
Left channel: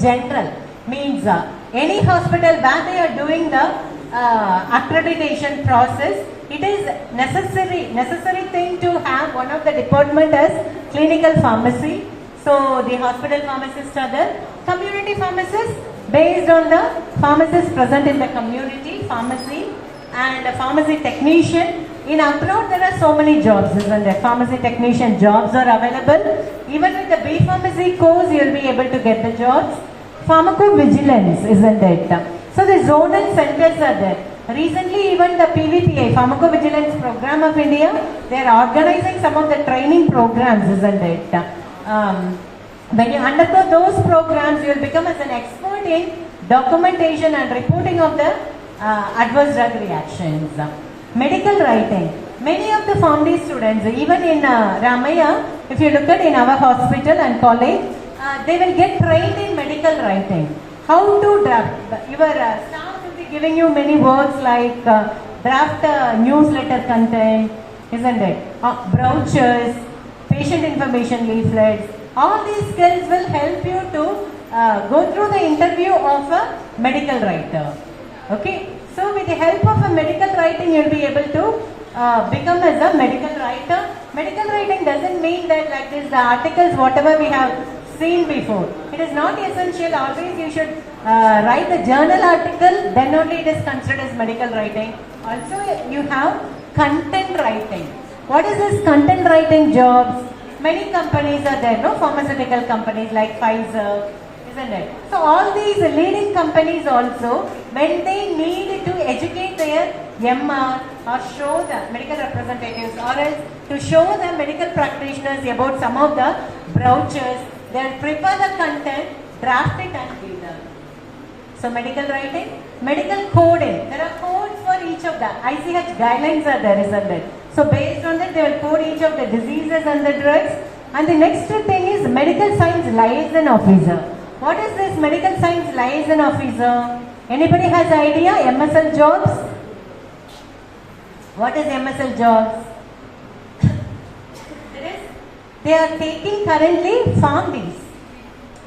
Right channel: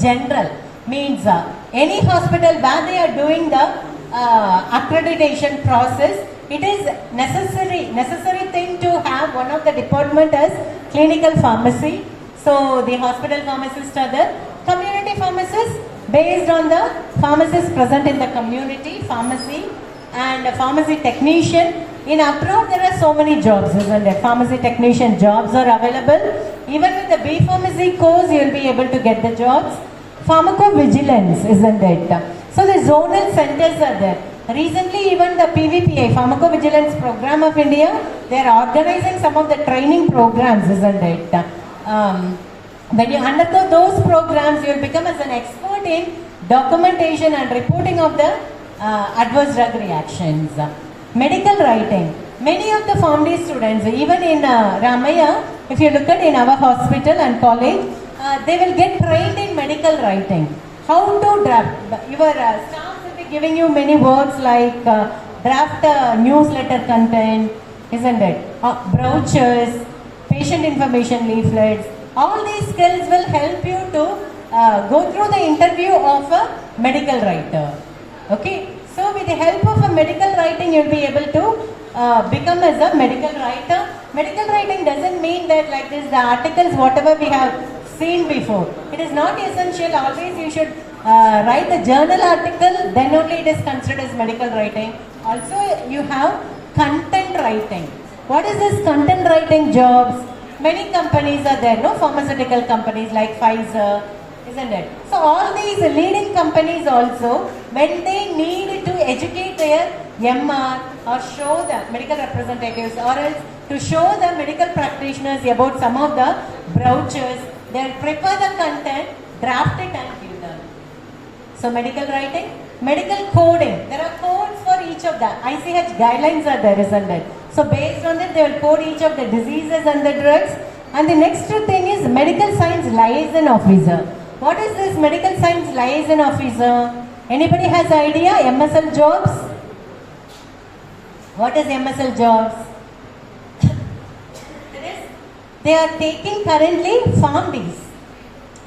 general. Means any hospital where they are doing the accreditation process, it is necessary thing to have one of the department as clinical pharmacy. So the hospital pharmacists are the community pharmacists based on the pharmacists present in the community pharmacy, and a pharmacy technician. In abroad there are so many jobs, isn't it? Pharmacy technician jobs are available. Even with the B Pharmacy course you will be able to get the jobs. Pharmacovigilance, isn't it? So the zonal centers are there. Recently even the PVPI, Pharmacovigilance Program of India, they are organizing some of the training programs, isn't it? When you undergo those programs, you will become as an expert in documentation and reporting of the adverse drug reactions. Medical writing. Many of the pharmacy students, even in Ramaya, if you look at in our hospital and college, they will get trained in medical writing. How to draft. Your staff will be giving you many works like draft newsletter content, isn't it? Brochures, patient information leaflets. All these skills will help you to go through the interview of a medical writer. Okay, so with the help of a medical writing, you'll be able to become as a medical writer. Medical writing doesn't mean that like this, the articles, whatever we have seen before. It is not essential. Always you should write the journal article, then only it is considered as medical writing. Also, you have content writing. What is this content writing jobs? Many companies are there, no? Pharmaceutical companies like Pfizer, isn't it? So all these leading companies also, when they need to educate their MR or show the medical representatives or else to show the medical practitioners about some of the brochures, they will prepare the content, draft it and give them. So medical writing, medical coding, there are codes for each of the ICH guidelines are there, isn't it? So based on that, they will code each of the diseases and the drugs. And the next thing is medical science liaison officer. What is this medical science liaison officer? Anybody has idea? MSL jobs? What is MSL jobs? They are taking currently PharmDs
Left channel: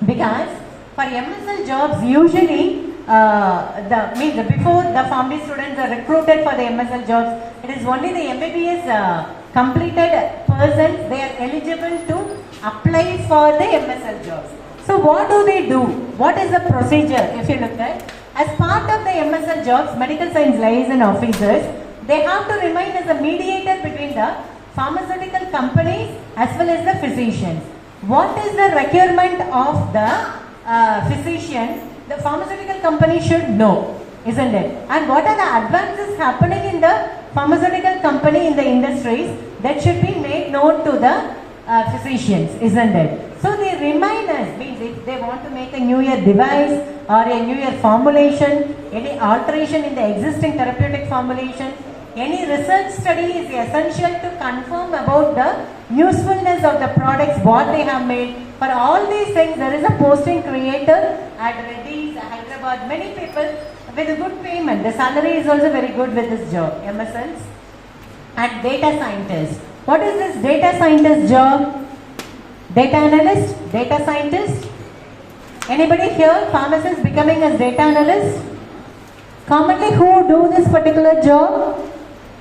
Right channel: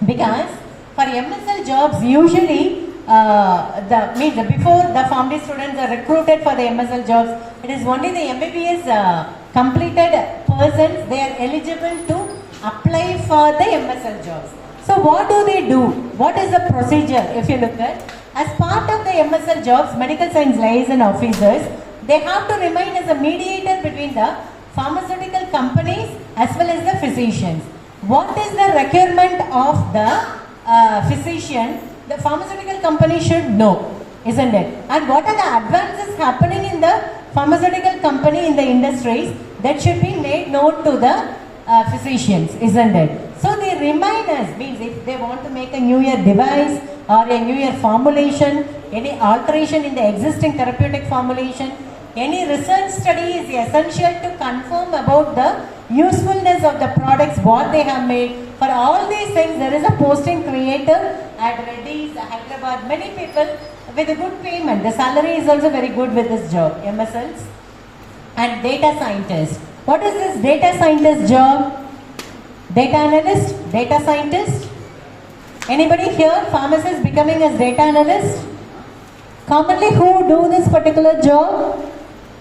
because for MSL jobs usually before the PharmD students are recruited for the MSL jobs, it is only the MBBS completed persons they are eligible to apply for the MSL jobs. So what do? What is the procedure? If you look at, as part of the MSL jobs, medical science liaison officers, they have to remain as a mediator between the pharmaceutical companies as well as the physicians. What is the requirement of the physician? The pharmaceutical company should know, isn't it? And what are the advances happening in the pharmaceutical company in the industries that should be made known to the physicians, isn't it? So the reminders means if they want to make a new year device or a new year formulation, any alteration in the existing therapeutic formulation, any research study is essential to confirm about the usefulness of the products what they have made. For all these things, there is a posting created at Reddy's, Hyderabad. Many people with a good payment. The salary is also very good with this job, MSLs. And data scientist. What is this data scientist job? Data analyst, data scientist. Anybody here, pharmacist becoming as data analyst? Commonly who do this particular job?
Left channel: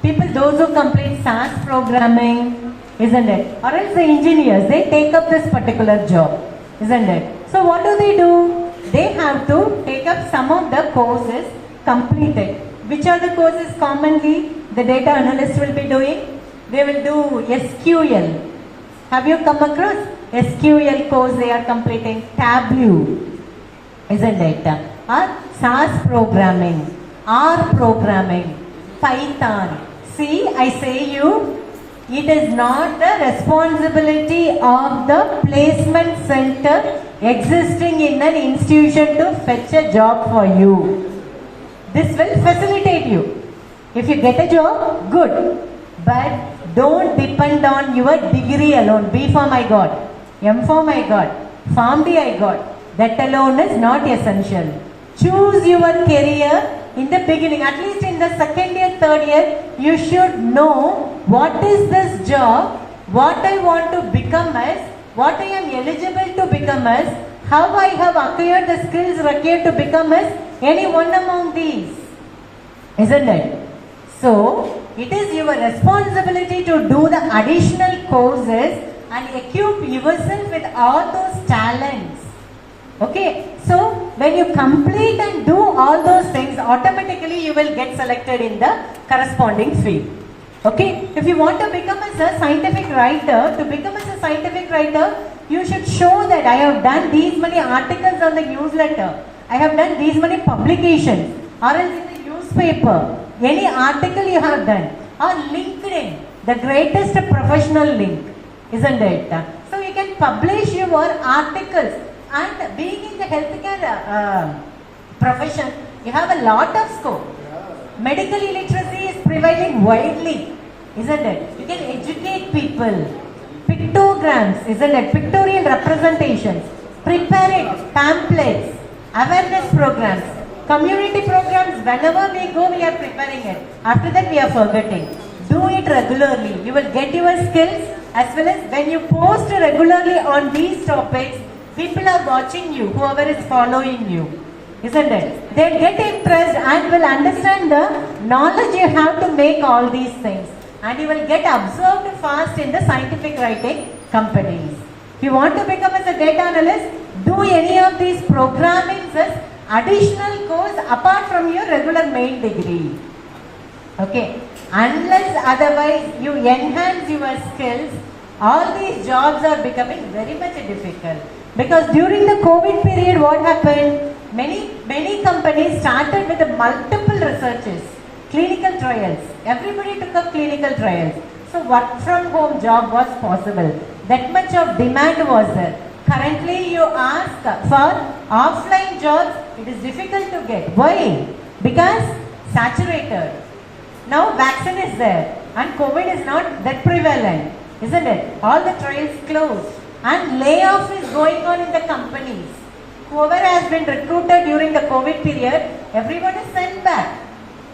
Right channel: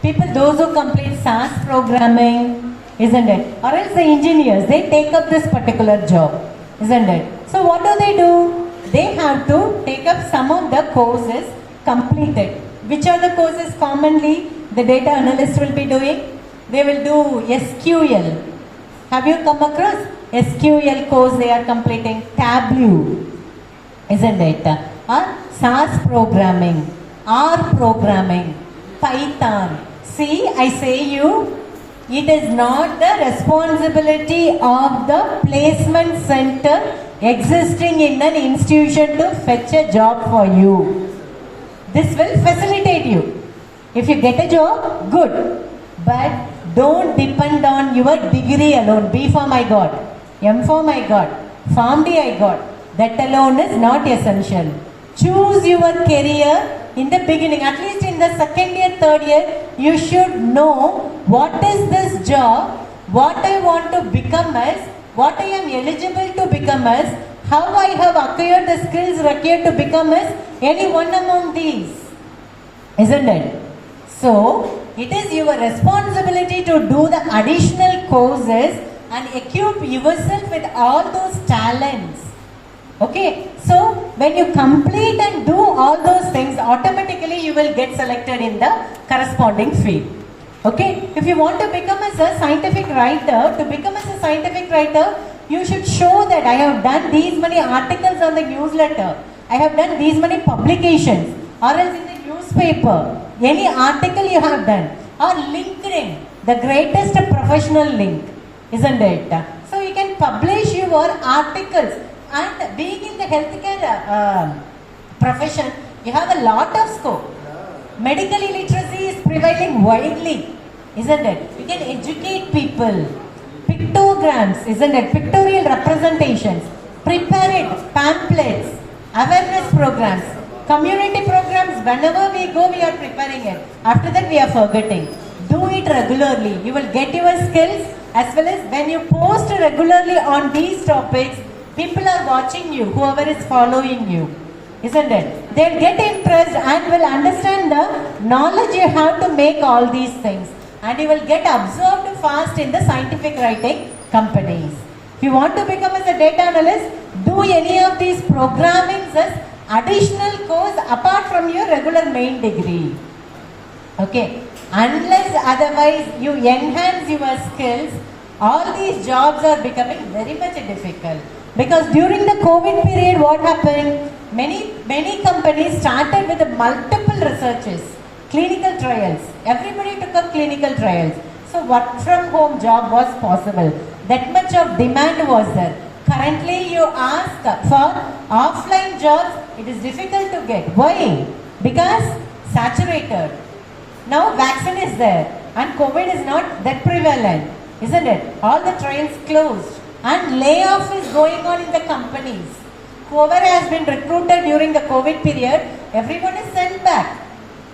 People, those who complete SAS programming, isn't it? Or else the engineers, they take up this particular job, isn't it? So what do? They have to take up some of the courses completed. Which are the courses commonly the data analyst will be doing? They will do SQL. Have you come across SQL course they are completing? Tableau, isn't it? Or SAS programming, R programming, Python. See, I say you, it is not the responsibility of the placement center existing in an institution to fetch a job for you. This will facilitate you. If you get a job, good. But don't depend on your degree alone. B Pharm I got, M Pharm I got, PharmD I got. That alone is not essential. Choose your career in the beginning. At least in the second year, third year, you should know what is this job, what I want to become as, what I am eligible to become as, how I have acquired the skills required to become as any one among these. Isn't it? So, it is your responsibility to do the additional courses and equip yourself with all those talents. Okay, so when you complete and do all those things, automatically you will get selected in the corresponding field. Okay, if you want to become as a scientific writer, you should show that I have done these many articles on the newsletter, I have done these many publications, or else in the newspaper, any article you have done, or LinkedIn, the greatest professional link, isn't it? So you can publish your articles. And being in the healthcare profession, you have a lot of scope. Medical illiteracy is prevailing widely, isn't it? You can educate people. Pictograms, isn't it? Pictorial representations. Prepare it, pamphlets, awareness programs, community programs. Whenever we go, we are preparing it. After that, we are forgetting. Do it regularly. You will get your skills, as well as when you post regularly on these topics, people are watching you, whoever is following you. isn't it? They'll get impressed and will understand the knowledge you have to make all these things, and you will get absorbed fast in the scientific writing companies. If you want to become as a data analyst, do any of these programming as additional course apart from your regular main degree. Okay, unless otherwise you enhance your skills, all these jobs are becoming very much difficult. Because during the COVID period, what happened? Many companies started with multiple researches, clinical trials. Everybody took up clinical trials. So work from home job was possible. That much of demand was there. Currently you ask for offline jobs, it is difficult to get. Why? Because saturated. Now vaccine is there and COVID is not that prevalent, isn't it? All the trials closed and layoff is going on in the companies. Whoever has been recruited during the COVID period, everyone is sent back,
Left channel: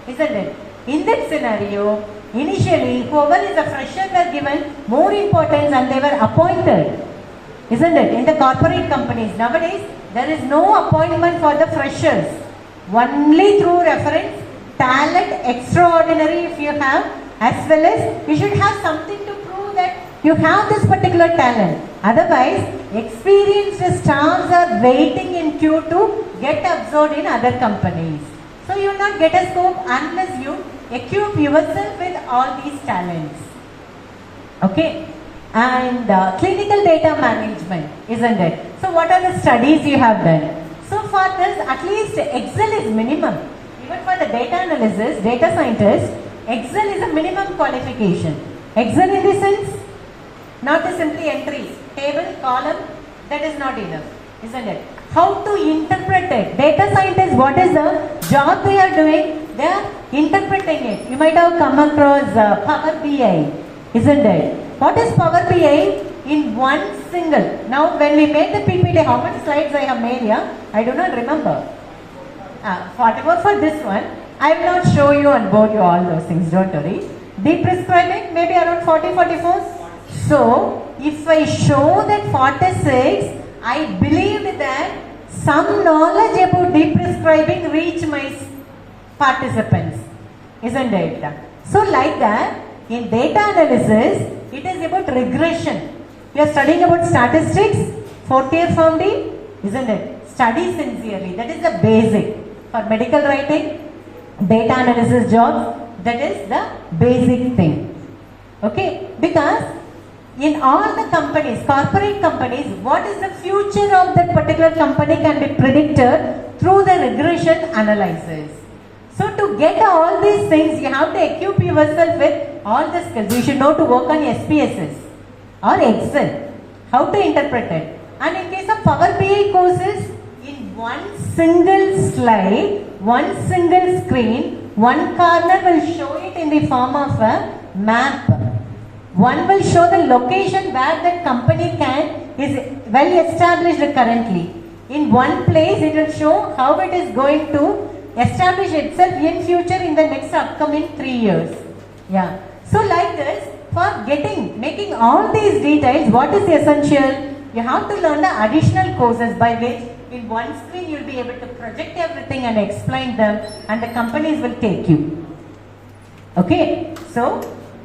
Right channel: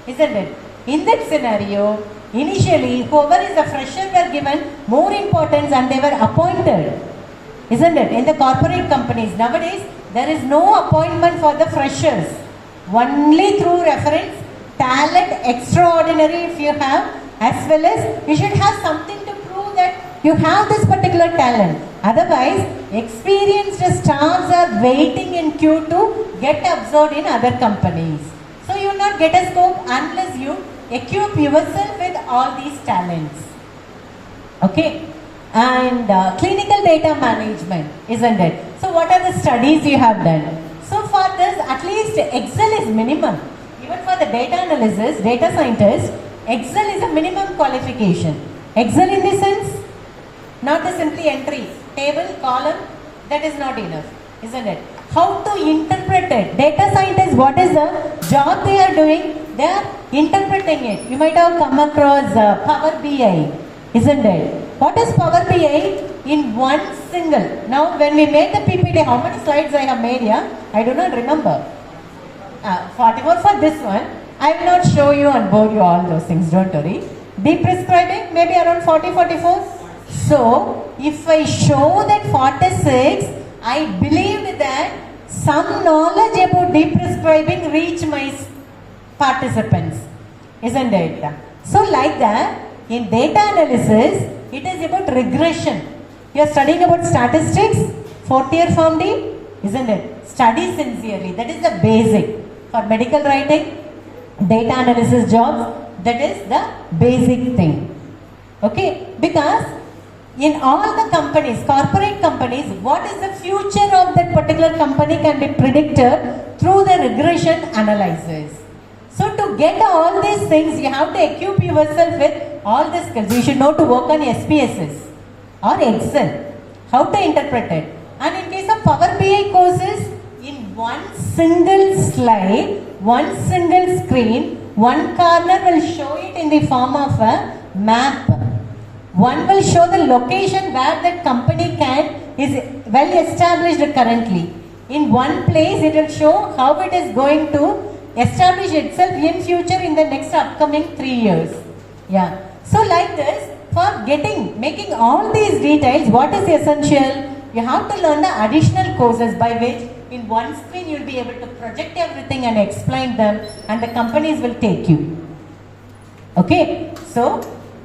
isn't it? In that scenario, initially whoever is a fresher were given more importance and they were appointed, isn't it? In the corporate companies nowadays, there is no appointment for the freshers, only through reference. Talent extraordinary if you have, as well as you should have something to prove that you have this particular talent. Otherwise, experienced staffs are waiting in queue to get absorbed in other companies. So you will not get a scope unless you equip yourself with all these talents. Okay, and clinical data management, isn't it? So what are the studies you have done? So for this, at least Excel is minimum. Even for the data analysis, data scientist, Excel is a minimum qualification. Excel in the sense, not the simply entry, table, column, that is not enough, isn't it? How to interpret it? Data scientists, what is the job they are doing? They are interpreting it. You might have come across Power BI, isn't it? What is Power BI? In one single. Now when we made the PPT, how many slides I have made here? I do not remember. 44 for this one. I will not show you and bore you all those things, don't worry. Deep prescribing, maybe around 44. So, if I show that 46, I believed that some knowledge about deep prescribing reach my participants, isn't it? So, like that, in data analysis, it is about regression. You are studying about statistics, 4th year Form D, isn't it? Study sincerely, that is the basic. For medical writing, data analysis jobs, that is the basic thing. Okay, because in all the companies, corporate companies, what is the future of that particular company can be predicted through the regression analysis. So to get all these things, you have to equip yourself with all the skills. You should know to work on SPSS or Excel, how to interpret it. And in case of Power BI courses, in one single slide, one single screen, one corner will show it in the form of a map. One will show the location where that company is well established currently. In one place, it will show how it is going to establish itself in future in the next upcoming 3 years. Yeah. So like this, for making all these details, what is essential? You have to learn the additional courses by which in one screen you will be able to project everything and explain them, and the companies will take you. Okay. So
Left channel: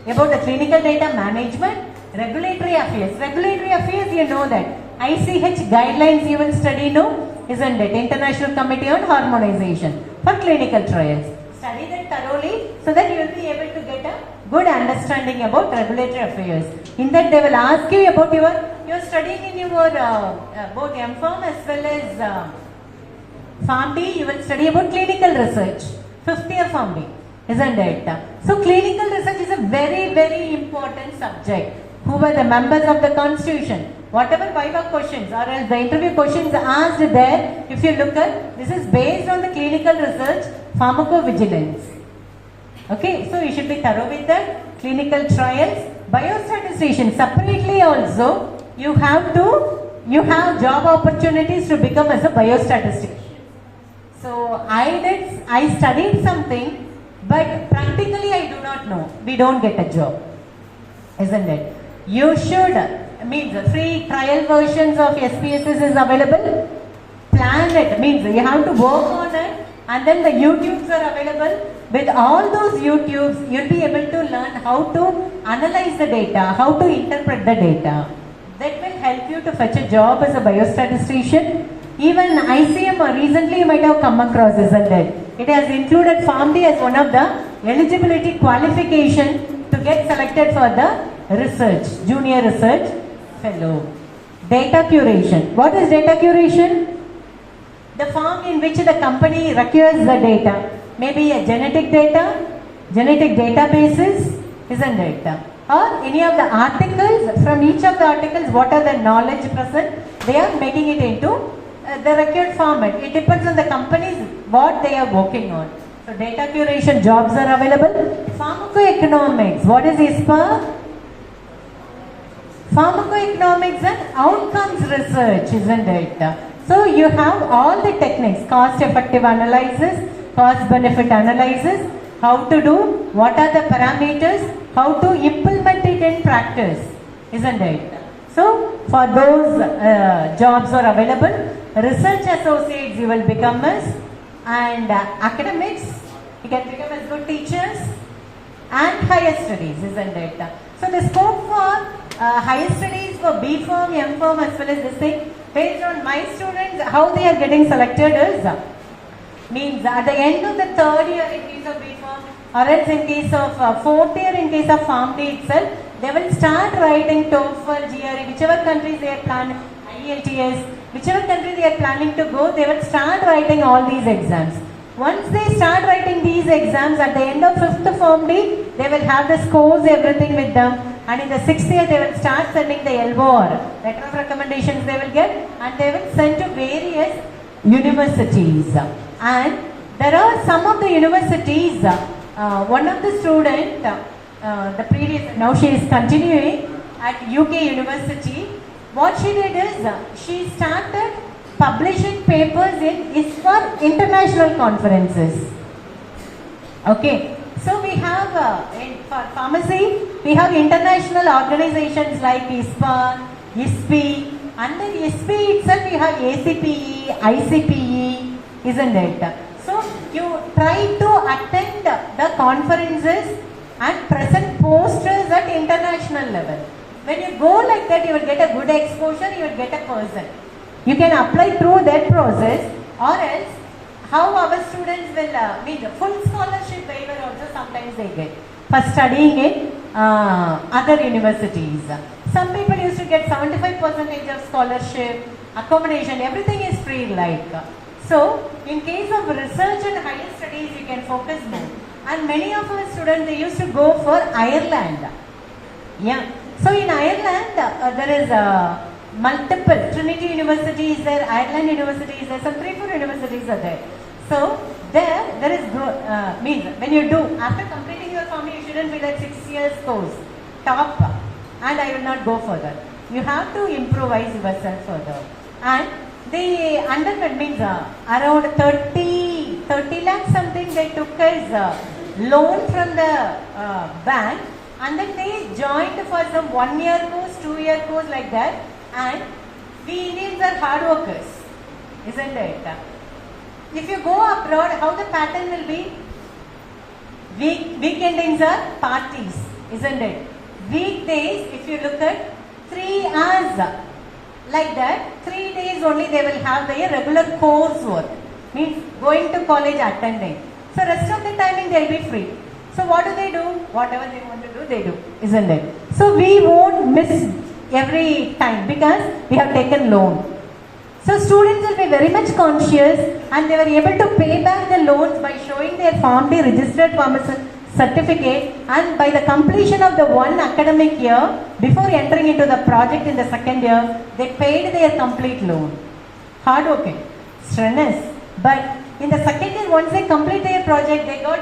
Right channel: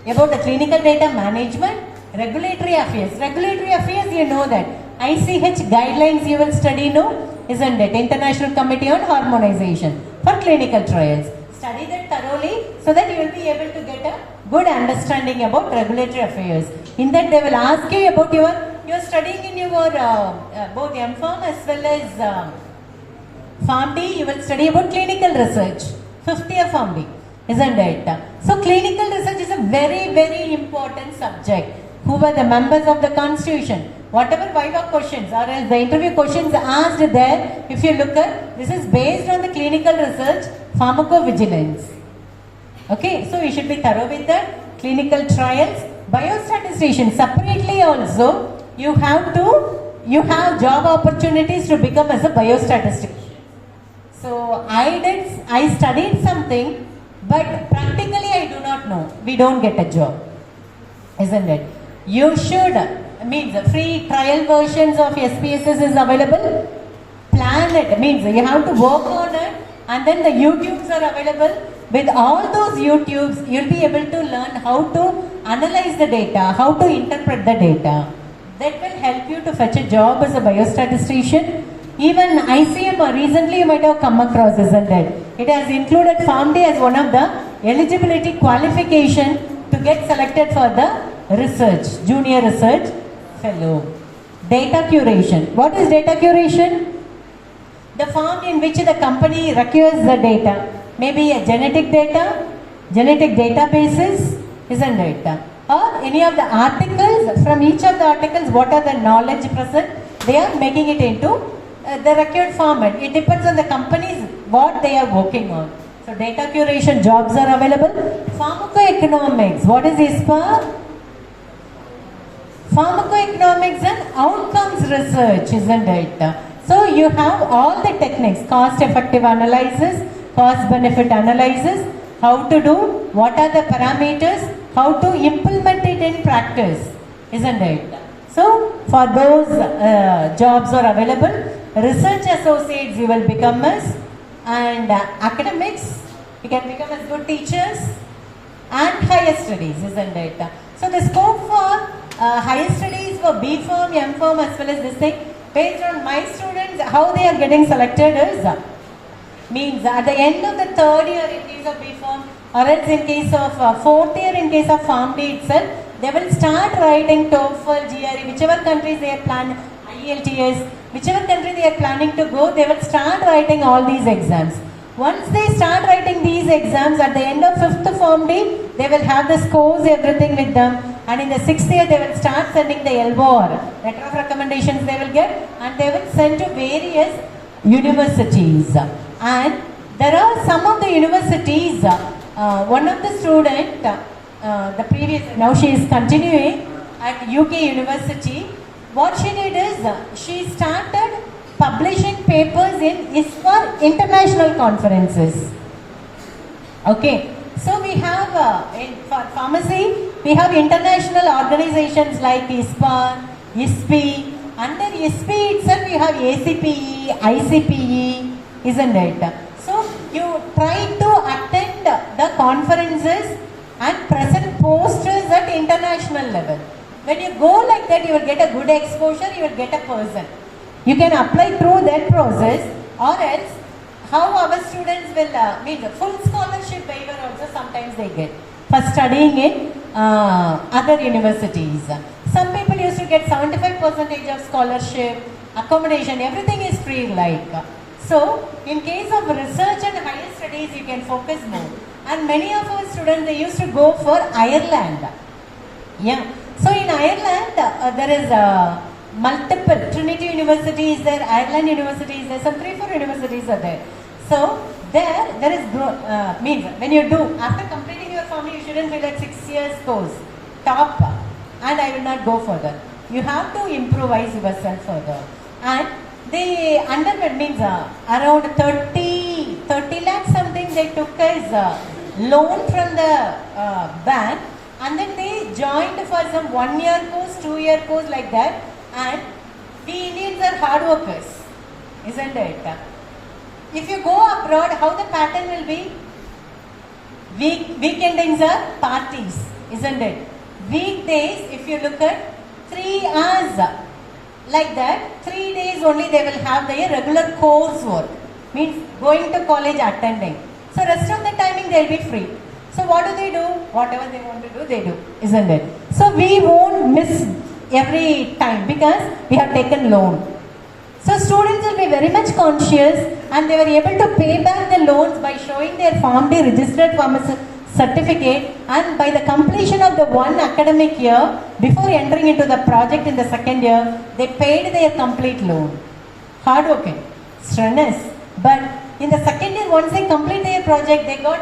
about the clinical data management, regulatory affairs. Regulatory affairs, you know that. ICH guidelines you will study, no? Isn't it? International Committee on Harmonization for clinical trials. Study that thoroughly so that you will be able to get a good understanding about regulatory affairs. In that they will ask you about you're studying in your both M.Pharm as well as Pharm D, you will study about clinical research. 5th year Pharm D, isn't it? So clinical research is a very, very important subject. Who were the members of the constitution? Whatever Viva questions or else the interview questions asked there, if you look at, this is based on the clinical research, pharmacovigilance. Okay, so you should be thorough with that. Clinical trials, biostatistician separately also, you have job opportunities to become as a biostatistician. So I studied something, but practically I do not know. We don't get a job, isn't it? You should, free trial versions of SPSS is available. Plan it. Means you have to work on it, and then the YouTubes are available. With all those YouTubes, you'll be able to learn how to analyze the data, how to interpret the data. That will help you to fetch a job as a biostatistician. Even ICM recently you might have come across, isn't it? It has included PharmD as one of the eligibility qualification to get selected for the research, junior research fellow. Data curation. What is data curation? The form in which the company requires the data. Maybe a genetic data, genetic databases, isn't it? Or any of the articles, from each of the articles, what are the knowledge present, they are making it into the required format. It depends on the companies, what they are working on. So data curation jobs are available. Pharmacoeconomics, what is ISPA? Pharmacoeconomics and outcomes research, isn't it? So you have all the techniques, cost effective analysis, cost benefit analysis, how to do, what are the parameters, how to implement it in practice, isn't it? So for those jobs are available. Research associates you will become as, and academics you can become as good teachers, and higher studies, isn't it? So the scope for higher studies for B Pharm, M Pharm as well as this thing, based on my students, how they are getting selected is, means at the end of the third year in case of B Pharm, or else in case of fourth year in case of PharmD itself, they will start writing TOEFL, GRE, whichever countries they are planning, IELTS, whichever country they are planning to go, they will start writing all these exams. Once they start writing these exams, at the end of 5th PharmD, they will have the scores, everything with them. And in the 6th year, they will start sending the LOR, letter of recommendations they will get, and they will send to various universities. And there are some of the universities, one of the student, the previous, now she is continuing at UK University. What she did is, she started publishing papers in ISPA international conferences. Okay, so we have for pharmacy, we have international organizations like ISPA, ISPE. Under ISPE itself, we have ACPE, ICPE, isn't it? So you try to attend the conferences and present posters at international level. When you go like that, you will get a good exposure, you will get a person. You can apply through that process, or else how our students will meet the full scholarship waiver also sometimes they get for studying in other universities. Some people used to get 75% of scholarship, accommodation, everything is free like. So in case of research and higher studies, you can focus more. And many of our students, they used to go for Ireland. Yeah. So in Ireland, there is multiple, Trinity University is there, Ireland University is there, some 3-4 universities are there. So there is means when you do, after completing your PharmD, you shouldn't be like 6 years course, top, and I will not go further. You have to improvise yourself further. And the undergrad means around 30 lakhs something they took as loan from the bank, and then they joined for some 1-year course, 2-year course like that. And we Indians are hard workers, isn't it? If you go abroad, how the pattern will be? Weekendings are parties, isn't it? Weekdays, if you look at 3 hours, like that, 3 days only they will have their regular coursework, means going to college, attending. So rest of the timing they will be free. So what do? Whatever they want to do, they do, isn't it? So we won't miss every time because we have taken loan. So students will be very much conscious, and they were able to pay back the loans by showing their PharmD registered pharmacist certificate, and by the completion of the one academic year, before entering into the project in the second year, they paid their complete loan. Hard working, strenuous. But in the second year, once they complete their project, they got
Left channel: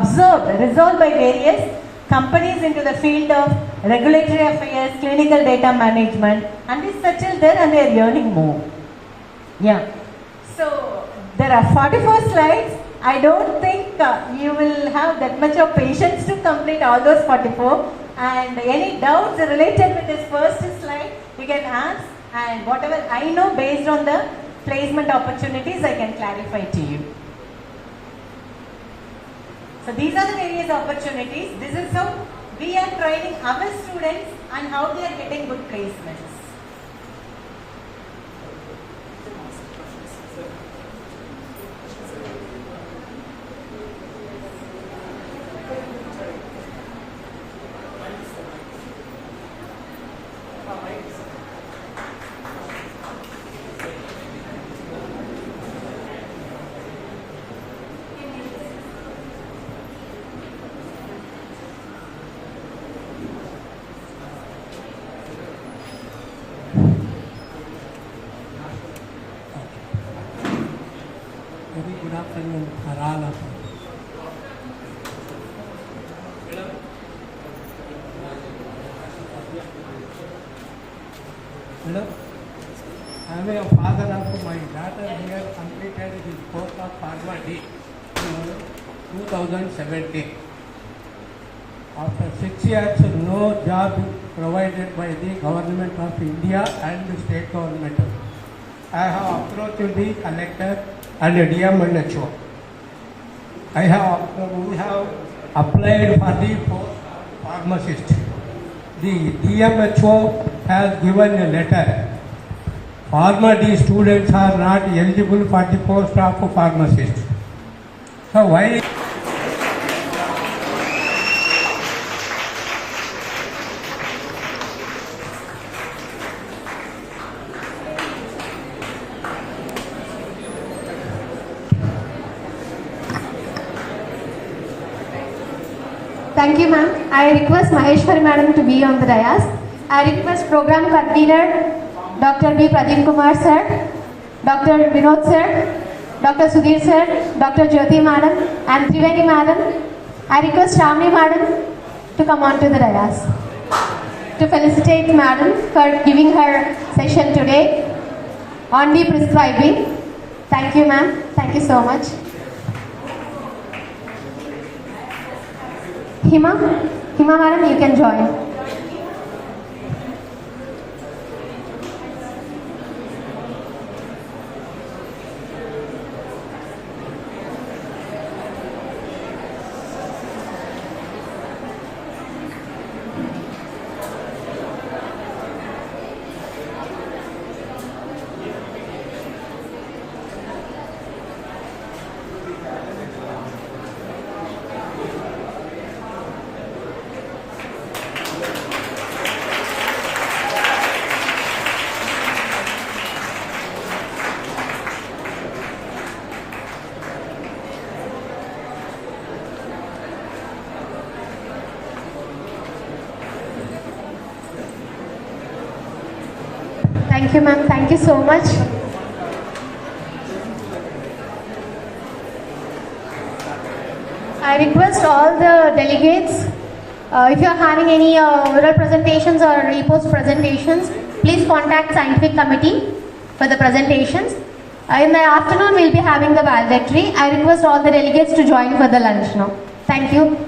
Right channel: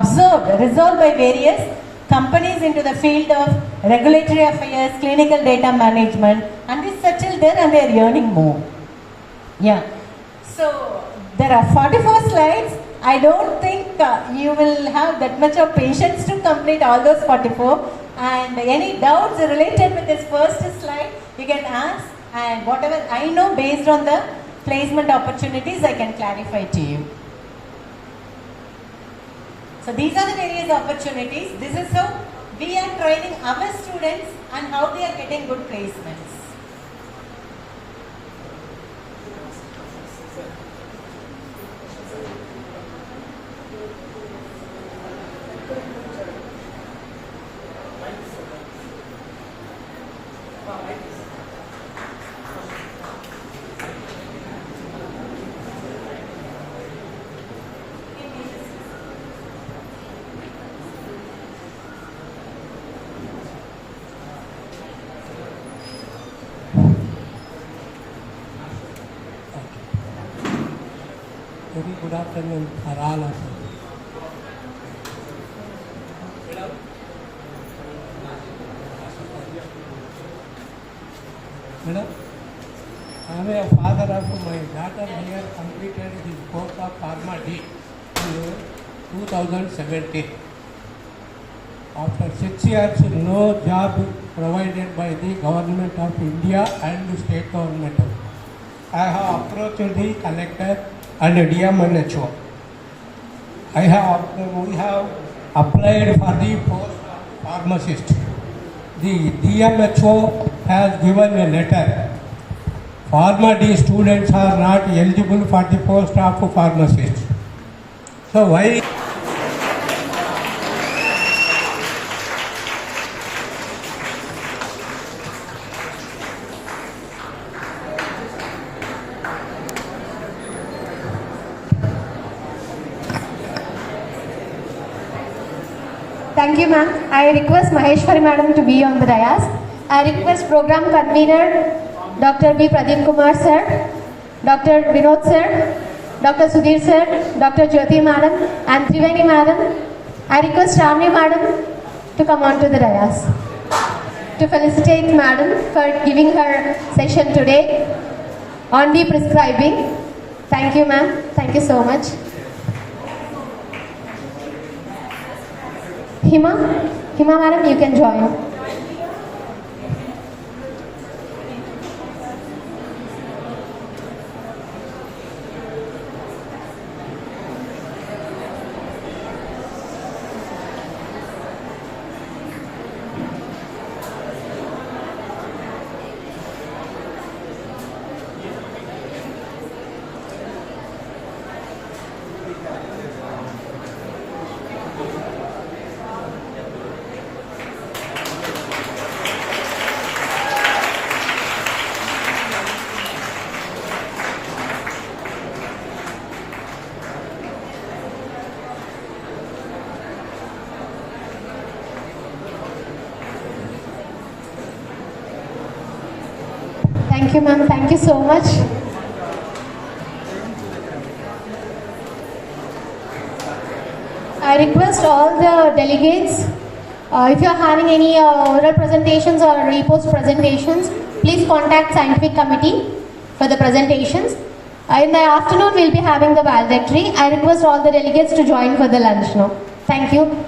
resolved by various companies into the field of regulatory affairs, clinical data management, and they settled there and they are earning more. Yeah. So there are 44 slides. I don't think you will have that much of patience to complete all those 44. And any doubts related with this first slide, you can ask. And whatever I know based on the placement opportunities, I can clarify to you. So these are the various opportunities. This is how we are training our students and how they are getting good placements. Very good afternoon for all of you. Madam, I am a father of my daughter here completed his course of Pharma D in 2017. After 6 years, no job provided by the government of India and state government. I have approached the collector and DMNHO. We have applied for the post of pharmacist. The DMHO has given a letter. Pharma D students are not eligible for the post of pharmacist. So why? Thank you, ma'am. I request Maheshwari madam to be on the dais. I request program convener Dr. B. Pradeep Kumar sir, Dr. Vinod sir, Dr. Sudhir sir, Dr. Jyoti madam and Triveni madam. I request Ramni madam to come on to the dais to felicitate madam for giving her session today on the prescribing. Thank you, ma'am. Thank you so much. Hima madam, you can join. Thank you, ma'am. Thank you so much. I request all the delegates, if you are having any oral presentations or reports presentations, please contact scientific committee for the presentations. In the afternoon, we'll be having the valedictory. I request all the delegates to join for the lunch now. Thank you.